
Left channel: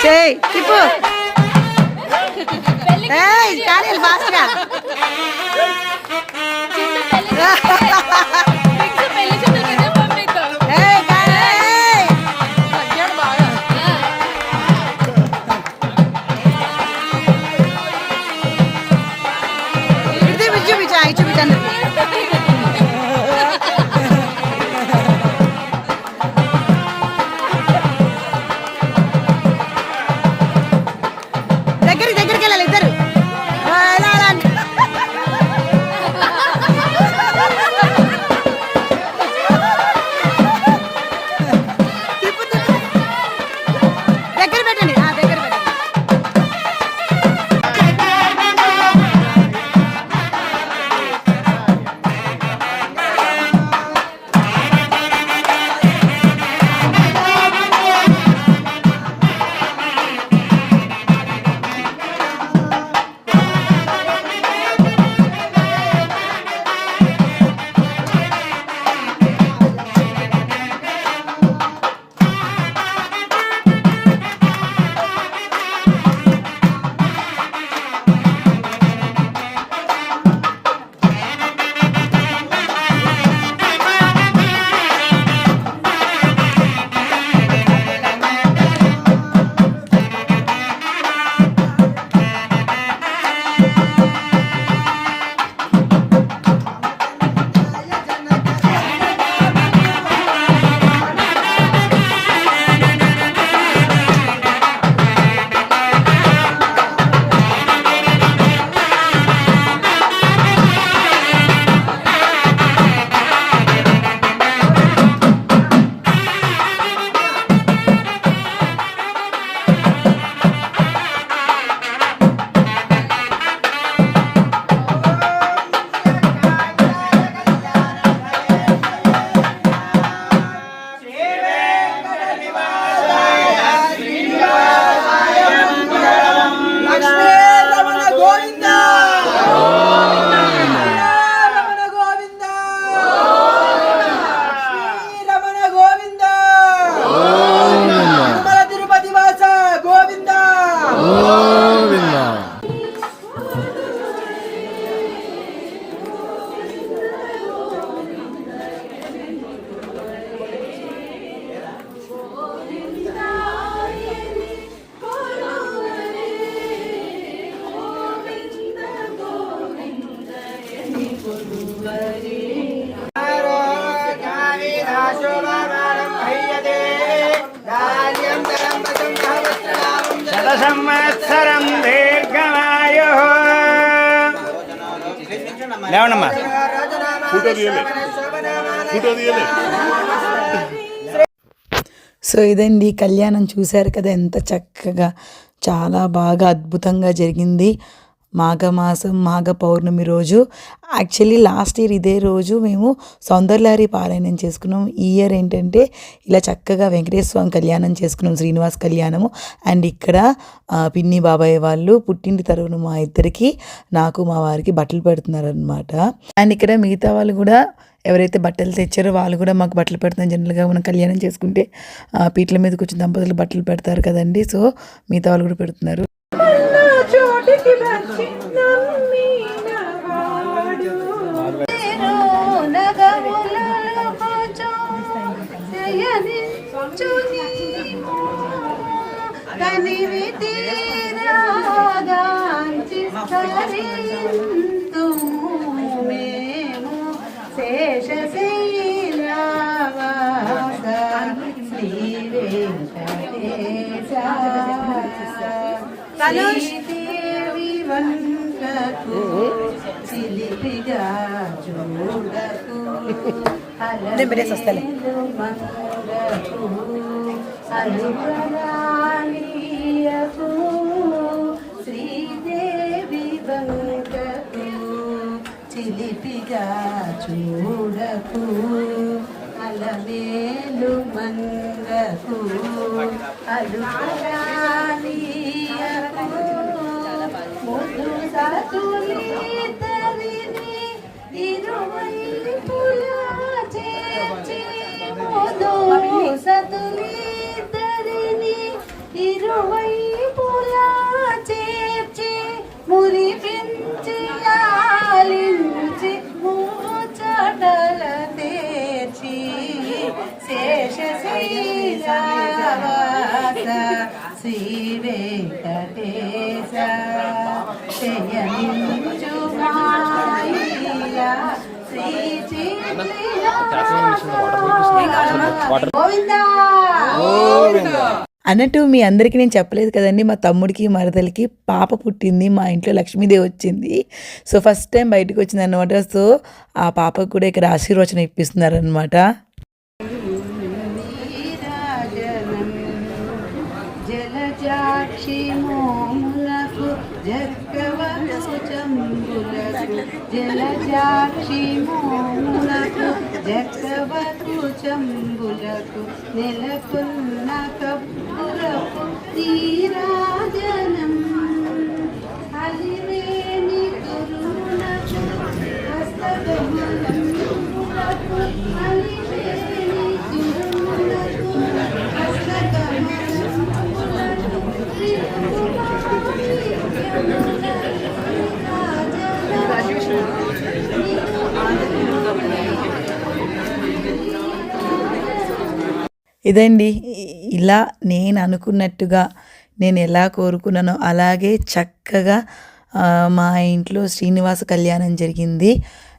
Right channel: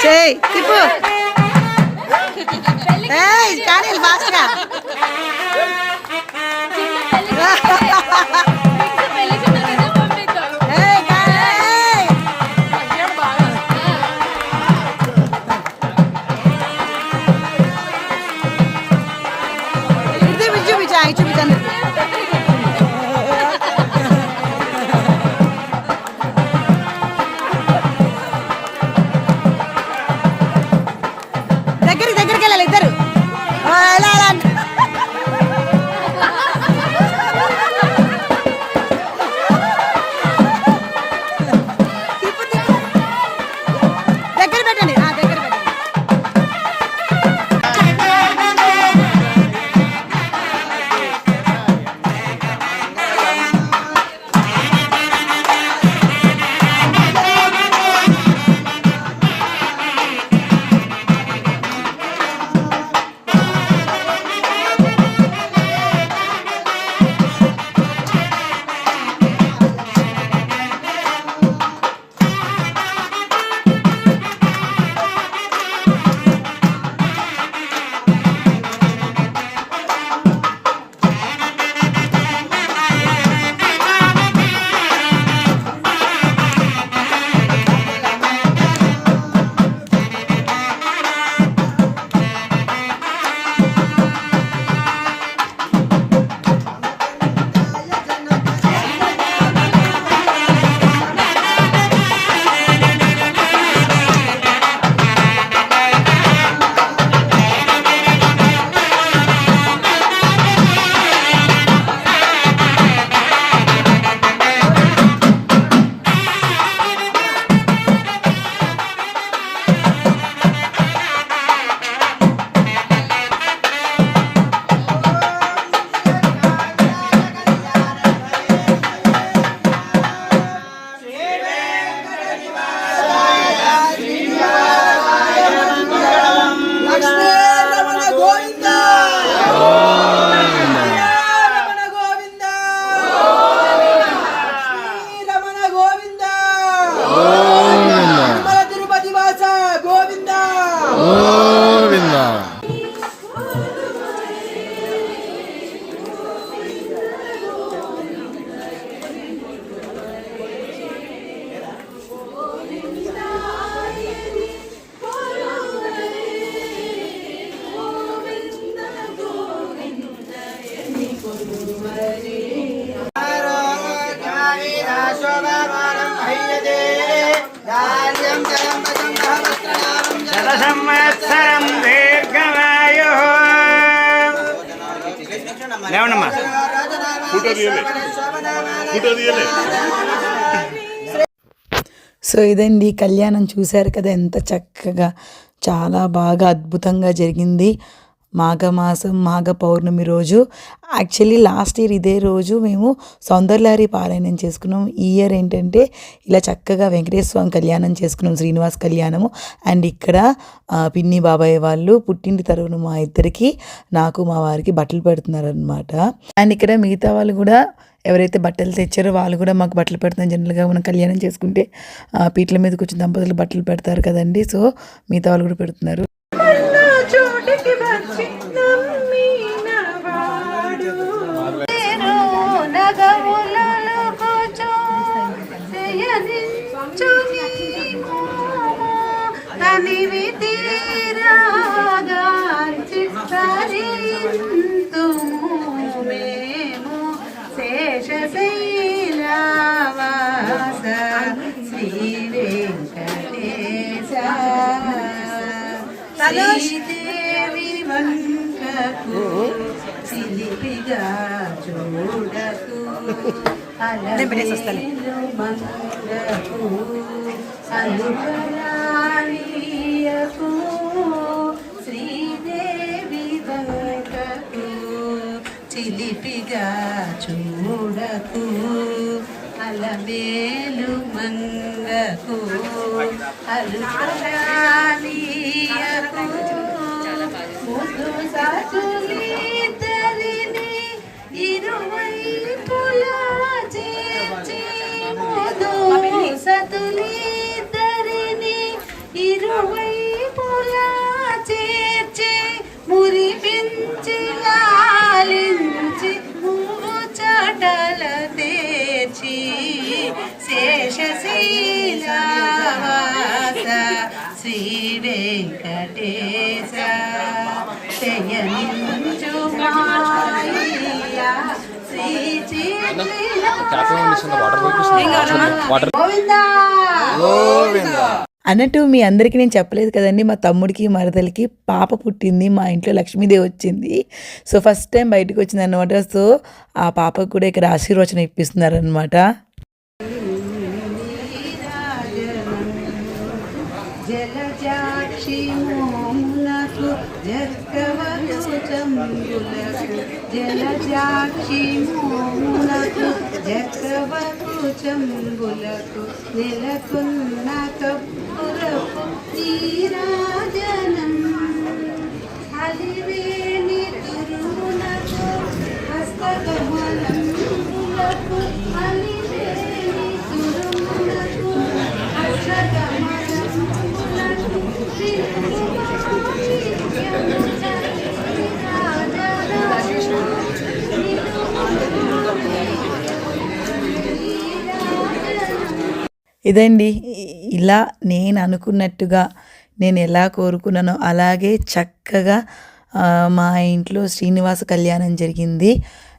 చేయి తిప్పు కానీ ఫాస్ట్గా చూపించండి దగ్గరికి వెళ్ళాలి ఇద్దరు ఎలా అలా దగ్గర పెట్టండి దగ్గర పెట్టండి సో ఇదండి కళ్యాణం చూశారు కదా, ఎంత చక్కగా చాలా బాగా అద్భుతంగా జరిగింది. మాఘమాసం మాఘ పౌర్ణమి రోజు, యాక్చువల్లీ లాస్ట్ ఇయర్ ఇదే రోజు మేము సౌందర్యలహరి పారాయణం చేసుకున్నాం. ఈ ఇయర్ ఏంటంటే ఇలా చక్కగా వెంకటేశ్వర స్వామి కళ్యాణం చేసుకున్నాం, శ్రీనివాస్ కళ్యాణము. అండ్ ఇక్కడ పిన్ని బాబాయ్ వాళ్ళు పుట్టింటి తరపున మా ఇద్దరికి, నాకు మా వారికి బట్టలు పెడుతున్నారు అనమాట. అండ్ ఇక్కడ మిగతా వాళ్ళు కూడా ఎవరైతే బట్టలు తెచ్చారో వాళ్ళు కూడా మాకు బట్టలు పెడుతున్నారు. జనరల్గా మనం కళ్యాణం చేసుకుంటే పీటల మీద కూర్చుని దంపతులు బట్టలు పెడతారు కదండి. సో మిగతా వాళ్ళు కూడా పెడుతున్నారు. శ్రీదేవి వంకకు సిలిపిగా చూడకు అలమేలు మంగకు అలుపరాణీయకు శ్రీదేవి వంకకు చిలిపిగా చూడకు అలమేలు మంగకు అలుపరాణీయకు ముద్దు సాతులిద్దరిని ఇరువైపులా చేర్చి ముద్దు సతులిద్దరిని ఇరువైపులా చేర్చి మురిపించి లాలించి మూచటల తేర్చి శేషశైలవాస శ్రీ వెంకటేశ శయనించు మాయా శ్రీ గోవిందా అన్నట్టు మీ అందరికీ నేను చెప్పలేదు కదండి, మా తమ్ముడికి మరదలికి పాప పుట్టింది. మా ఇంట్లో లక్ష్మీదేవి వచ్చింది. సో ఫస్ట్ టైం బయటకు వచ్చింది అనమాట. సో ఆ పాపకు కూడా ఇక్కడ ఆశీర్వచనం ఇప్పిస్తున్నారనమాట. జలజాక్షి మోములకు జక్కవకు చంబులకు జలజాక్షి మోములకు జక్కవకు చంబులకు నెలకొన్న కప్పులకు నీరాజనం అలివేణి తిరుములకు హస్తకమలములకు అలివేణి తిరుములకు ఇదండి, ఇలా నేను అనుకున్నట్టుగా నేను ఎలా కోరుకున్నానో అలాగే చక్కగా మా ఇంట్లో శ్రీనివాస కళ్యాణం జరిగింది.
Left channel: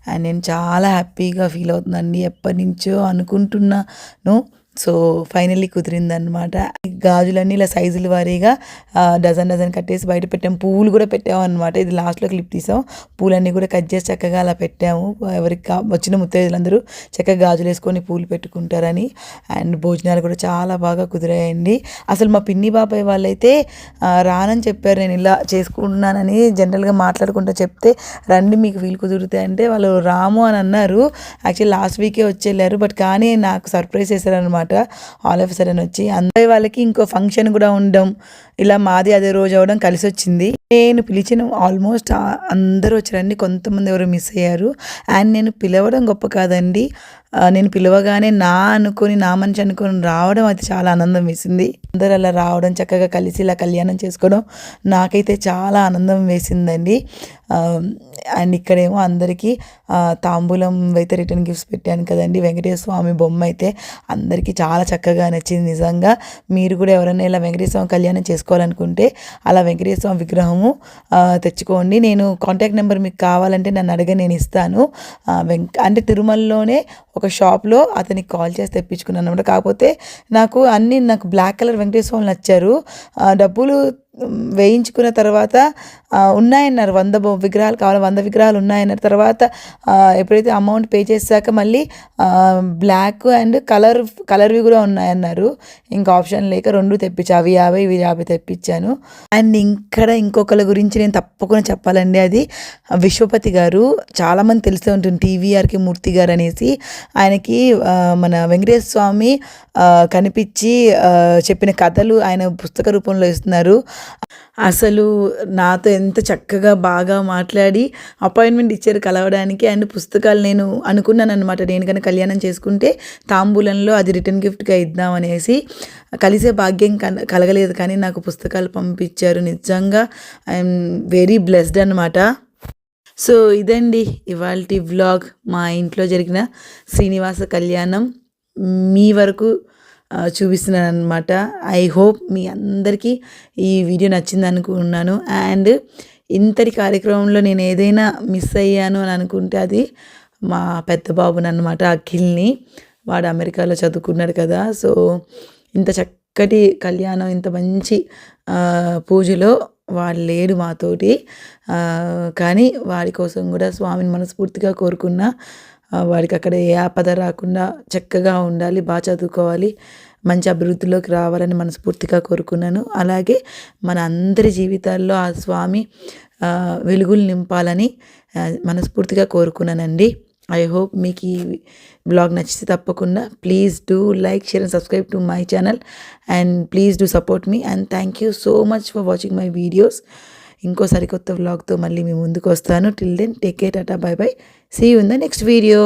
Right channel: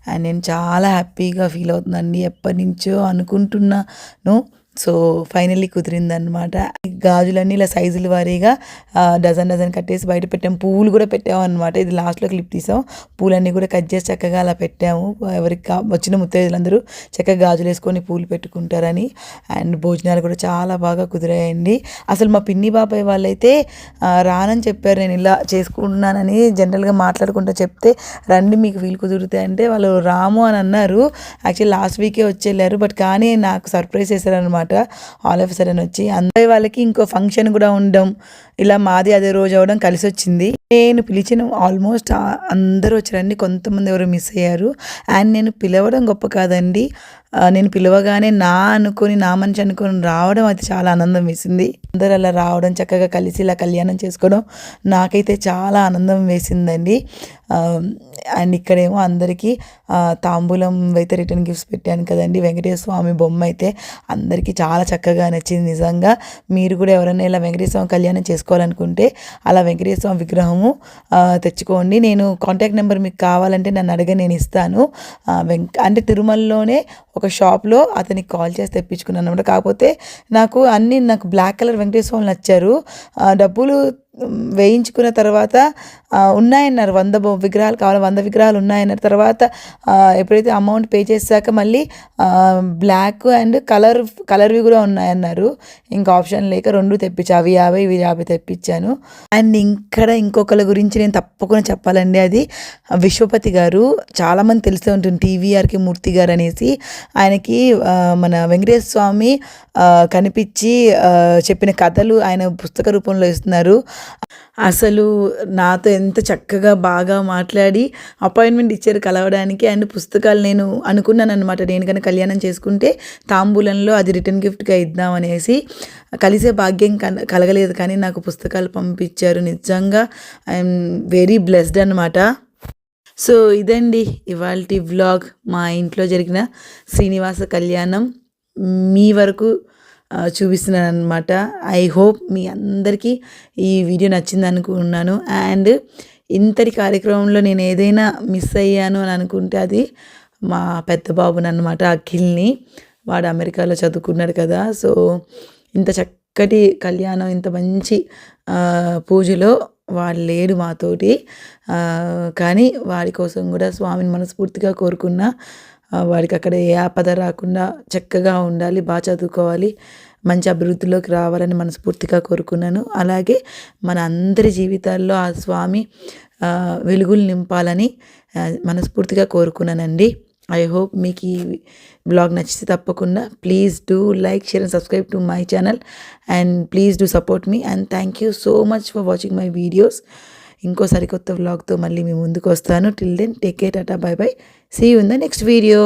అండ్ నేను చాలా హ్యాపీగా ఫీల్ అవుతున్నానండి. ఎప్పటి నుంచో అనుకుంటున్నాను. So finally కుదిరిందనమాట. గాజులన్నీ ఇలా సైజుల వారీగా డజన్ కట్టేసి బయట పెట్టాము. పువ్వులు కూడా పెట్టాము అనమాట. ఇది లాస్ట్లో క్లిప్ తీసాం. పూలన్నీ కూడా కట్ చేసి చక్కగా అలా పెట్టాము. ఎవరికి వచ్చిన ముత్తైదులందరూ చక్కగా గాజులు వేసుకొని పూలు పెట్టుకుంటారని. అండ్ భోజనాలు కూడా చాలా బాగా కుదిరాయండి. అసలు మా పిన్ని బాబాయ్ వాళ్ళైతే రానని చెప్పారు. నేను ఇలా చేసుకుంటున్నానని జనరల్గా మాట్లాడుకుంటూ చెప్తే రండి మీకు వీలు కుదురుతాయి అంటే వాళ్ళు రాము అని అన్నారు. యాక్చువల్లీ లాస్ట్ వీకే వచ్చేళ్ళారు. బట్ కానీ నాకు సర్ప్రైజ్ చేశారనమాట. ఆల్ ఆఫ్ సడన్ వచ్చి అందరి వాళ్ళకి ఇంకో ఫంక్షన్ కూడా ఉండడం, ఇలా మాది అదే రోజు అవడం కలిసి వచ్చింది. నేను పిలిచిన ఆల్మోస్ట్ అందరూ వచ్చారండి. కొంతమంది ఎవరు మిస్ అయ్యారు. అండ్ నేను పిలవడం గొప్ప కాదండి, నేను పిలవగానే నా మనిషి అనుకొని రావడం అది చాలా ఆనందం వేసింది. అందరూ అలా రావడం, చక్కగా కలిసి ఇలా కళ్యాణం చేసుకోవడం నాకైతే చాలా ఆనందం వేసిందండి. అండ్ ఇక్కడేమో అందరికీ తాంబూలం అయితే రిటర్న్ గిఫ్ట్స్ పెట్టాను కదండి. వెంకటేశ్వర స్వామి బొమ్మ అయితే అందరికీ చాలా చక్కగా నచ్చింది. నిజంగా మీరు కూడా ఎవరైనా ఇలా వెంకటేశ్వర స్వామి కళ్యాణం చేసుకోవాలనుకుంటే అలా వెంకటేశ్వర స్వామి విగ్రహము తెచ్చుకోండి. నేను కాంటాక్ట్ నెంబర్ మీకు కావాలంటే నన్ను నేను ఇస్తాను. అంటే తిరుమలలోనే ఒక షాప్లో అతనికి కాల్ చేసి తెప్పించుకున్నాను అనమాట. కాకపోతే నాకు బ్లాక్ కలర్ వెంకటేశ్వర స్వామి నచ్చారు. డబ్బులు వేయించుకున్న తర్వాత ఉన్నాయన్నారు, 100 విగ్రహాలు కావాలి, 100 విగ్రహాలు ఉన్నాయన్నారు. తర్వాత ఎప్పుడైతే అమౌంట్ పే చేశాక మళ్ళీ బ్లాక్ అండ్ కలర్వి కూడా ఉన్నాయన్నారు. ఇంకా ఆప్షన్ లేక 2 తెప్పించా. అవి 50 ఇవి 50 తెప్పించాను. అండ్ ఇక్కడ ఇంకొకరి గురించి నేను తప్పకుండా చెప్పాలండి. అది విశ్వపతి గారు. చాలామంది తెలిసే ఉంటుంది, టీవీఆర్కే మూర్తి గారు అనేసి. ఆయనకి మన వెంకటేశ్వర స్వామి కనిపించి చెప్పిన కథలు ఆయన పుస్తక రూపంలో ఇస్తున్నారు. అసలు నాతో ఎంత చక్కగా బాగా మాట్లాడి అపాయింట్మెంట్ ఇచ్చారు కలవడానికి. అండ్ పుస్తకాలు నేను అనుకున్నాను అనమాట, నేను కనుక కళ్యాణం చేసుకుంటే తాంబూలంలో అది రిటర్న్ గిఫ్ట్గా ఇద్దామనేసి. కలిసే భాగ్యం కలగలేదు, కానీ నాకు పుస్తకాలు పంపించారు. నిజంగా ఐఎమ్ వెరీ బ్లెస్డ్ అనమాట. సో ఇదండి ఇవాల్టి వ్లాగ్. మా ఇంట్లో జరిగిన శ్రీనివాస కళ్యాణం మీ వరకు చూపిస్తున్నాను అనమాట. ఐ హోప్ మీ అందరికీ ఈ వీడియో నచ్చింది అనుకున్నాను. అండ్ ఇంతటి కార్యక్రమంలో నేను ఏదైనా మిస్ అయ్యాను అని అనుకుంటే అది మా పెద్ద బాబుని అనమాట, అఖిల్ని. వాడు అమెరికాలో చదువుకున్నాడు కదా. సో ఇంత చక్కటి కళ్యాణం, ఇంత మంచి పూజలో వాడు లేడు మాతోటి. కానీ వాడి కోసం కూడా స్వామిని మనస్ఫూర్తిగా కోరుకున్నా. వాడికి అక్కడ ఏ ఆపద రాకుండా చక్కగా ఉండాలి, బాగా చదువుకోవాలి, మంచి అభివృద్ధిలోకి రావాలని మనస్ఫూర్తిగా కోరుకున్నాను. అలాగే మన అందరి జీవితాల్లో ఆ స్వామి వెలుగులు నింపాలని మనస్ఫూర్తిగా కోరుకున్నానండి. ఐ హోప్ మీకు ఈ బ్లాగ్ నచ్చితే తప్పకుండా please do like, share and subscribe to my channel. And please do support me. And thank you so much for watching my videos. ఇంకో సరికొత్త వ్లాగ్తో మళ్ళీ మీ ముందుకు వస్తాను. Till then take care, tata, bye bye. See you in the next video.